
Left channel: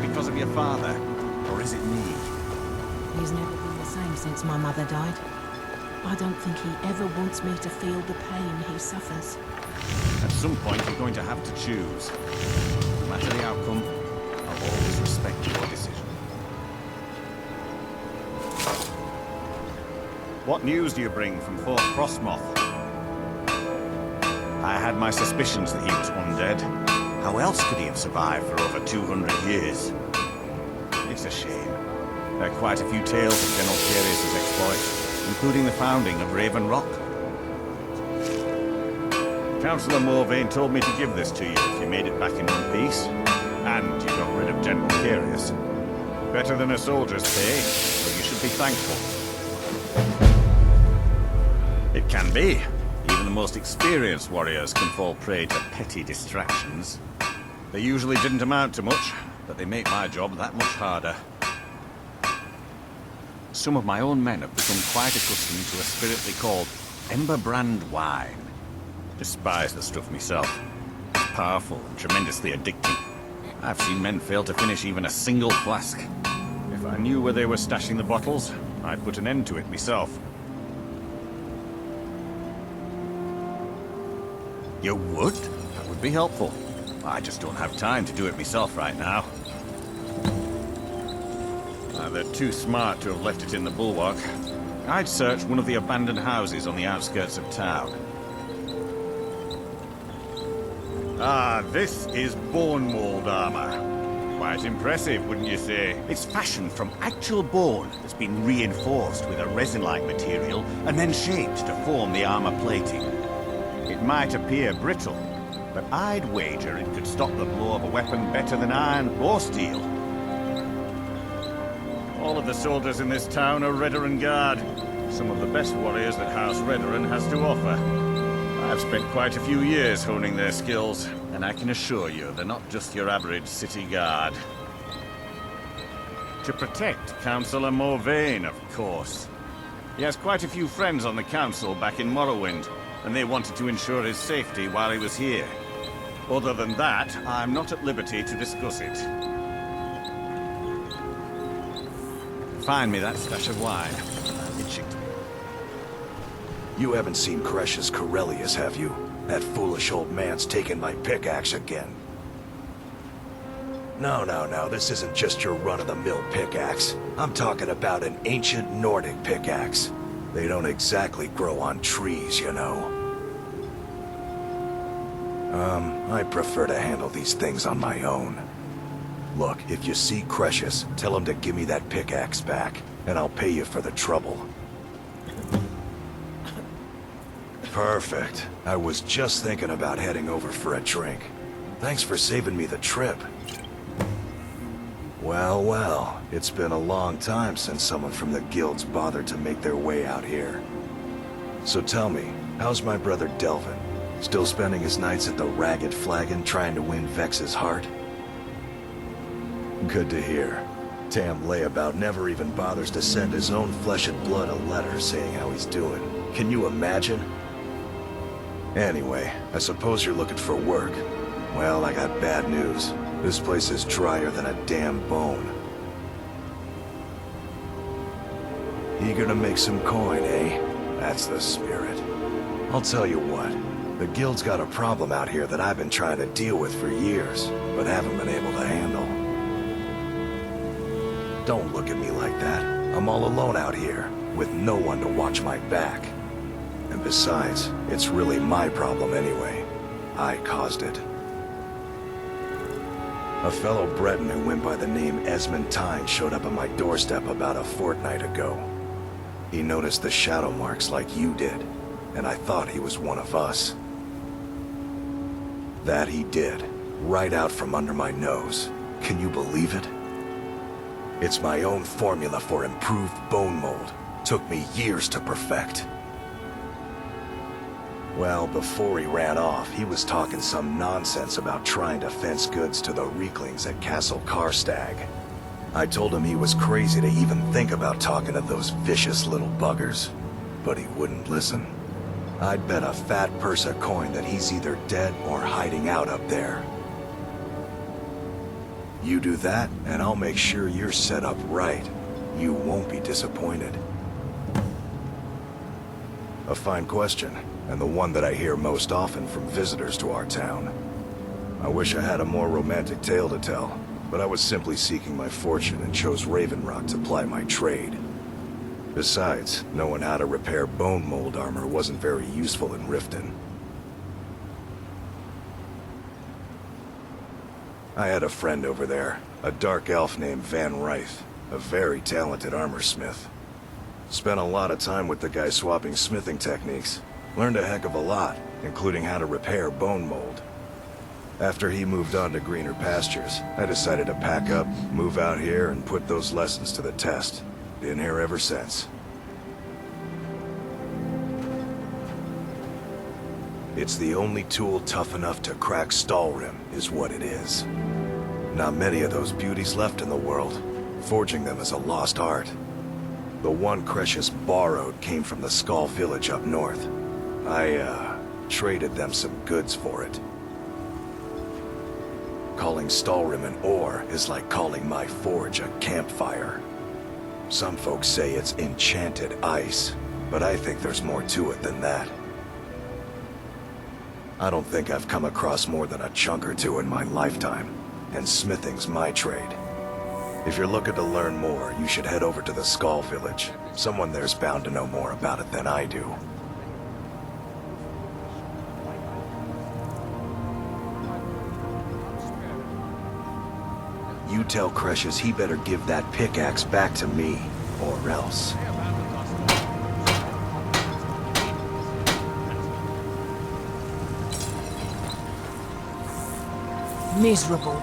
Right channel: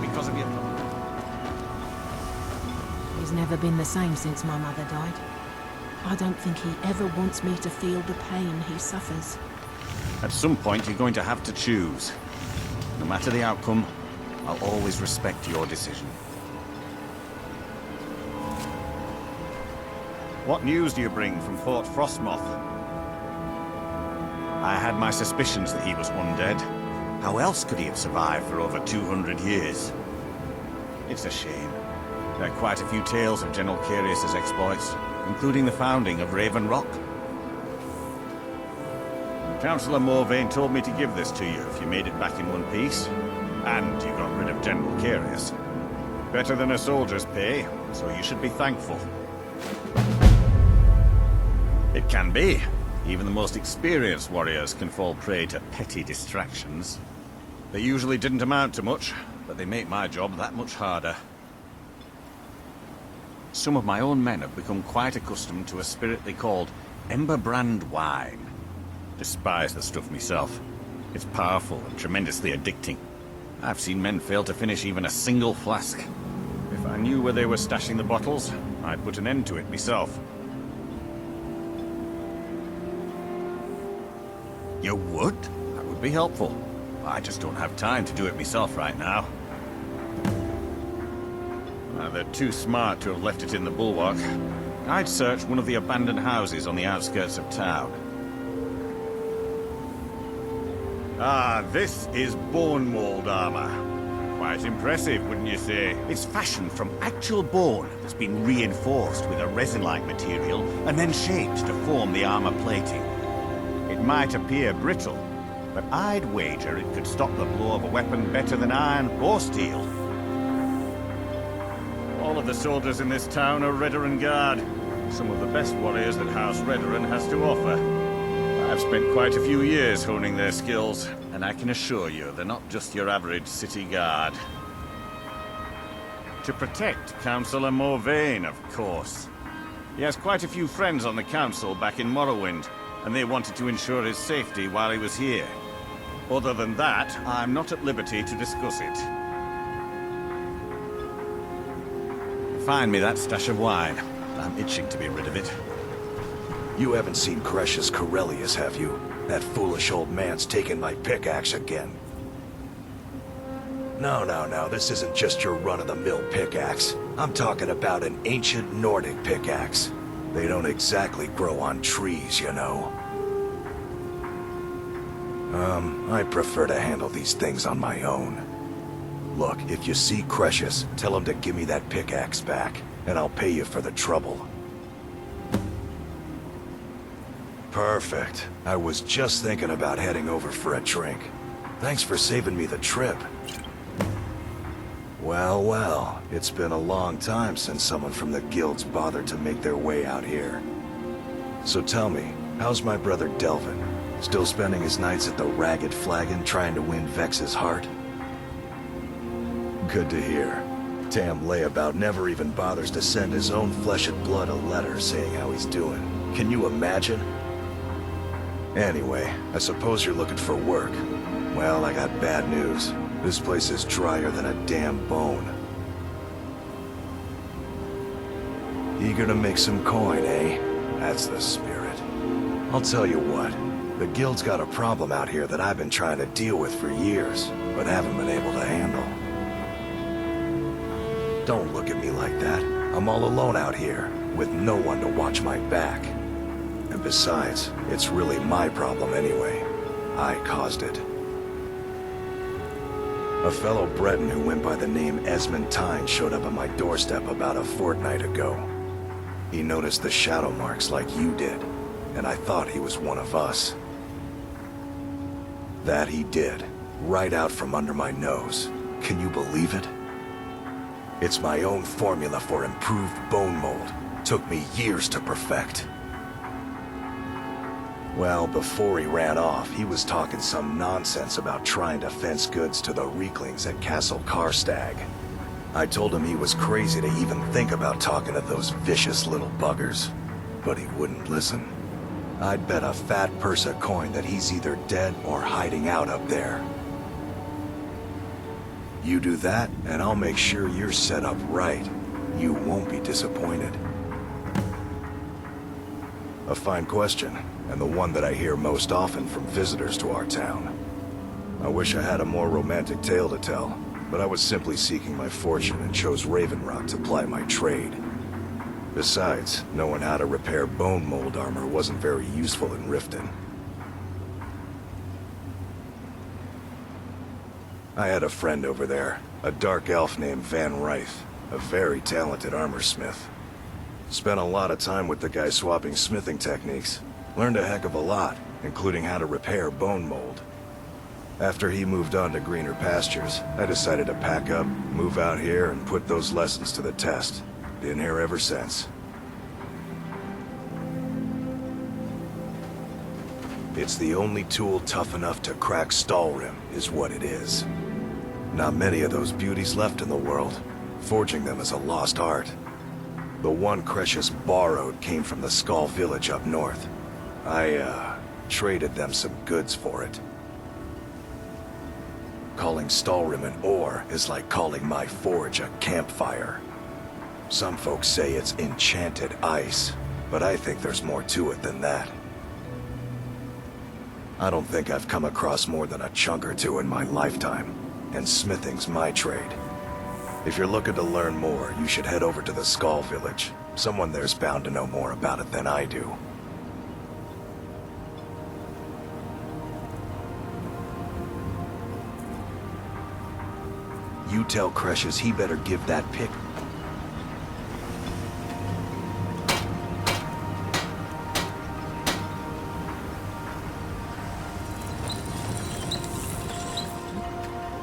Because of your father? Or is it me? He's never been the same since my mother died. I don't think he ever wants me to feel the pain he suffers. At some point, you're going to have to choose. No matter the outcome, I'll always respect your decision. What news do you bring from Fort Frostmoth? I had my suspicions that he was undead. How else could he have survived for over 200 years? It's a shame. There are quite a few tales of General Curious' exploits, including the founding of Raven Rock. Councillor Morvain told me to give this to you if you made it back in one piece, and you got rid of General Curious. Better than a soldier's pay, so you should be thankful. It can be. Even the most experienced warriors can fall prey to petty distractions. They usually didn't amount to much, but they make my job that much harder. Some of my own men have become quite accustomed to a spirit they called Emberbrand wine. Despise the stuff myself. It's powerful and tremendously addicting. I've seen men fail to finish even a single flask. If I knew where they were stashing the bottles, I'd put an end to it myself. You would? That would be helpful. I just don't have time to do it myself right now. They're too smart to have left it in the bulwark. I'd search one of the abandoned houses on the outskirts of town. Ah, this is bone mold armor. Quite impressive, wouldn't you say? It's fashioned from actual bone that's been reinforced with a resin-like material and then shaped to form the armor plating. It might appear brittle, but I'd wager it could stop the blow of a weapon better than iron or steel. All of the soldiers in this town are Redoran Guard. Some of the best warriors that House Redoran has to offer. I've spent quite a few years honing their skills, and I can assure you they're not just your average city guard. To protect Councillor Morvain, of course. He has quite a few friends on the council back in Morrowind, and they wanted to ensure his safety while he was here. Other than that, I'm not at liberty to discuss it. Find me that stash of wine. I'm itching to be rid of it. You haven't seen Crescius Corellius, have you? That foolish old man's taken my pickaxe again. No, this isn't just your run-of-the-mill pickaxe. I'm talking about an ancient Nordic pickaxe. They don't exactly grow on trees, you know. I prefer to handle these things on my own. Look, if you see Crescius, tell him to give me that pickaxe back, and I'll pay you for the trouble. Perfect. I was just thinking about heading over for a drink. Thanks for saving me the trip. Well, it's been a long time since someone from the guilds bothered to make their way out here. So tell me, how's my brother Delvin? Still spending his nights at the Ragged Flagon trying to win Vex's heart? Good to hear. Tam Layabout never even bothers to send his own flesh and blood a letter saying how he's doing. Can you imagine? Anyway, I suppose you're looking for work. Well, I got bad news. This place is drier than a damn bone. Eager to make some coin, eh? That's the spirit. I'll tell you what. The guild's got a problem out here that I've been trying to deal with for years, but haven't been able to handle. Don't look at me like that. I'm all alone out here, with no one to watch my back. And besides, it's really my problem anyway. I caused it. A fellow Breton who went by the name Esmond Tyne showed up at my doorstep about a fortnight ago. He noticed the shadow marks like you did, and I thought he was one of us. That he did, right out from under my nose. Can you believe it? It's my own formula for improved bone mold. Took me years to perfect. Well, before he ran off, he was talking some nonsense about trying to fence goods to the Reeklings at Castle Karstag. I told him he was crazy to even think about talking to those vicious little buggers, but he wouldn't listen. I'd bet a fat purse of coin that he's either dead or hiding out up there. You do that, and I'll make sure you're set up right. You won't be disappointed. A fine question, and the one that I hear most often from visitors to our town. I wish I had a more romantic tale to tell, but I was simply seeking my fortune and chose Raven Rock to ply my trade. Besides, knowing how to repair bone mold armor wasn't very useful in Riften. I had a friend over there, a dark elf named Van Ryth, a very talented armor smith. Spent a lot of time with the guy swapping smithing techniques. Learned a heck of a lot, including how to repair bone mold. After he moved on to greener pastures, I decided to pack up, move out here, and put those lessons to the test. Been here ever since. It's the only tool tough enough to crack Stalrim, is what it is. Not many of those beauties left in the world. Forging them is a lost art. The one Crescius borrowed came from the Skull village up north. I, traded them some goods for it. Calling Stalrim an ore is like calling my forge a campfire. Some folks say it's enchanted ice, but I think there's more to it than that. I don't think I've come across more than a chunk or two in my lifetime, and smithing's my trade. If you're looking to learn more, you should head over to the Skull village. Someone there's bound to know more about it than I do. You tell Cresius he better give that pickaxe back to me, or else. Miserable.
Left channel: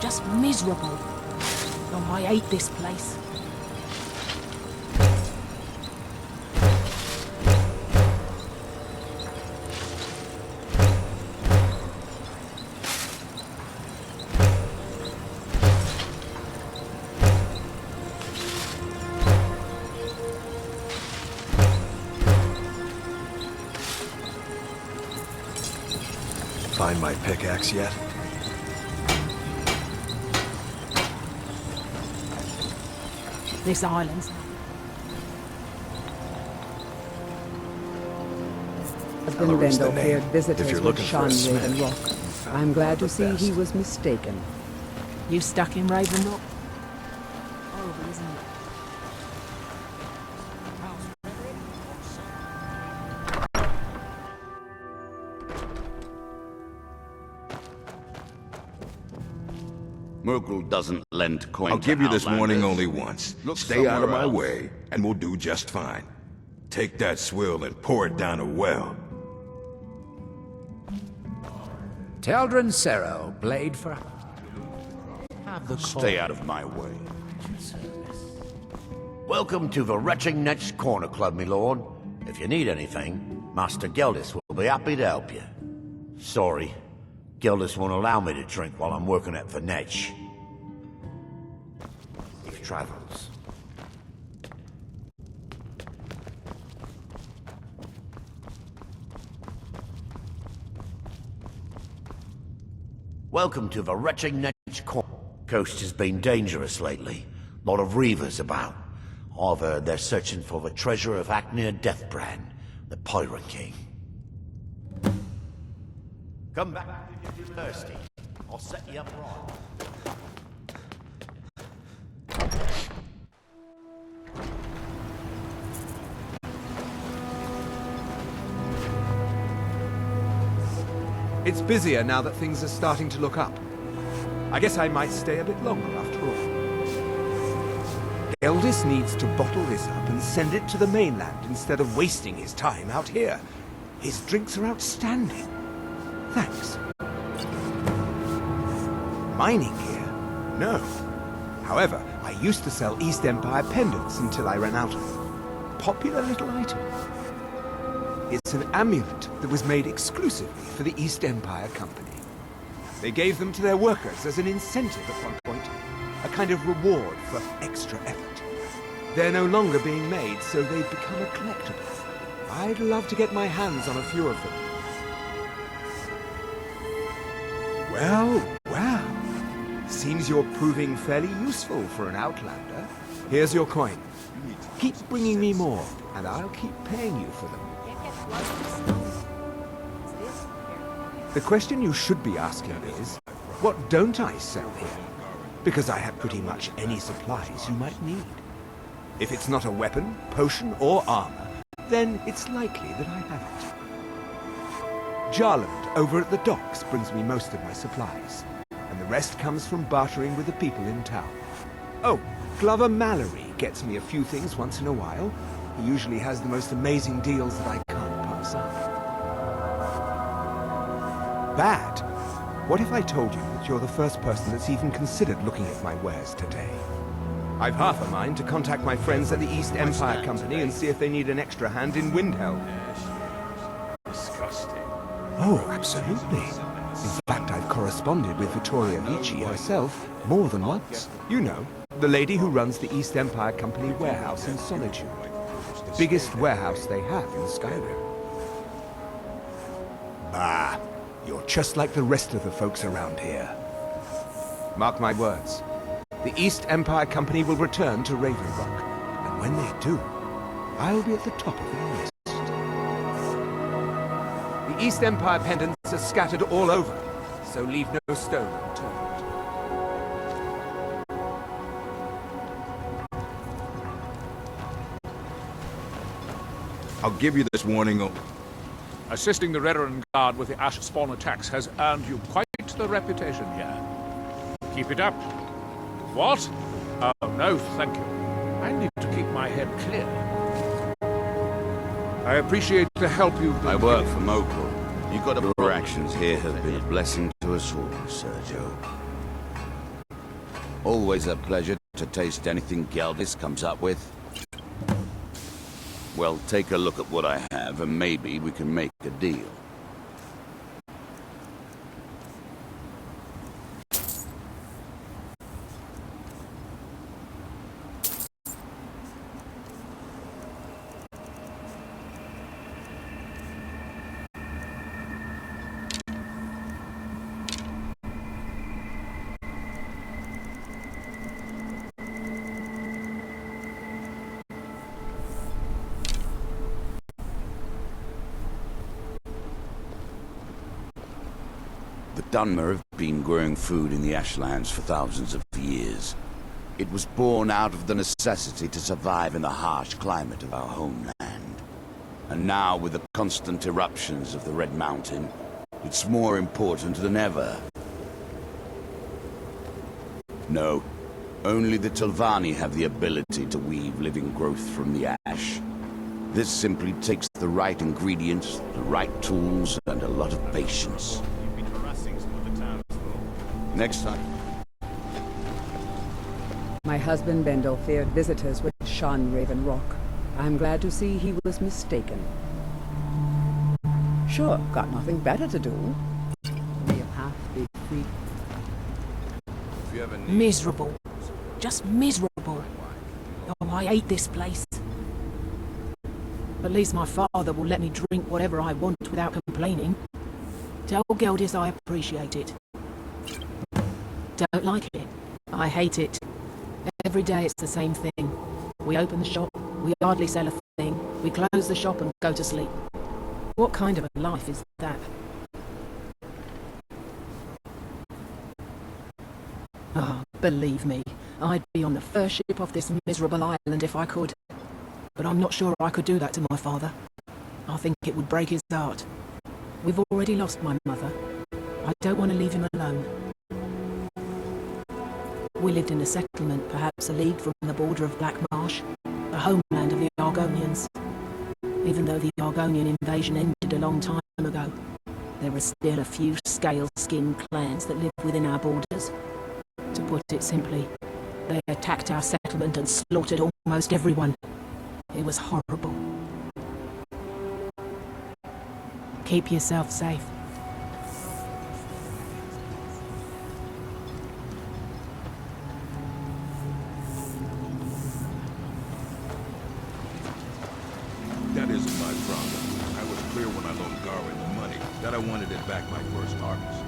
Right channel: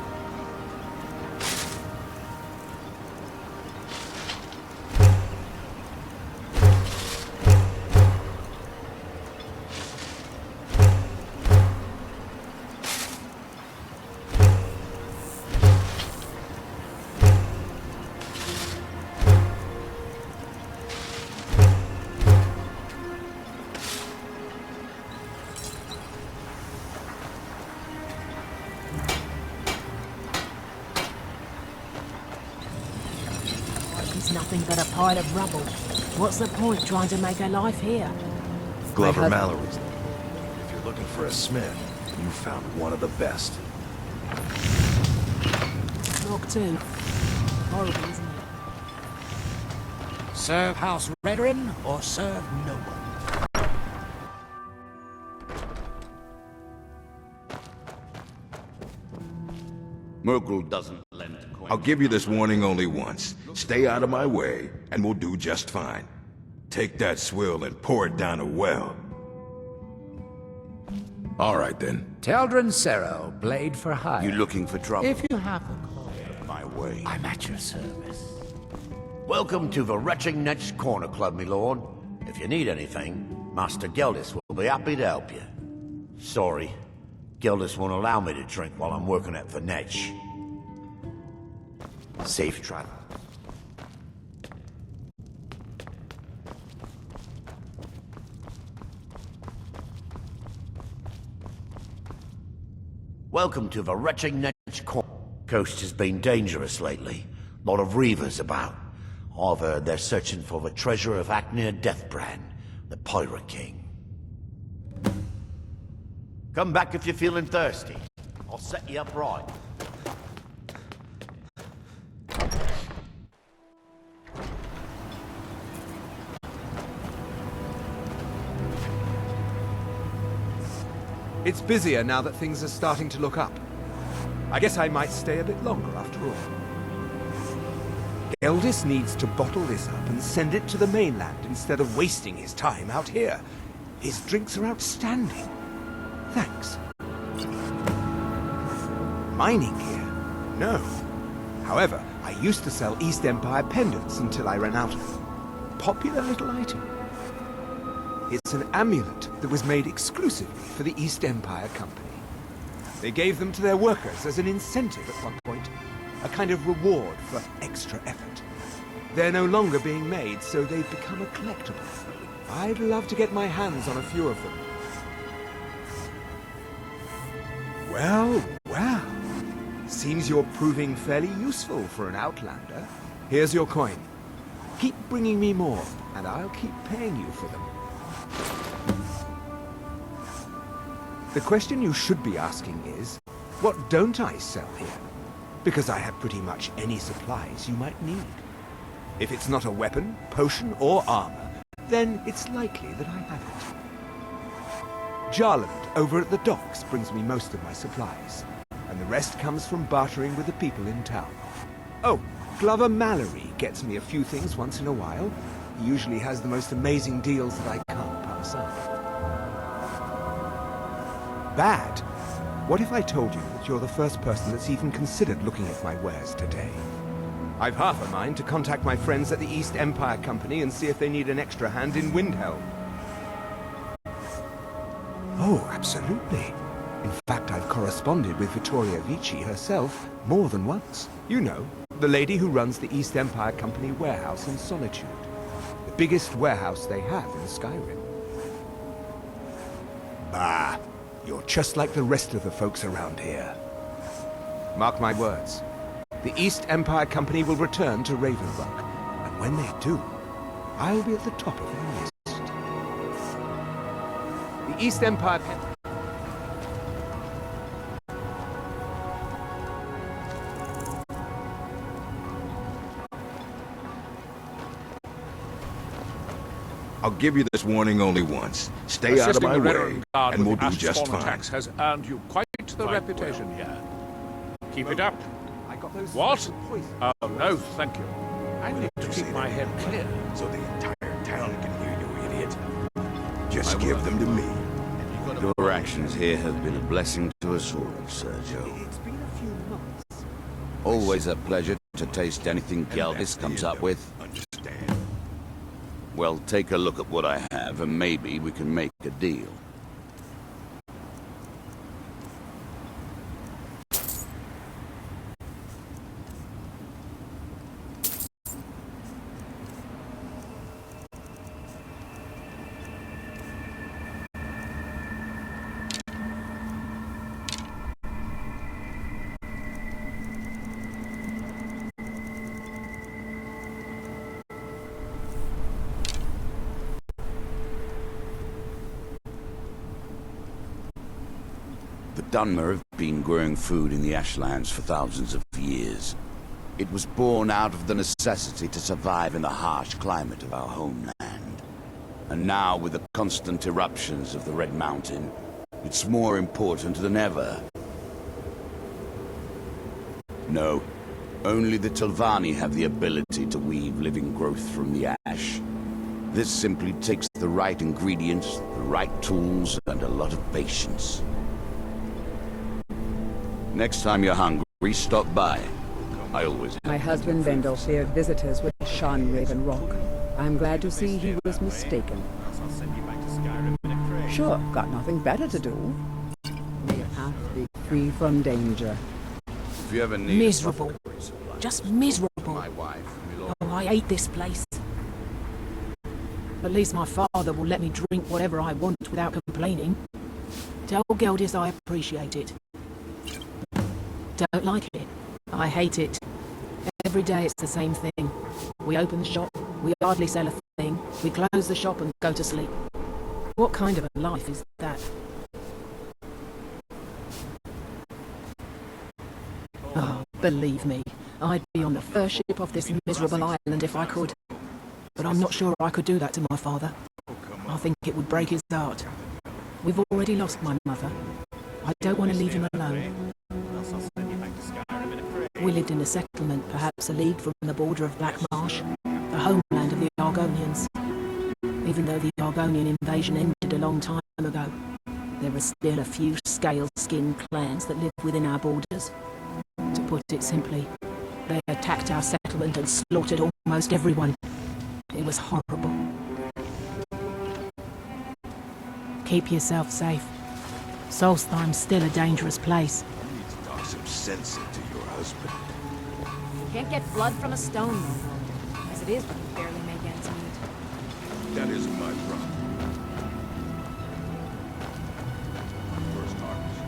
Just miserable. Oh, I hate this place. Find my pickaxe yet? This island's nothing but a pile of rubble. What's the point trying to make a life here? Glover Mallory's the name. Visitors If you're would looking for a shun smith, the rock. you found I'm one glad of the to see best. he was mistaken. You stuck in Raven Rock too. Horrible, isn't it? Serve House Redrin or serve no one. Merkel doesn't lend coin. I'll give you this warning outlanders. only once. Look Stay out of somewhere my else. way, and we'll do just fine. Take that swill and pour it down a well. All right, then. Teldrin Sero, blade for hire. You looking for trouble? If you have the call, Stay out of my way. I'm at your service. Welcome to the Retching Netch Corner Club, my lord. If you need anything, Master Geldis will be happy to help you. Sorry, Geldis won't allow me to drink while I'm working at the Netch. Safe travels. Welcome to the Retching Netch Corner. Coast has been dangerous lately. Lot of reavers about. I've heard they're searching for the treasure of Acnir Deathbrand, the Pirate King. Come back if you're feeling thirsty. I'll set you up right. It's busier now that things are starting to look up. I guess I might stay a bit longer after all. Geldis needs to bottle this up and send it to the mainland instead of wasting his time out here. His drinks are outstanding. Thanks. Mining gear? No. However, I used to sell East Empire pendants until I ran out of them. Popular little item. It's an amulet that was made exclusively for the East Empire Company. They gave them to their workers as an incentive at one point, a kind of reward for extra effort. They're no longer being made, so they've become a collectible. I'd love to get my hands on a few of them. Well, well. Seems you're proving fairly useful for an outlander. Here's your coin. Keep bringing me more, and I'll keep paying you for them. The question you should be asking is, what don't I sell here? Because I have pretty much any supplies you might need. If it's not a weapon, potion, or armor, then it's likely that I have it. Jarland, over at the docks, brings me most of my supplies, and the rest comes from bartering with the people in town. Oh, Glover Mallory gets me a few things once in a while. He usually has the most amazing deals that I can't pass up. Bad? What if I told you that you're the first person that's even considered looking at my wares today? I've half a mind to contact my friends at the East Empire Company and see if they need an extra hand in Windhelm. Oh, absolutely. In fact, I've corresponded with Vittoria Vici herself more than once. You know, the lady who runs the East Empire Company warehouse in Solitude. The biggest warehouse they have in Skyrim. Bah, you're just like the rest of the folks around here. Mark my words. The East Empire Company will return to Raven Rock, and when they do, I'll be at the top of their list. The East Empire pendants are scattered all over, so leave no stone unturned. I'll give you this warning only once. Stay Assisting out of the my Redern way, Guard and with we'll the do Ash just Spawn fine. attacks has earned you quite the reputation here. Keep it up, What? Oh, no, thank you. I need to keep my head clear. I appreciate the help you... I work for Mopal. Your actions here have been a blessing to us all, Sergio. Always a pleasure to taste anything Geldis comes up with. Well, take a look at what I have, and maybe we can make a deal. The Dunmer have been growing food in the Ashlands for thousands of years. It was born out of the necessity to survive in the harsh climate of our homeland. And now, with the constant eruptions of the Red Mountain, it's more important than ever. No, only the Telvanni have the ability to weave living growth from the ash. This simply takes the right ingredients, the right tools, and a lot of patience. Next time you're hungry, stop by. I always... My husband Bendel feared visitors would shun Raven Rock. I'm glad to see he was mistaken. Sure, got nothing better to do. May a path be free from danger. If you ever need... Miserable. Just miserable. Oh, I hate this place. At least my father will let me drink whatever I want without complaining. Tell Geldis I appreciate it. Don't like it. I hate it. Every day it's the same thing. We open the shop, we hardly sell a thing, we close the shop and go to sleep. What kind of a life is that? Oh, believe me, I'd be on the first ship off this miserable island if I could. But I'm not sure I could do that to my father. I think it would break his heart. We've already lost my mother. I don't want to leave him alone. We lived in a settlement, perhaps a league from the border of Black Marsh, the homeland of the Argonians. Even though the Argonian invasion ended a long time ago, there are still a few scale-skinned clans that live within our borders. To put it simply, they attacked our settlement and slaughtered almost everyone. It was horrible. Keep yourself safe. Solstheim's still a dangerous place. Talk some sense into your husband. Can't get blood from a stone. As it is, we can barely make ends meet. That isn't my problem. I was clear when I loaned Darwin the money that I wanted it back my first harvest.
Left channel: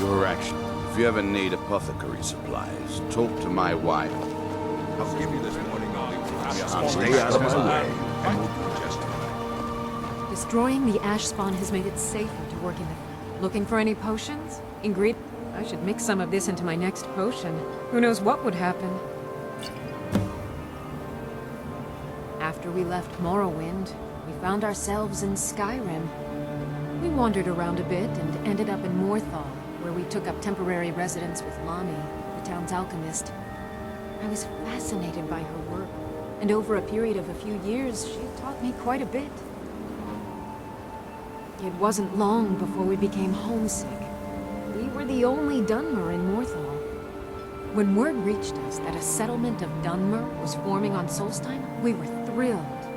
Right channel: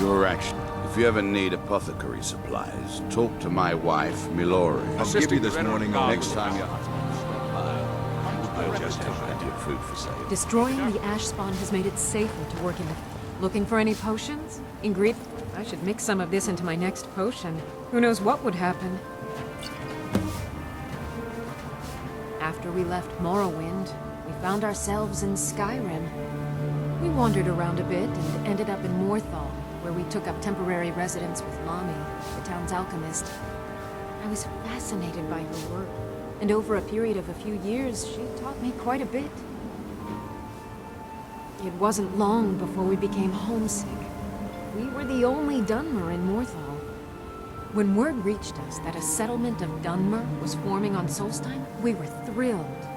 Your action. If you ever need apothecary supplies, talk to my wife, Milora. I'll give you this morning or next time you hunt. Stay out of my way, and we'll do just fine. Destroying the ash spawn has made it safer to work in the... Looking for any potions? I should mix some of this into my next potion. Who knows what would happen? After we left Morrowind, we found ourselves in Skyrim. We wandered around a bit and ended up in Morthal, where we took up temporary residence with Lami, the town's alchemist. I was fascinated by her work, and over a period of a few years, she taught me quite a bit. It wasn't long before we became homesick. We were the only Dunmer in Morthal. When word reached us that a settlement of Dunmer was forming on Solstheim, we were thrilled.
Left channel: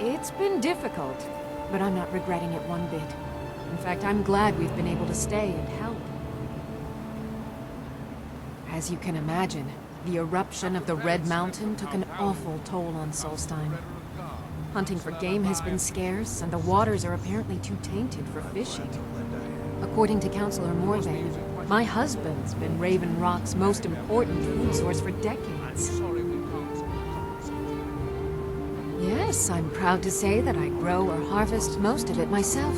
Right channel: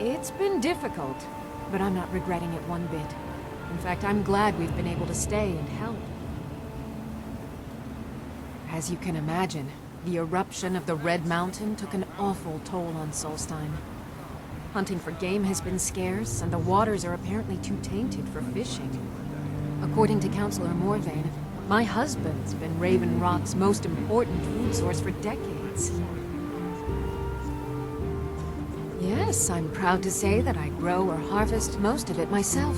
It's been difficult, but I'm not regretting it one bit. In fact, I'm glad we've been able to stay and help. As you can imagine, the eruption of the Red Mountain took an awful toll on Solstheim. Hunting for game has been scarce, and the waters are apparently too tainted for fishing. According to Councillor Morvain, my husband's been Raven Rock's most important food source for decades. Yes, I'm proud to say that I grow or harvest most of it myself.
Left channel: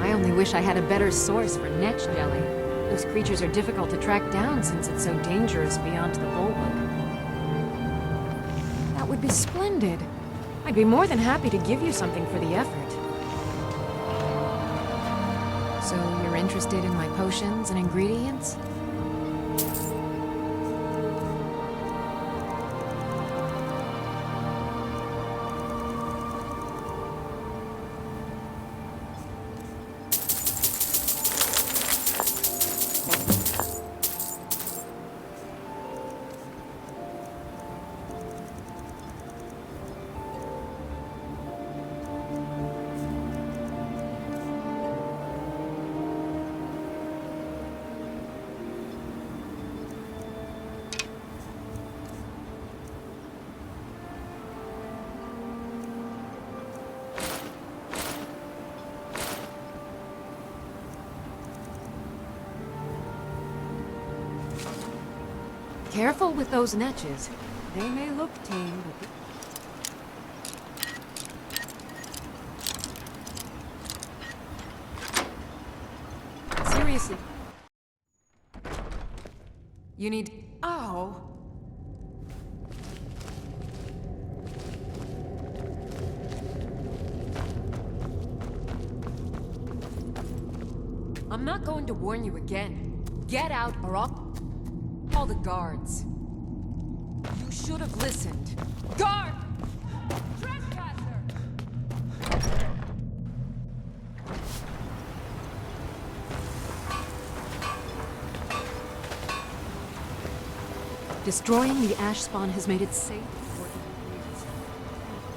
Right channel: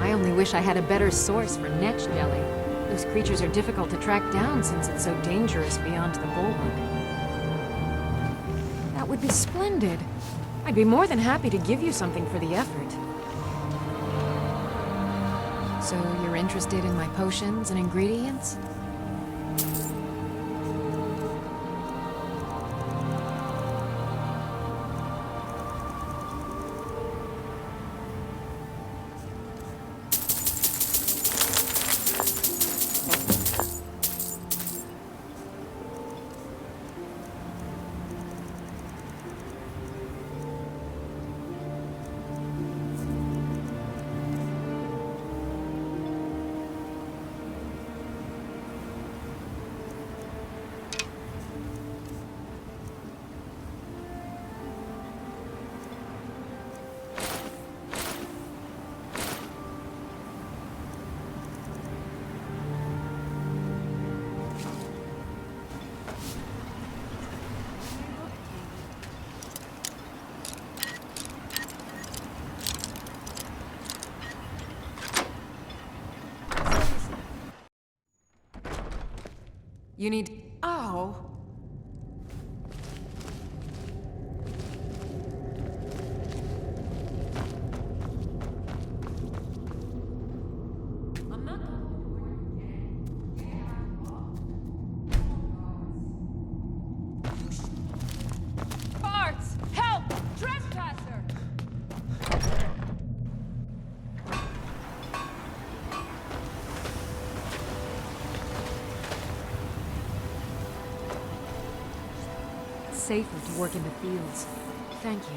I only wish I had a better source for netch jelly. Those creatures are difficult to track down since it's so dangerous beyond the bulwark. That would be splendid. I'd be more than happy to give you something for the effort. So you're interested in my potions and ingredients? Careful with those netches. They may look tame, but... Seriously. You need... Oh! I'm not going to warn you again. Get out or I'll... Call the guards. You should have listened. Guards! Help! Trespasser! Destroying the ash spawn has made it safer to work in the fields. Thank you.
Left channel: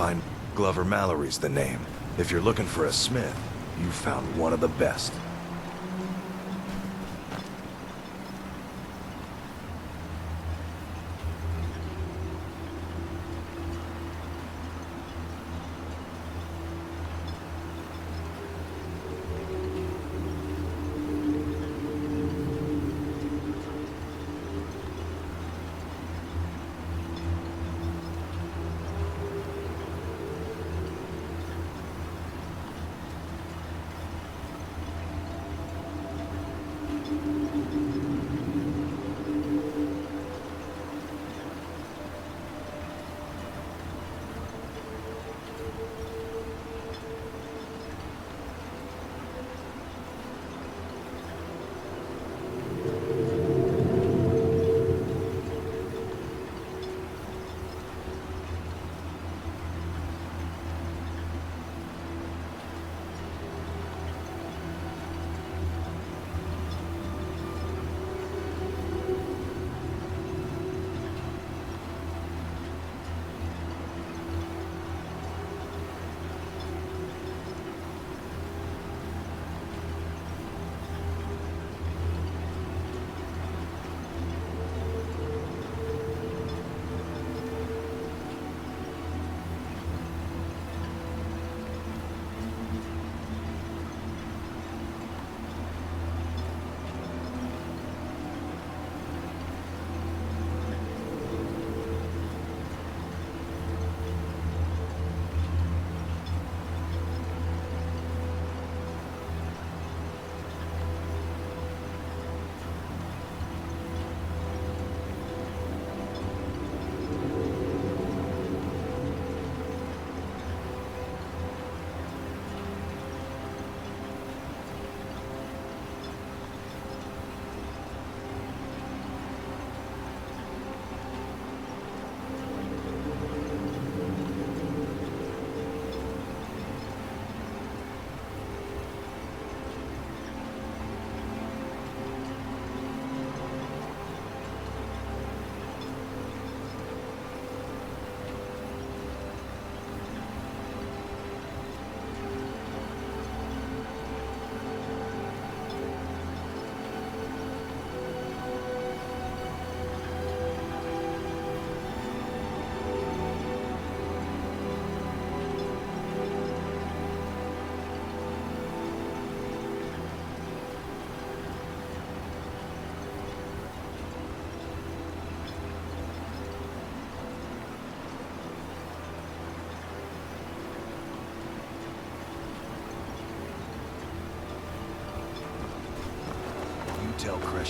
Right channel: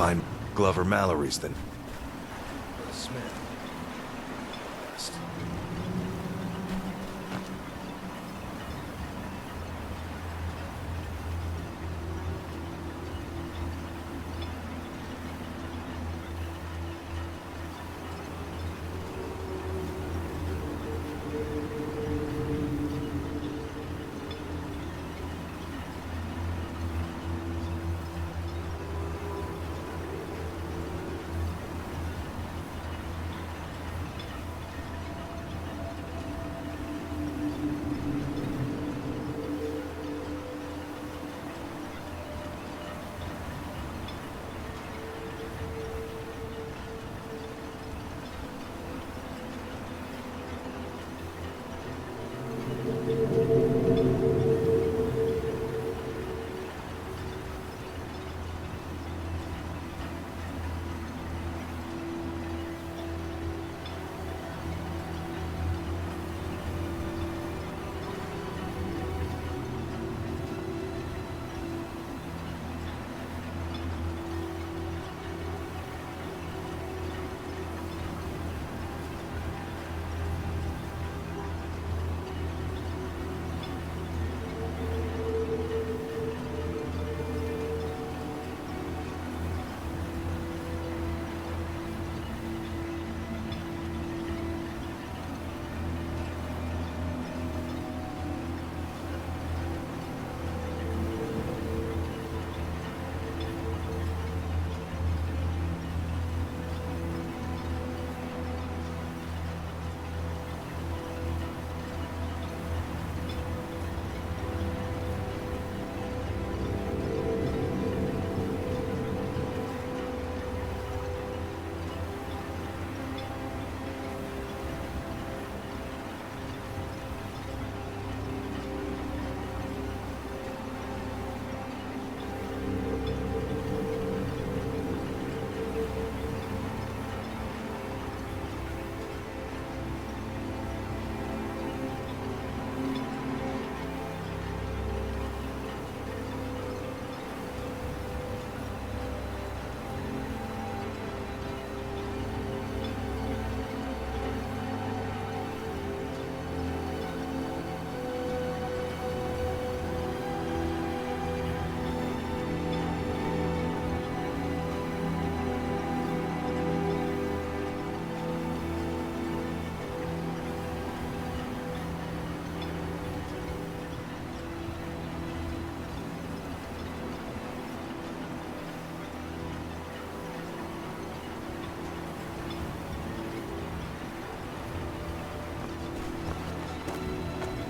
Find Glover Mallory's the name. If you're looking for a smith, you found one of the best.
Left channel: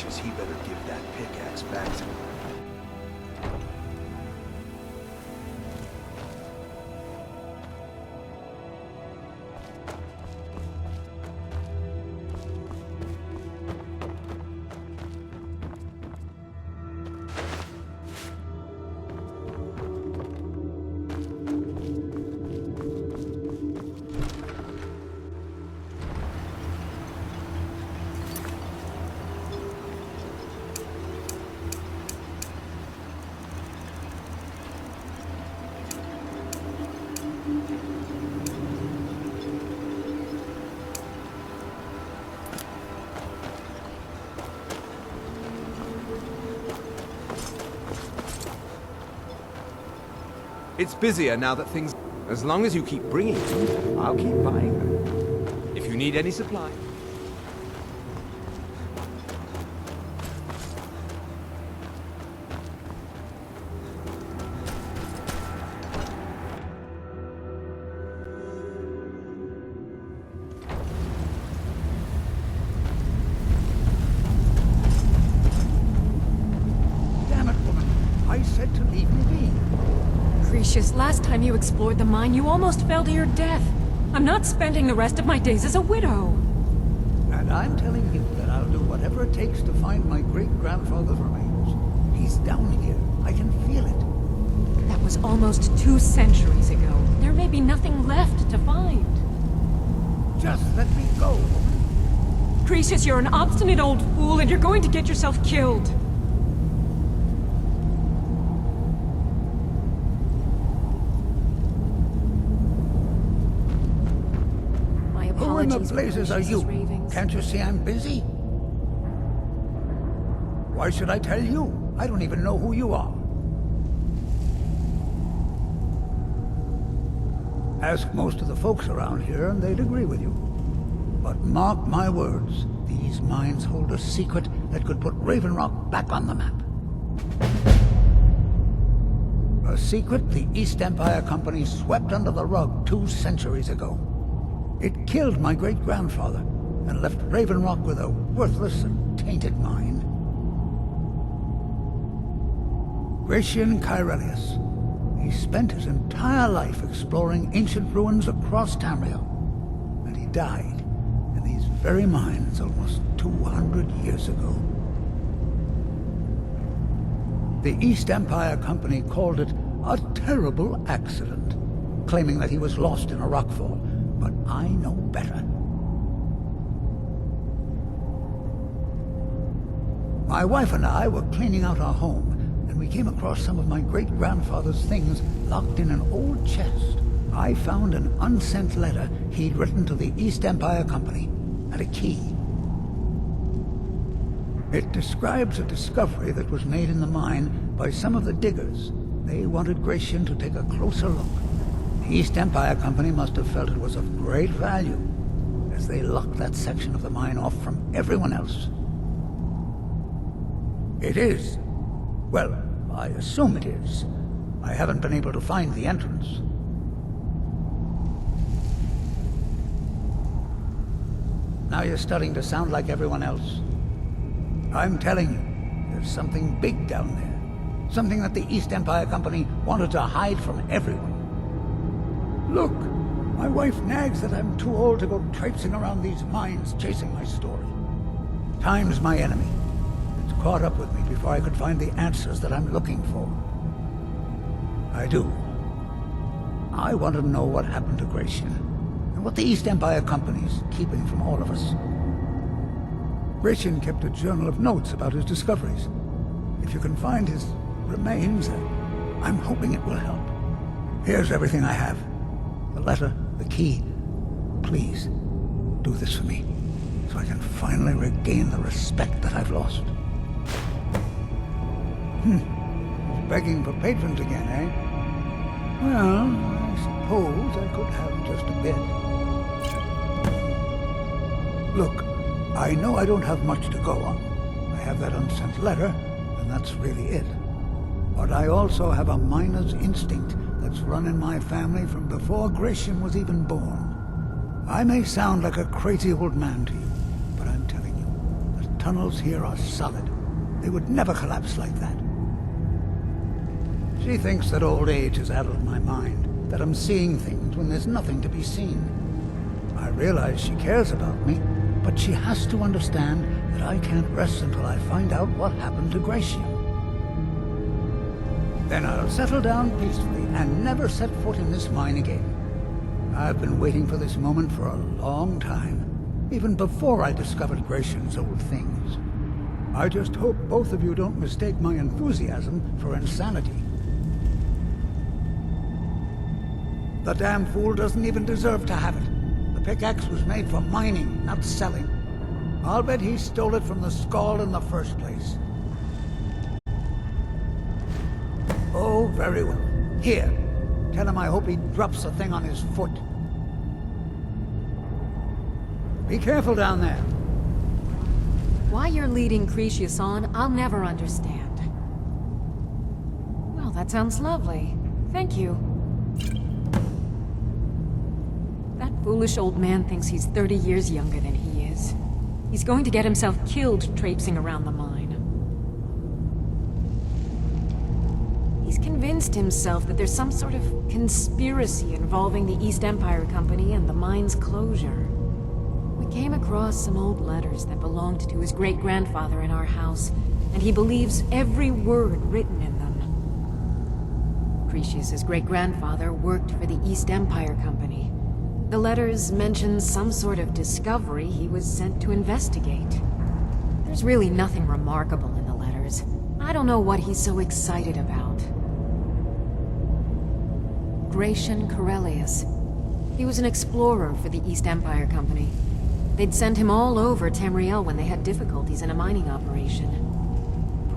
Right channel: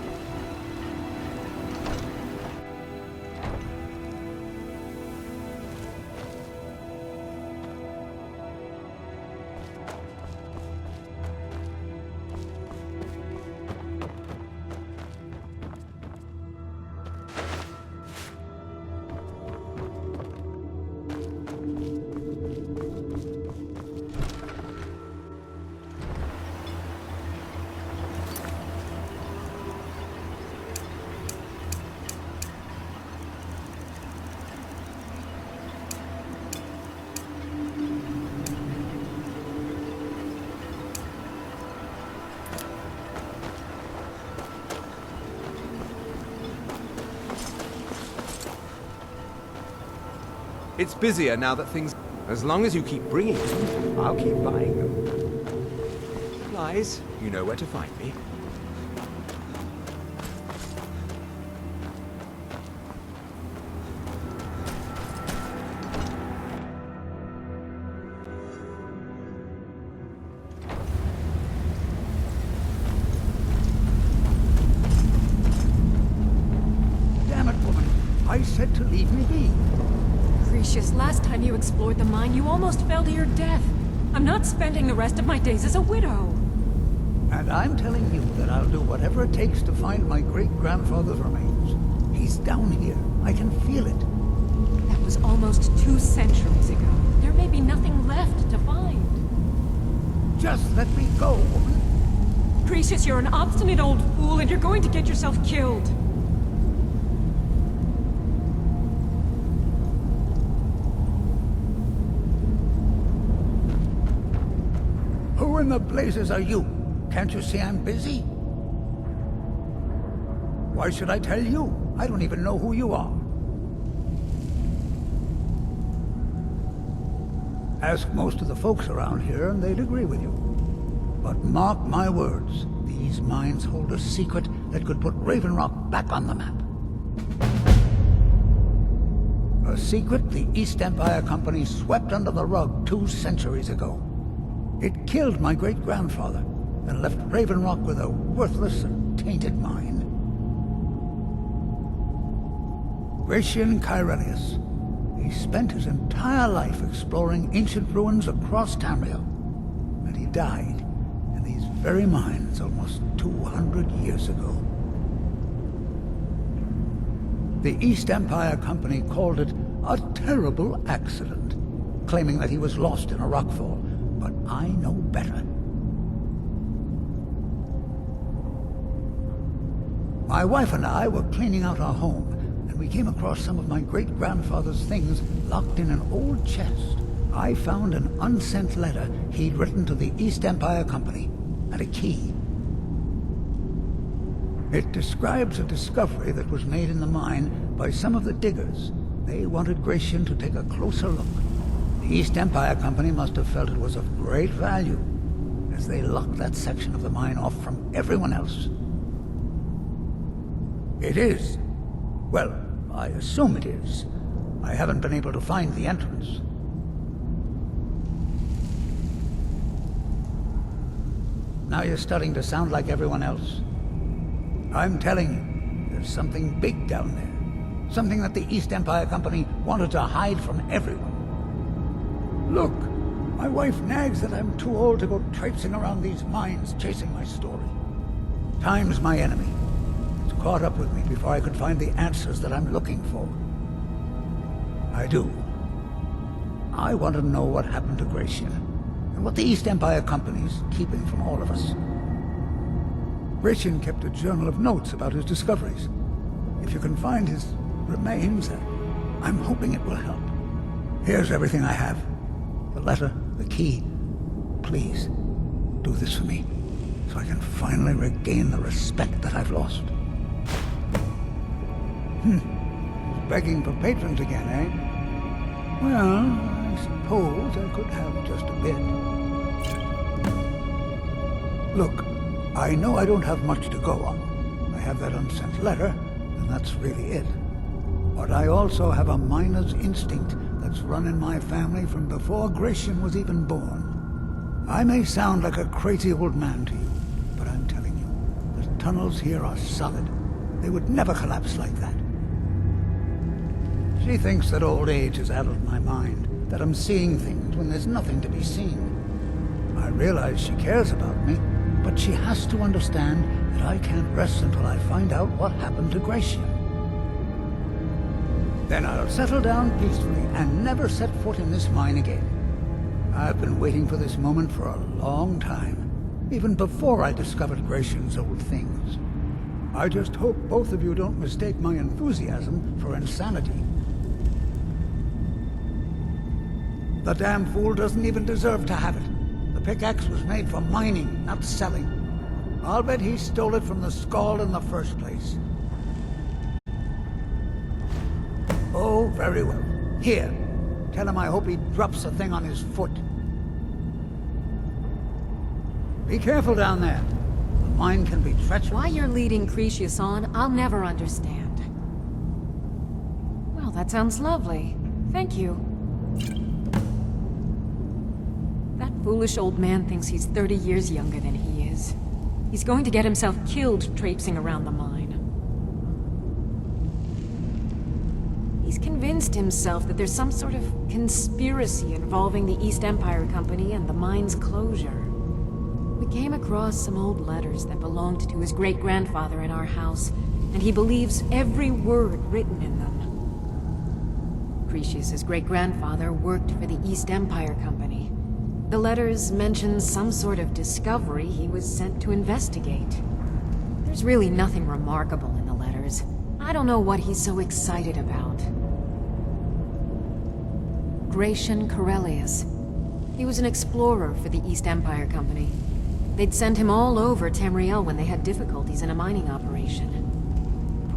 He better give that pickaxe back. It's busier now that things... As long as you keep bringing them, I'll keep buying them. If you need any supplies, you know where to find me. Damn it, woman. I said to leave me be. Gracious, last time you explored the mine, you almost fell to your death. I'm not spending the rest of my days as a widow. And I'm telling you that I'll do whatever it takes to find my great-grandfather's remains. He's down here. I can feel it. That was almost 2 centuries ago. There may be nothing left to find. Just let me go, woman. Gracious, you're an obstinate old fool, and you're going to get yourself killed. in the legends blazes are Gracious you? ravings. Can't you see I'm busy? Why should I tell you? I don't even know who you are. Ask most of the folks around here and they'd agree with you. But mark my words, these mines hold a secret that could put Raven Rock back on the map. A secret the East Empire Company swept under the rug 2 centuries ago. It killed my great-grandfather and left Raven Rock with a worthless and tainted mine. Gratian Kyrelius. He spent his entire life exploring ancient ruins across Tamriel, and he died in these very mines almost 200 years ago. The East Empire Company called it a terrible accident, claiming that he was lost in a rockfall, but I know better. My wife and I were cleaning out our home, and we came across some of my great-grandfather's things locked in an old chest. I found an unsent letter he'd written to the East Empire Company, and a key. It describes a discovery that was made in the mine by some of the diggers. They wanted Gratian to take a closer look. The East Empire Company must have felt it was of great value, as they locked that section of the mine off from everyone else. It is. Well, I assume it is. I haven't been able to find the entrance. Now you're starting to sound like everyone else. I'm telling you, there's something big down there. Something that the East Empire Company wanted to hide from everyone. Look, my wife nags that I'm too old to go traipsing around these mines chasing my story. Time's my enemy. It's caught up with me before I could find the answers that I'm looking for. I do. I want to know what happened to Gratian, and what the East Empire Company's keeping from all of us. Gratian kept a journal of notes about his discoveries. If you can find his remains, I'm hoping it will help. Here's everything I have. The letter, the key. Please, do this for me, so I can finally regain the respect that I've lost. He's begging for patrons again, eh? Well, I suppose I could have just a bit. Look, I know I don't have much to go on. I have that unsent letter, and that's really it. But I also have a miner's instinct that's run in my family from before Gratian was even born. I may sound like a crazy old man to you, but I'm telling you, the tunnels here are solid. They would never collapse like that. She thinks that old age has addled my mind, that I'm seeing things when there's nothing to be seen. I realize she cares about me, but she has to understand that I can't rest until I find out what happened to Gratian. Then I'll settle down peacefully and never set foot in this mine again. I've been waiting for this moment for a long time, even before I discovered Gratian's old things. I just hope both of you don't mistake my enthusiasm for insanity. The damn fool doesn't even deserve to have it. The pickaxe was made for mining, not selling. I'll bet he stole it from the Skull in the first place. Oh, very well. Here, tell him I hope he drops the thing on his foot. Be careful down there. The mine can be treacherous. Why you're leading Cretius on, I'll never understand. Well, that sounds lovely. Thank you. That foolish old man thinks he's 30 years younger than he is. He's going to get himself killed traipsing around the mine. He's convinced himself that there's some sort of conspiracy involving the East Empire Company and the mine's closure. We came across some old letters that belonged to his great-grandfather in our house, and he believes every word written in them. Cretius's great-grandfather worked for the East Empire Company. The letters mention some sort of discovery he was sent to investigate. There's really nothing remarkable in the letters. I don't know what he's so excited about. Gratian Kyrelius. He was an explorer for the East Empire Company. They'd send him all over Tamriel when they had difficulties in a mining operation.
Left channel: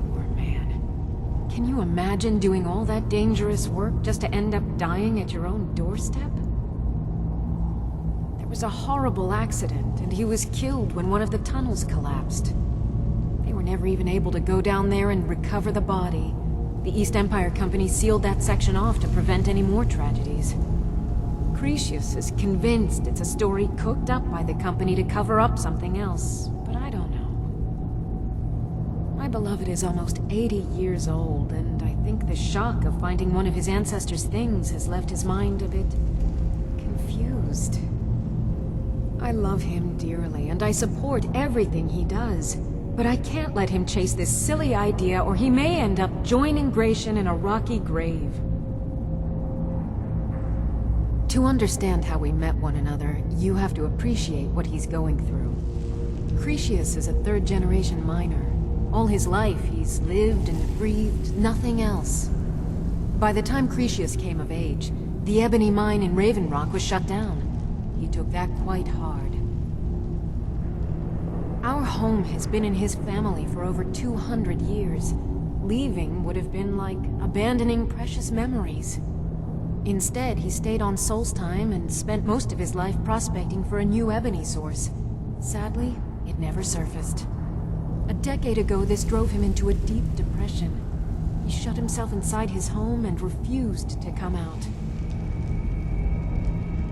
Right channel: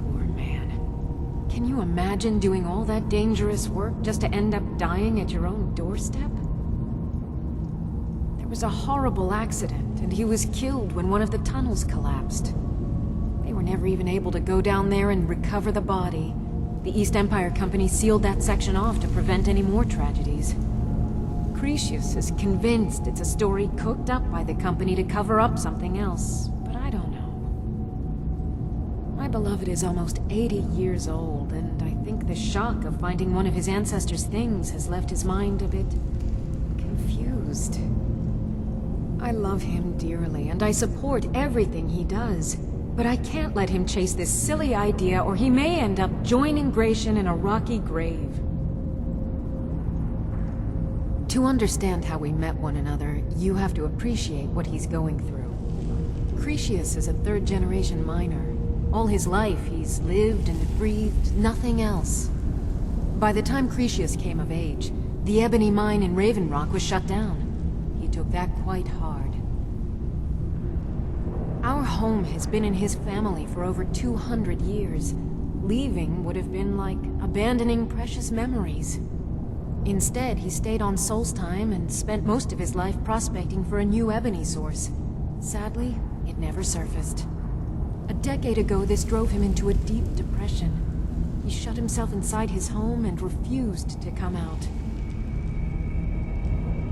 Poor man. Can you imagine doing all that dangerous work just to end up dying at your own doorstep? There was a horrible accident, and he was killed when one of the tunnels collapsed. They were never even able to go down there and recover the body. The East Empire Company sealed that section off to prevent any more tragedies. Cretius is convinced it's a story cooked up by the company to cover up something else, but I don't know. My beloved is almost 80 years old, and I think the shock of finding one of his ancestors' things has left his mind a bit confused. I love him dearly, and I support everything he does, but I can't let him chase this silly idea, or he may end up joining Gratian in a rocky grave. To understand how we met one another, you have to appreciate what he's going through. Cretius is a third-generation miner. All his life, he's lived and breathed nothing else. By the time Cretius came of age, the ebony mine in Raven Rock was shut down. He took that quite hard. Our home has been in his family for over 200 years. Leaving would have been like abandoning precious memories. Instead, he stayed on Solstheim and spent most of his life prospecting for a new ebony source. Sadly, it never surfaced. A decade ago, this drove him into a deep depression. He shut himself inside his home and refused to come out.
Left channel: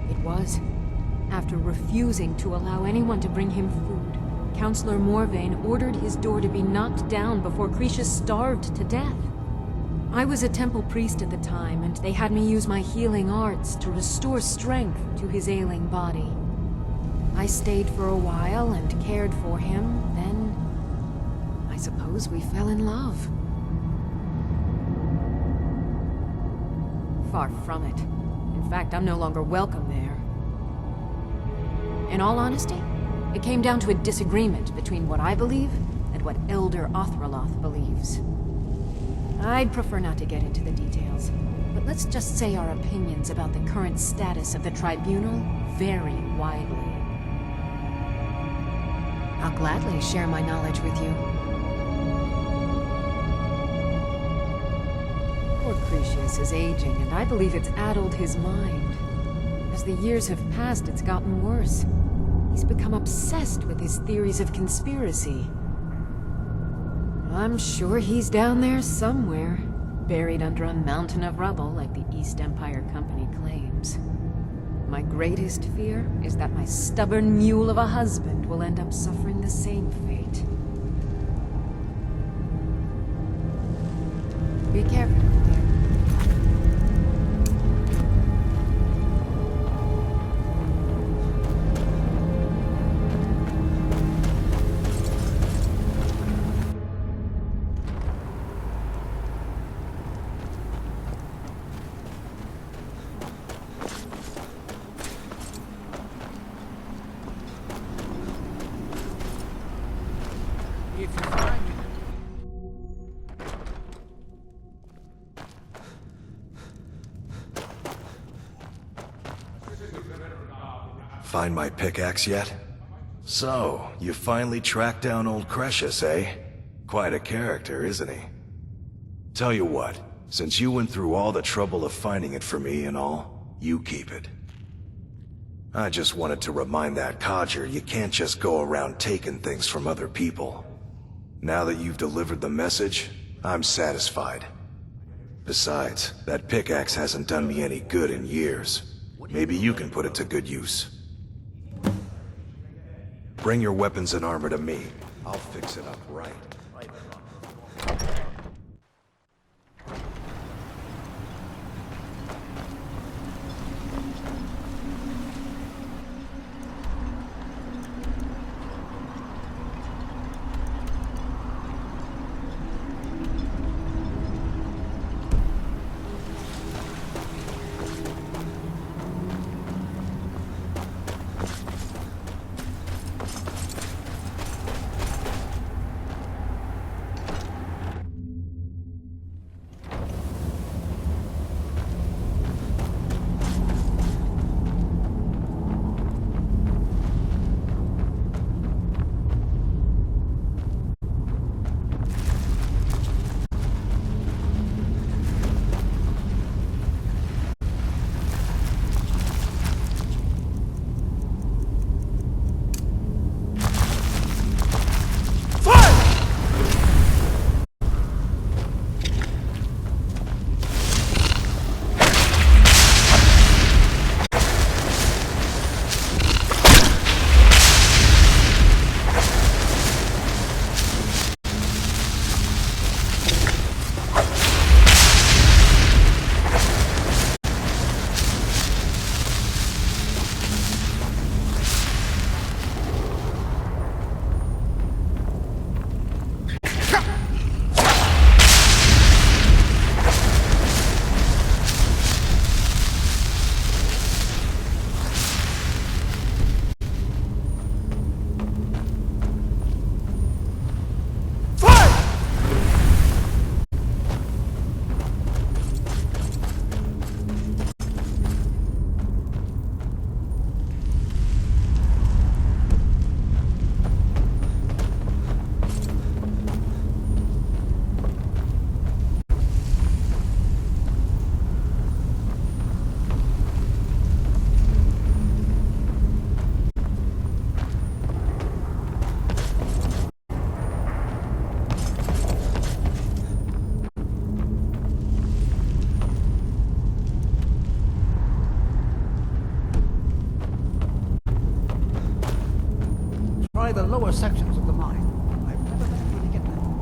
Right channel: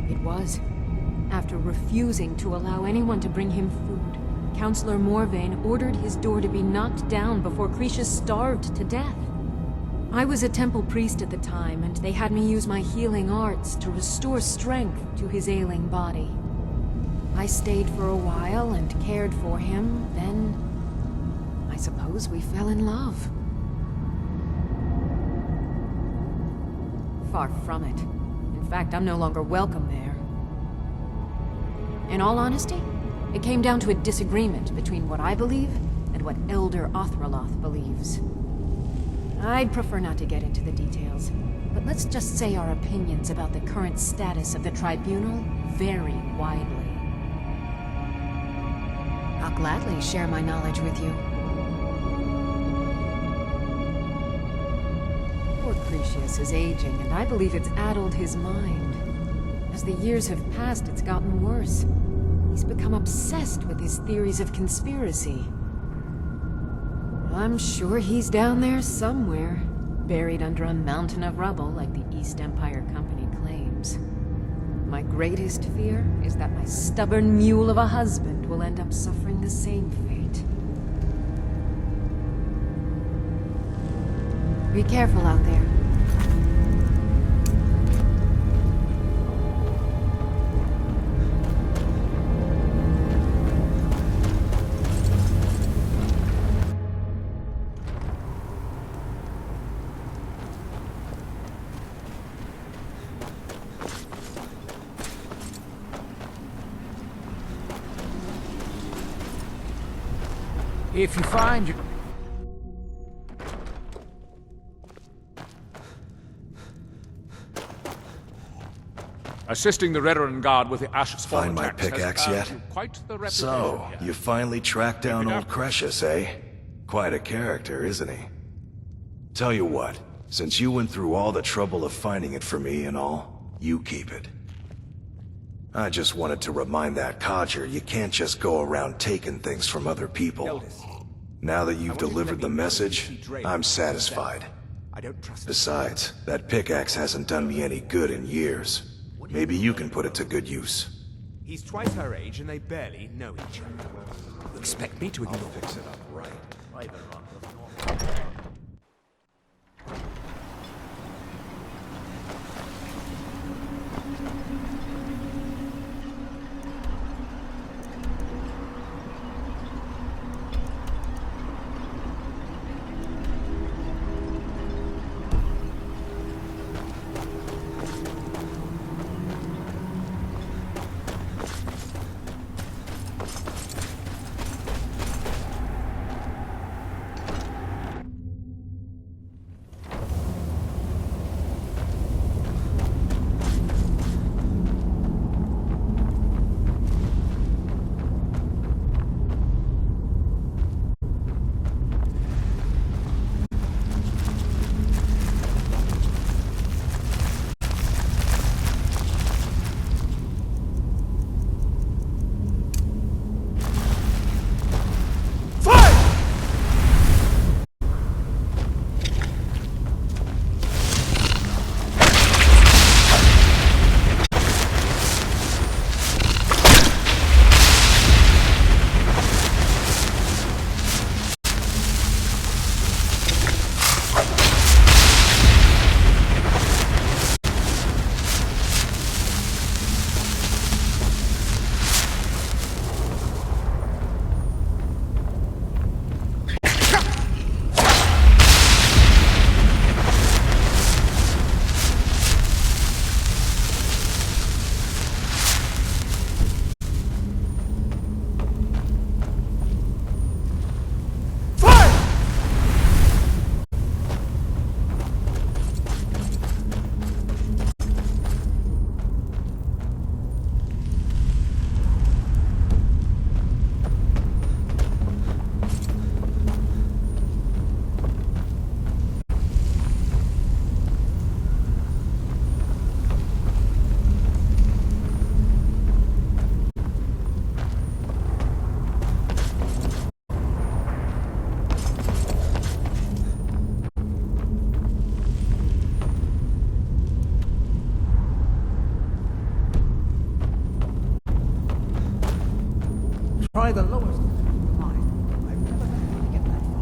It was after refusing to allow anyone to bring him food, Counselor Morvain ordered his door to be knocked down before Cretius starved to death. I was a temple priest at the time, and they had me use my healing arts to restore strength to his ailing body. I stayed for a while and cared for him, then I suppose we fell in love. Far from it. In fact, I'm no longer welcome there. In all honesty, it came down to a disagreement between what I believe and what Elder Othraloth believes. I'd prefer not to get into the details, but let's just say our opinions about the current status of the Tribunal vary widely. I'll gladly share my knowledge with you. Poor Cretius is aging, and I believe it's addled his mind. As the years have passed, it's gotten worse. He's become obsessed with his theories of conspiracy. I'm sure he's down there somewhere, buried under a mountain of rubble like the East Empire Company claims. My greatest fear is that my stubborn mule of a husband will end up suffering the same fate. Be careful out there. If you find your... Assisting the Redoran Guard with the Ash... Find my pickaxe yet? So, you finally tracked down old Cretius, eh? Quite a character, isn't he? Tell you what, since you went through all the trouble of finding it for me and all, you keep it. I just wanted to remind that codger you can't just go around taking things from other people. Now that you've delivered the message, I'm satisfied. Besides, that pickaxe hasn't done me any good in years. Maybe you can put it to good use. He's twice her age and they barely know him. Bring your weapons and armor to me. I'll fix it up right. try the lower sections of the mine. I've never been able to get that far.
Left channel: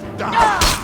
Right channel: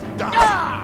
to die!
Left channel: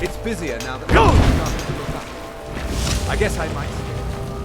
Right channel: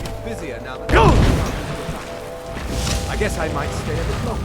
It's busier now that I guess I might stay a bit longer.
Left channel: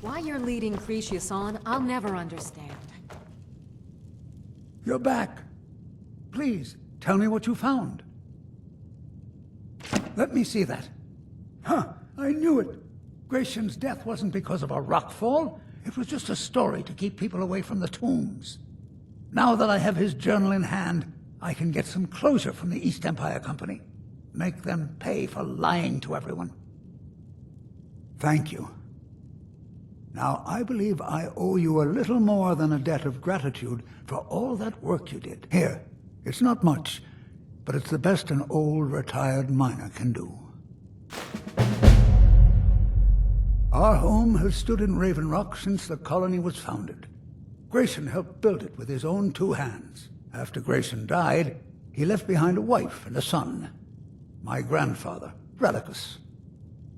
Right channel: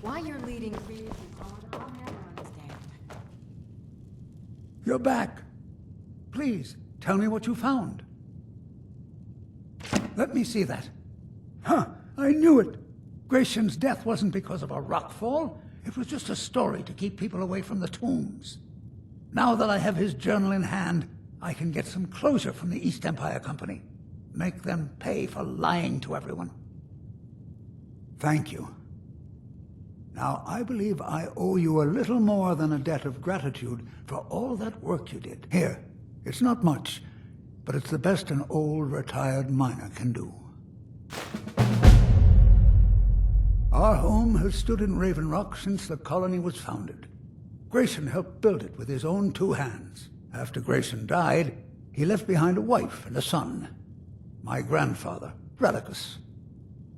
Why you're leading Cretius on, I'll never understand. You're back. Please, tell me what you found. Let me see that. Huh, I knew it. Gratian's death wasn't because of a rockfall. It was just a story to keep people away from the tombs. Now that I have his journal in hand, I can get some closure from the East Empire Company. Make them pay for lying to everyone. Thank you. Now, I believe I owe you a little more than a debt of gratitude for all that work you did. Here, it's not much, but it's the best an old retired miner can do. Our home has stood in Raven Rock since the colony was founded. Grayson helped build it with his own 2 hands. After Grayson died, he left behind a wife and a son. My grandfather, Relicus.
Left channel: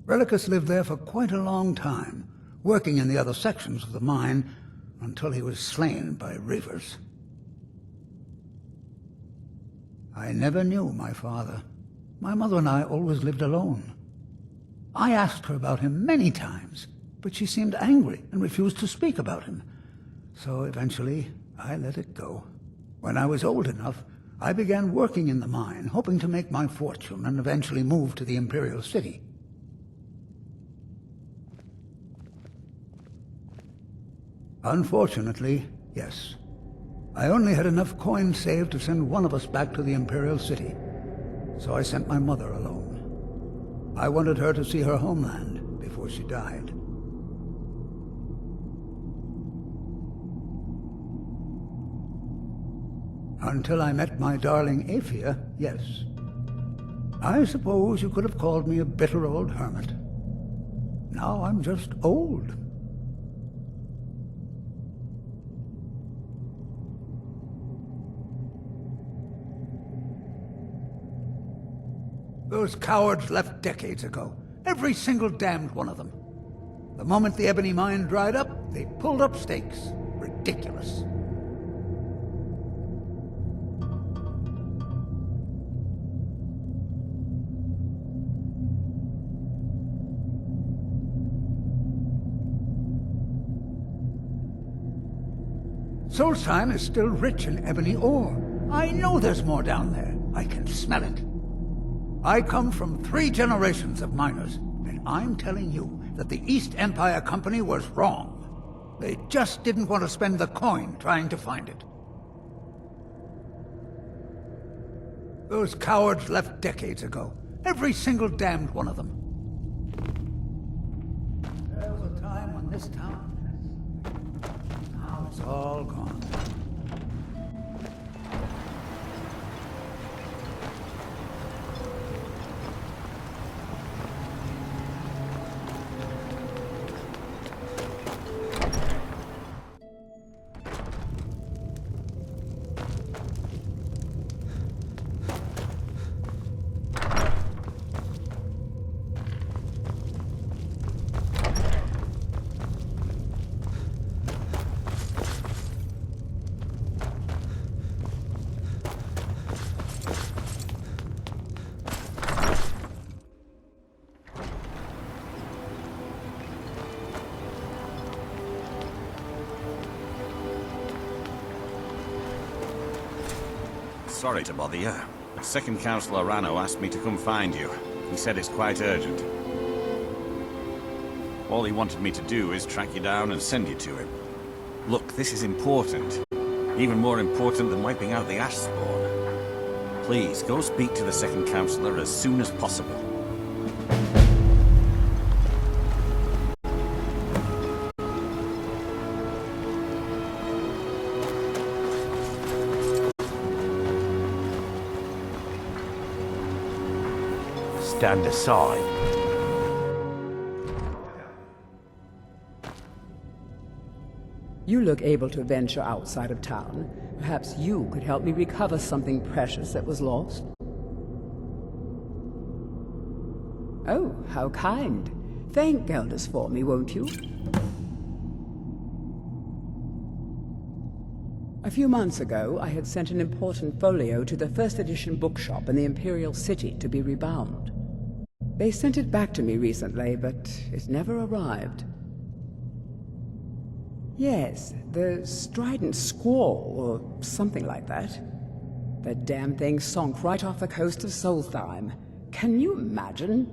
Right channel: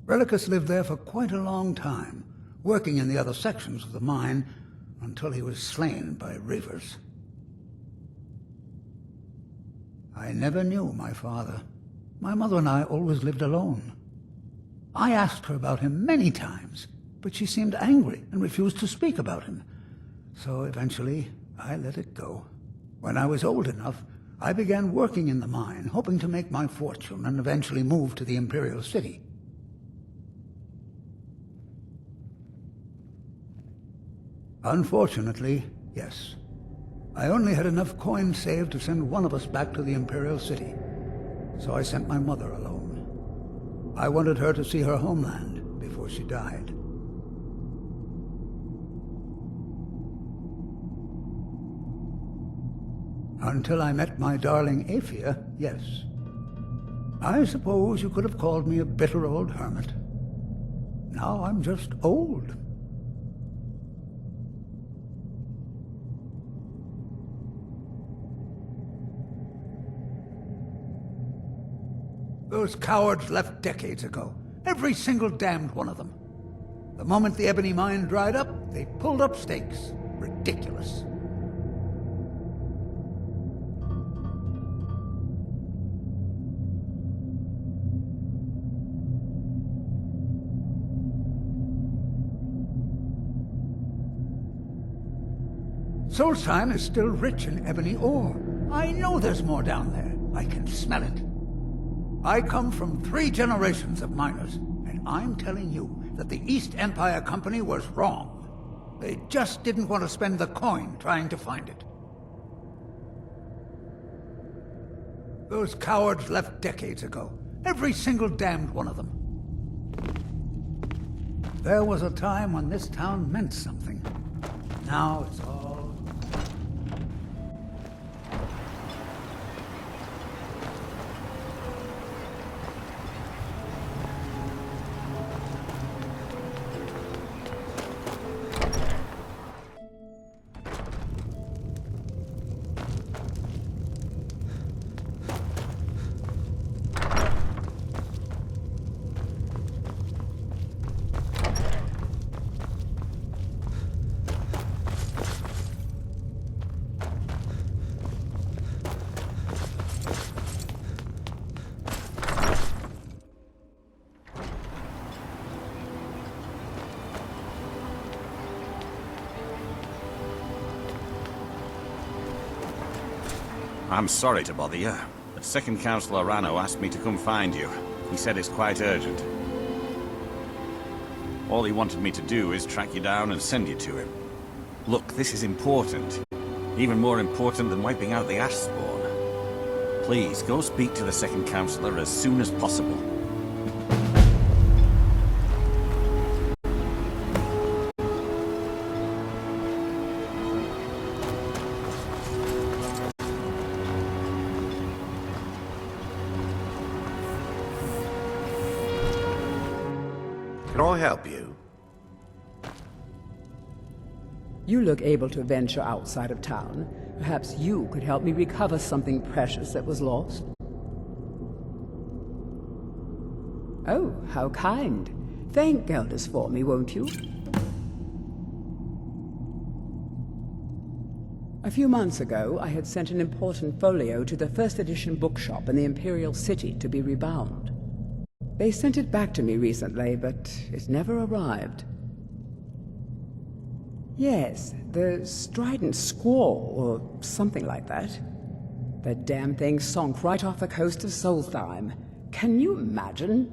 Relicus lived there for quite a long time, working in the other sections of the mine until he was slain by reavers. I never knew my father. My mother and I always lived alone. I asked her about him many times, but she seemed angry and refused to speak about him. So eventually, I let it go. When I was old enough, I began working in the mine, hoping to make my fortune and eventually move to the Imperial City. Unfortunately, yes. I only had enough coins saved to send one of us back to the Imperial City, so I sent my mother alone. I wanted her to see her homeland before she died. Until I met my darling Aphia, yes. I suppose you could have called me a bitter old hermit. Now I'm just old. Those cowards left decades ago. Every single damned one of them. The moment the ebony mine dried up, they pulled up stakes. Ridiculous. Solstheim is still rich in ebony ore. I know there's more down there. I can smell it. I come from 3 generations of miners, and I'm telling you that the East Empire Company was wrong. They just didn't want to spend the coin trying to find it. Those cowards left decades ago. Every single damned one of them. There was a time when this town meant something. Now it's all gone. I'm sorry to bother you, but Second Councillor Rano asked me to come find you. He said it's quite urgent. All he wanted me to do is track you down and send you to him. Look, this is important. Even more important than wiping out the ash spawn. Please, go speak to the Second Councillor as soon as possible. Stand aside. Can I help you? You look able to venture outside of town. Perhaps you could help me recover something precious that was lost. Oh, how kind. Thank Geldis for me, won't you? A few months ago, I had sent an important folio to the first edition bookshop in the Imperial City to be rebound. They sent it back to me recently, but it never arrived. Yes, the Strident Squall, or something like that. The damn thing sunk right off the coast of Solstheim. Can you imagine?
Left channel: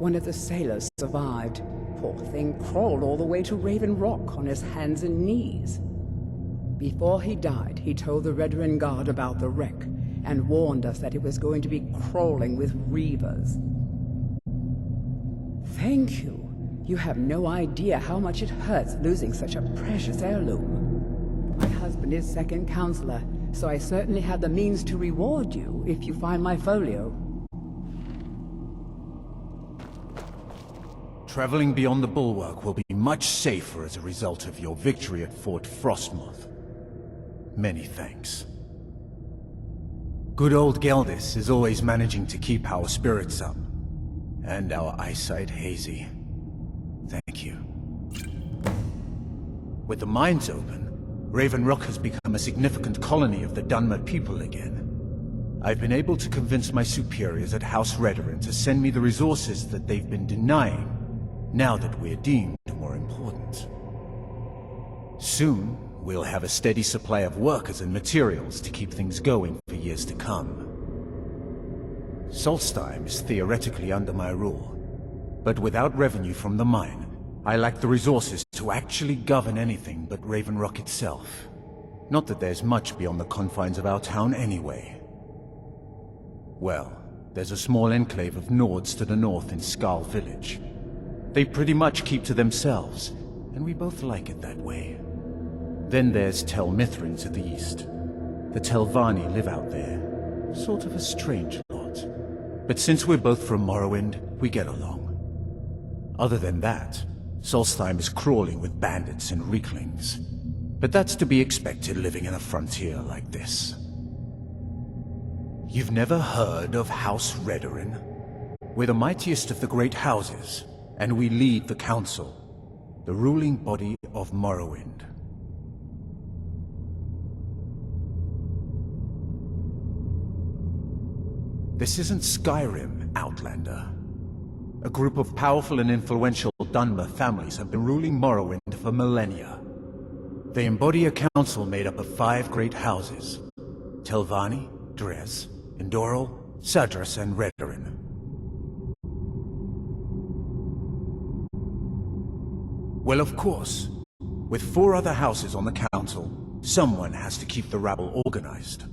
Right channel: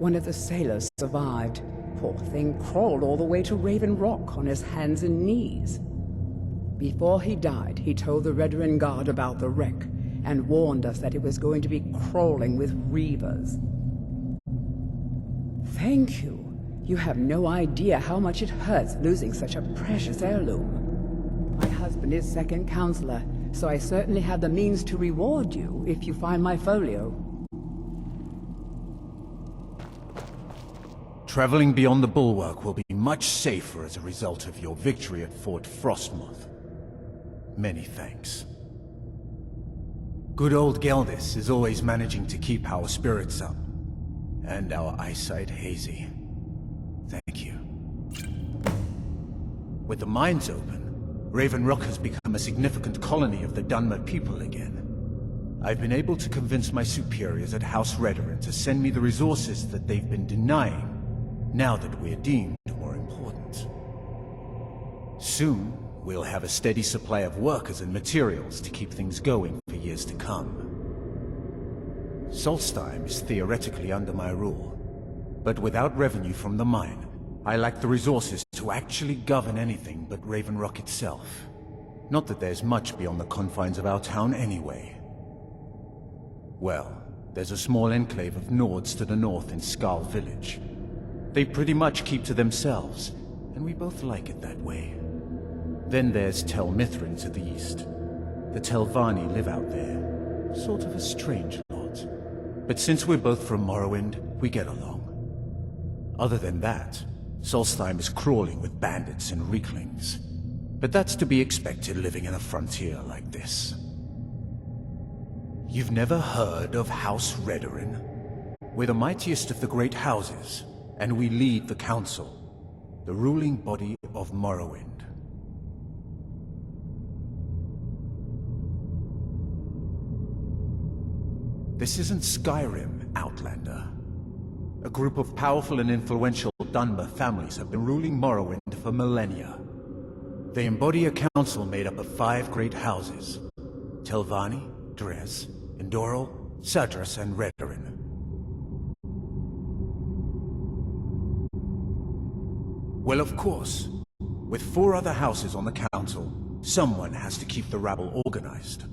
One of the sailors survived. Poor thing crawled all the way to Raven Rock on his hands and knees. Before he died, he told the Redoran Guard about the wreck, and warned us that it was going to be crawling with reavers. Thank you. You have no idea how much it hurts losing such a precious heirloom. My husband is Second Counselor, so I certainly have the means to reward you if you find my folio. Traveling beyond the bulwark will be much safer as a result of your victory at Fort Frostmoth. Many thanks. Good old Geldis is always managing to keep our spirits up, and our eyesight hazy. Thank you. With the mines open, Raven Rock has become a significant colony of the Dunmer people again. I've been able to convince my superiors at House Redoran to send me the resources that they've been denying, now that we're deemed more important. Soon, we'll have a steady supply of workers and materials to keep things going for years to come. Solstheim is theoretically under my rule, but without revenue from the mine, I lack the resources to actually govern anything but Raven Rock itself. Not that there's much beyond the confines of our town anyway. Well, there's a small enclave of Nords to the north in Skal Village. They pretty much keep to themselves, and we both like it that way. Then there's Tel Mithrin to the east. The Telvanni live out there, sort of a strange lot. But since we're both from Morrowind, we get along. Other than that, Solstheim is crawling with bandits and Reeklings. But that's to be expected living in a frontier like this. You've never heard of House Redoran? We're the mightiest of the great houses, and we lead the Council, the ruling body of Morrowind. This isn't Skyrim, Outlander. A group of powerful and influential Dunmer families have been ruling Morrowind for millennia. They embody a council made up of 5 great houses: Telvanni, Dres, Indoril, Sadras, and Redarin. Well, of course. With 4 other houses on the council, someone has to keep the rabble organized.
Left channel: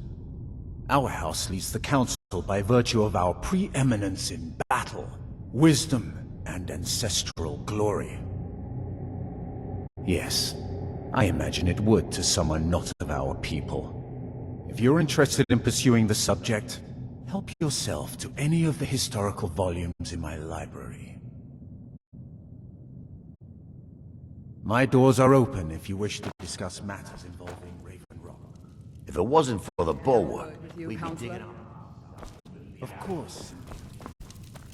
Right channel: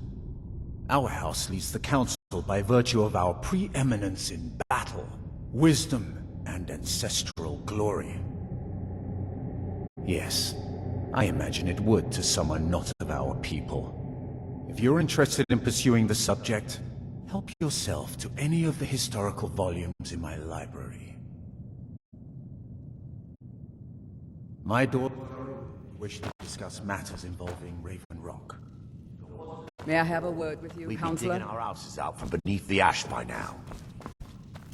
Our house leads the council by virtue of our preeminence in battle, wisdom, and ancestral glory. Yes, I imagine it would to someone not of our people. If you're interested in pursuing the subject, help yourself to any of the historical volumes in my library. My doors are open if you wish to discuss matters involving Raven Rock. If it wasn't for the May I have a bulwark, word with you, we'd Counselor? be digging our houses out from beneath the ash by now.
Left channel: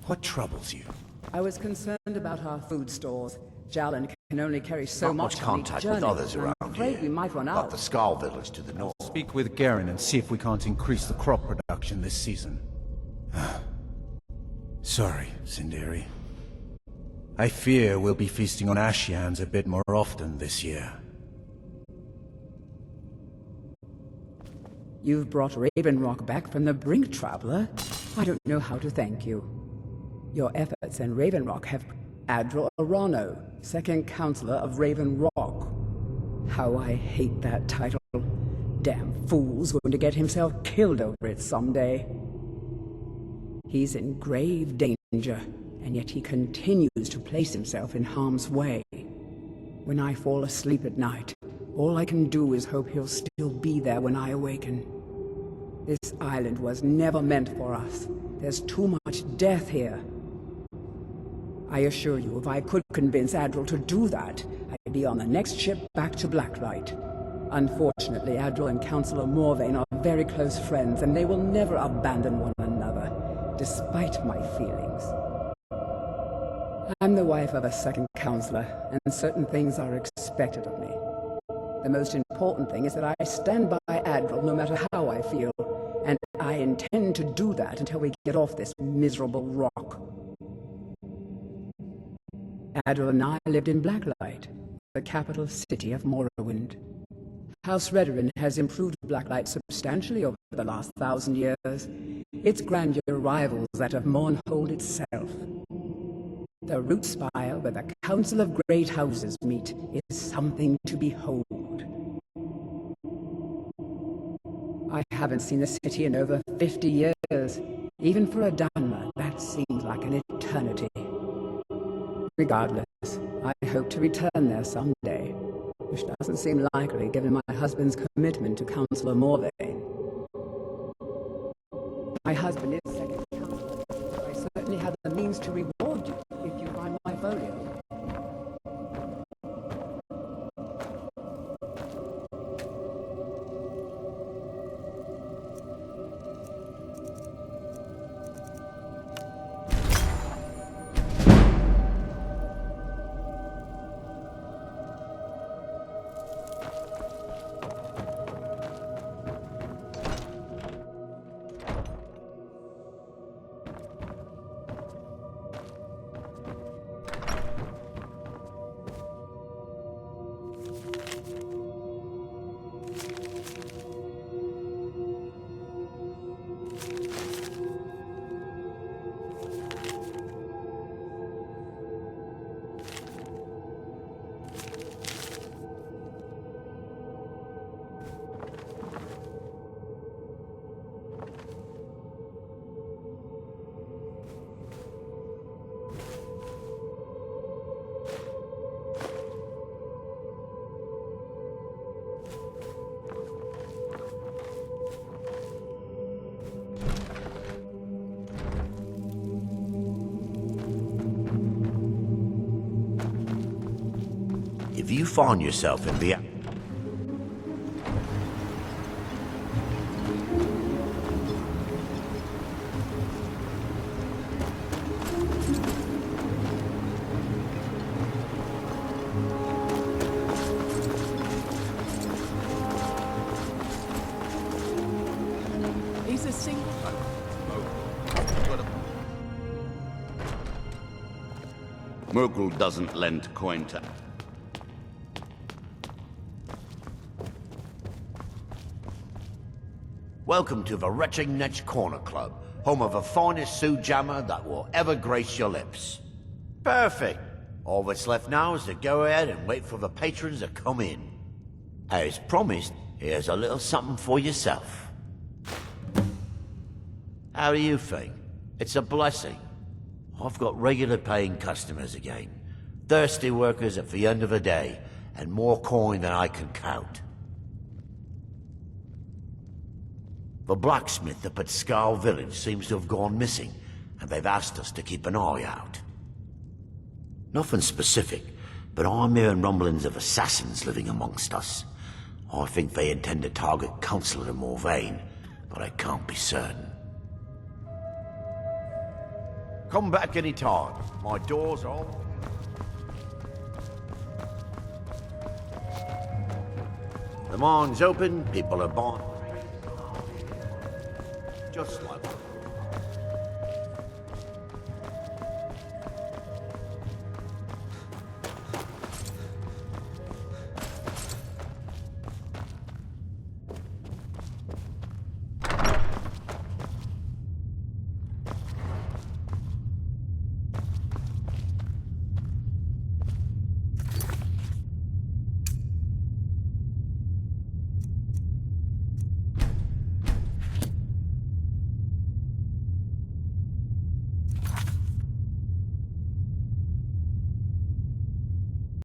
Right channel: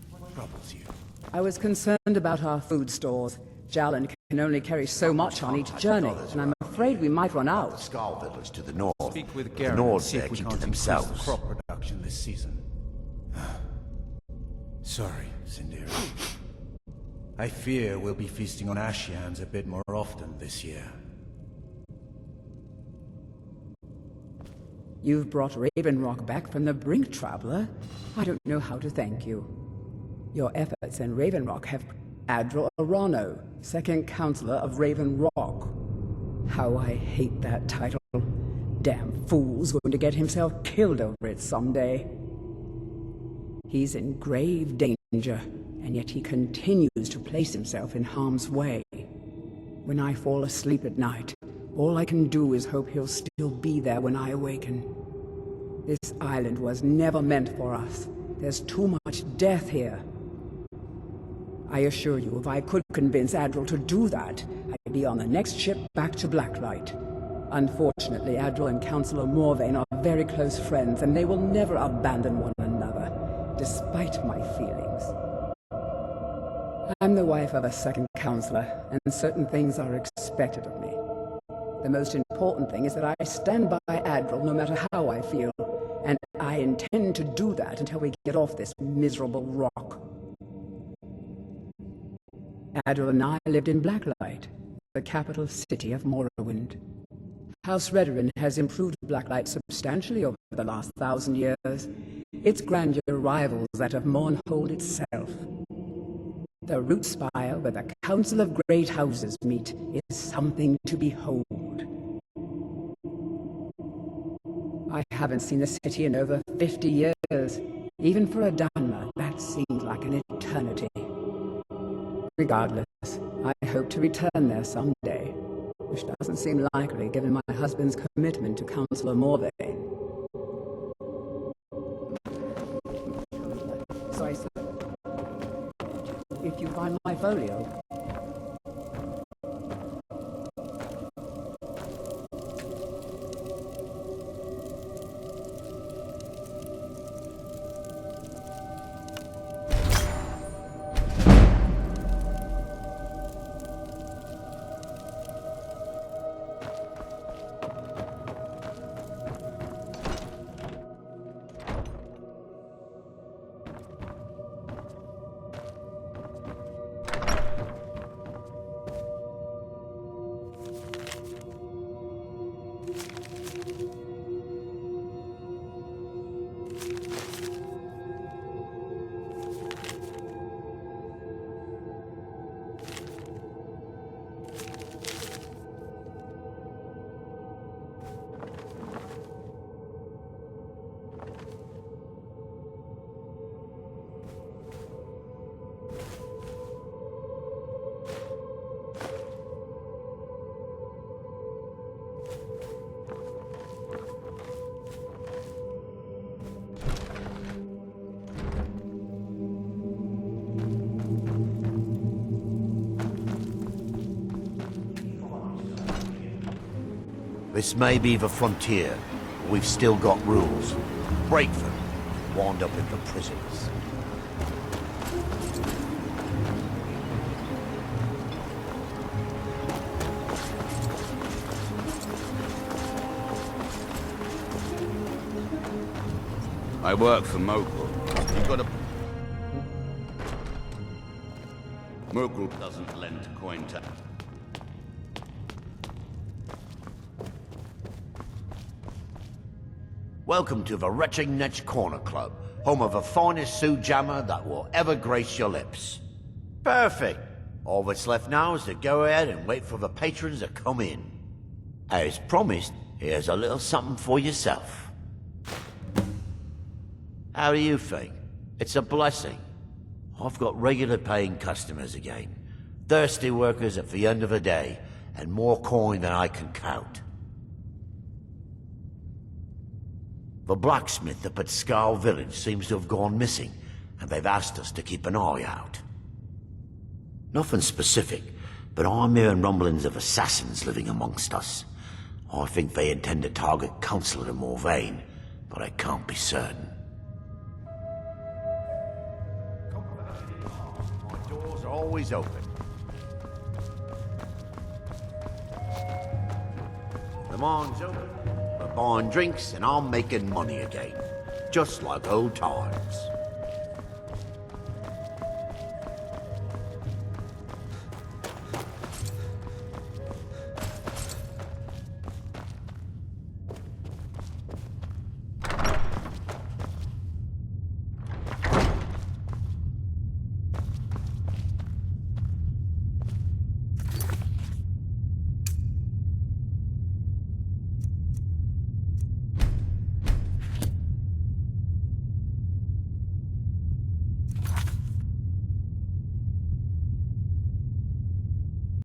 What troubles you? I was concerned about our food stores. Jalan can only carry so much on each contact with journey, others and I'm around afraid here. we might run Got out. the Skull village to the north. Speak with Garen and North see if there we keep can't to increase the themselves. crop production this season. Sorry, Sinderi. I fear we'll be feasting on ash yams a bit more often this year. You've brought Raven Rock back from the brink, traveler. I don't know how to thank you. Your efforts in Raven Rock have Adral Arano, second counselor of Raven Rock. How I hate that title. Damn fool's going to get himself killed over it someday. He's in grave danger, and yet he continues to place himself in harm's way. When I fall asleep at night, all I can do is hope he'll still be there when I awaken. This island was never meant for us. There's too much death here. I assure you, if I could convince Adral to do that, I'd be on the next ship back to Blacklight. Unfortunately, Adral and Councillor Morvain are very close friends, and they will never abandon one another, despite my feelings. I'm the wife of a second counselor, and certain things are expected of me. The most important thing is that I stand by Adral no matter how I feel, and I intend to do that until we get off this miserable rock. Adral and I lived in Blacklight, the capital city of Morrowind. House Redarin has improved Blacklight substantially over the last 1,000 years. Its grandeur rivals that of Mournhold itself. The root spire where the Council of Great Houses meet is something to behold. I haven't seen the city in over 50 years. Even for a Dharma, that seems like an eternity. Regardless, I hope to return there someday, which doesn't seem likely given my husband's commitment to Councillor Morvain. My husband is second counselor, so I certainly have the means to reward you if you find my folio. If you find yourself in the... This may be the frontier, but we've still got rules. Break them, wind up with the prisoners. I work for Mokul. You've got a... Mokul doesn't lend coin to... Welcome to the Retching Netch Corner Club, home of the finest Sioux jammer that will ever grace your lips. Perfect. All that's left now is to go ahead and wait for the patrons to come in. As promised, here's a little something for yourself. How do you think? It's a blessing. I've got regular paying customers again. Thirsty workers at the end of the day, and more coin than I can count. The blacksmith up at Skull Village seems to have gone missing, and they've asked us to keep an eye out. Nothing specific, but I'm hearing rumblings of assassins living amongst us. I think they intend to target Councillor Morvain, but I can't be certain. Come back any time. My doors are always open. The mine's open, people are buying drinks, and I'm making money again. Just like old times.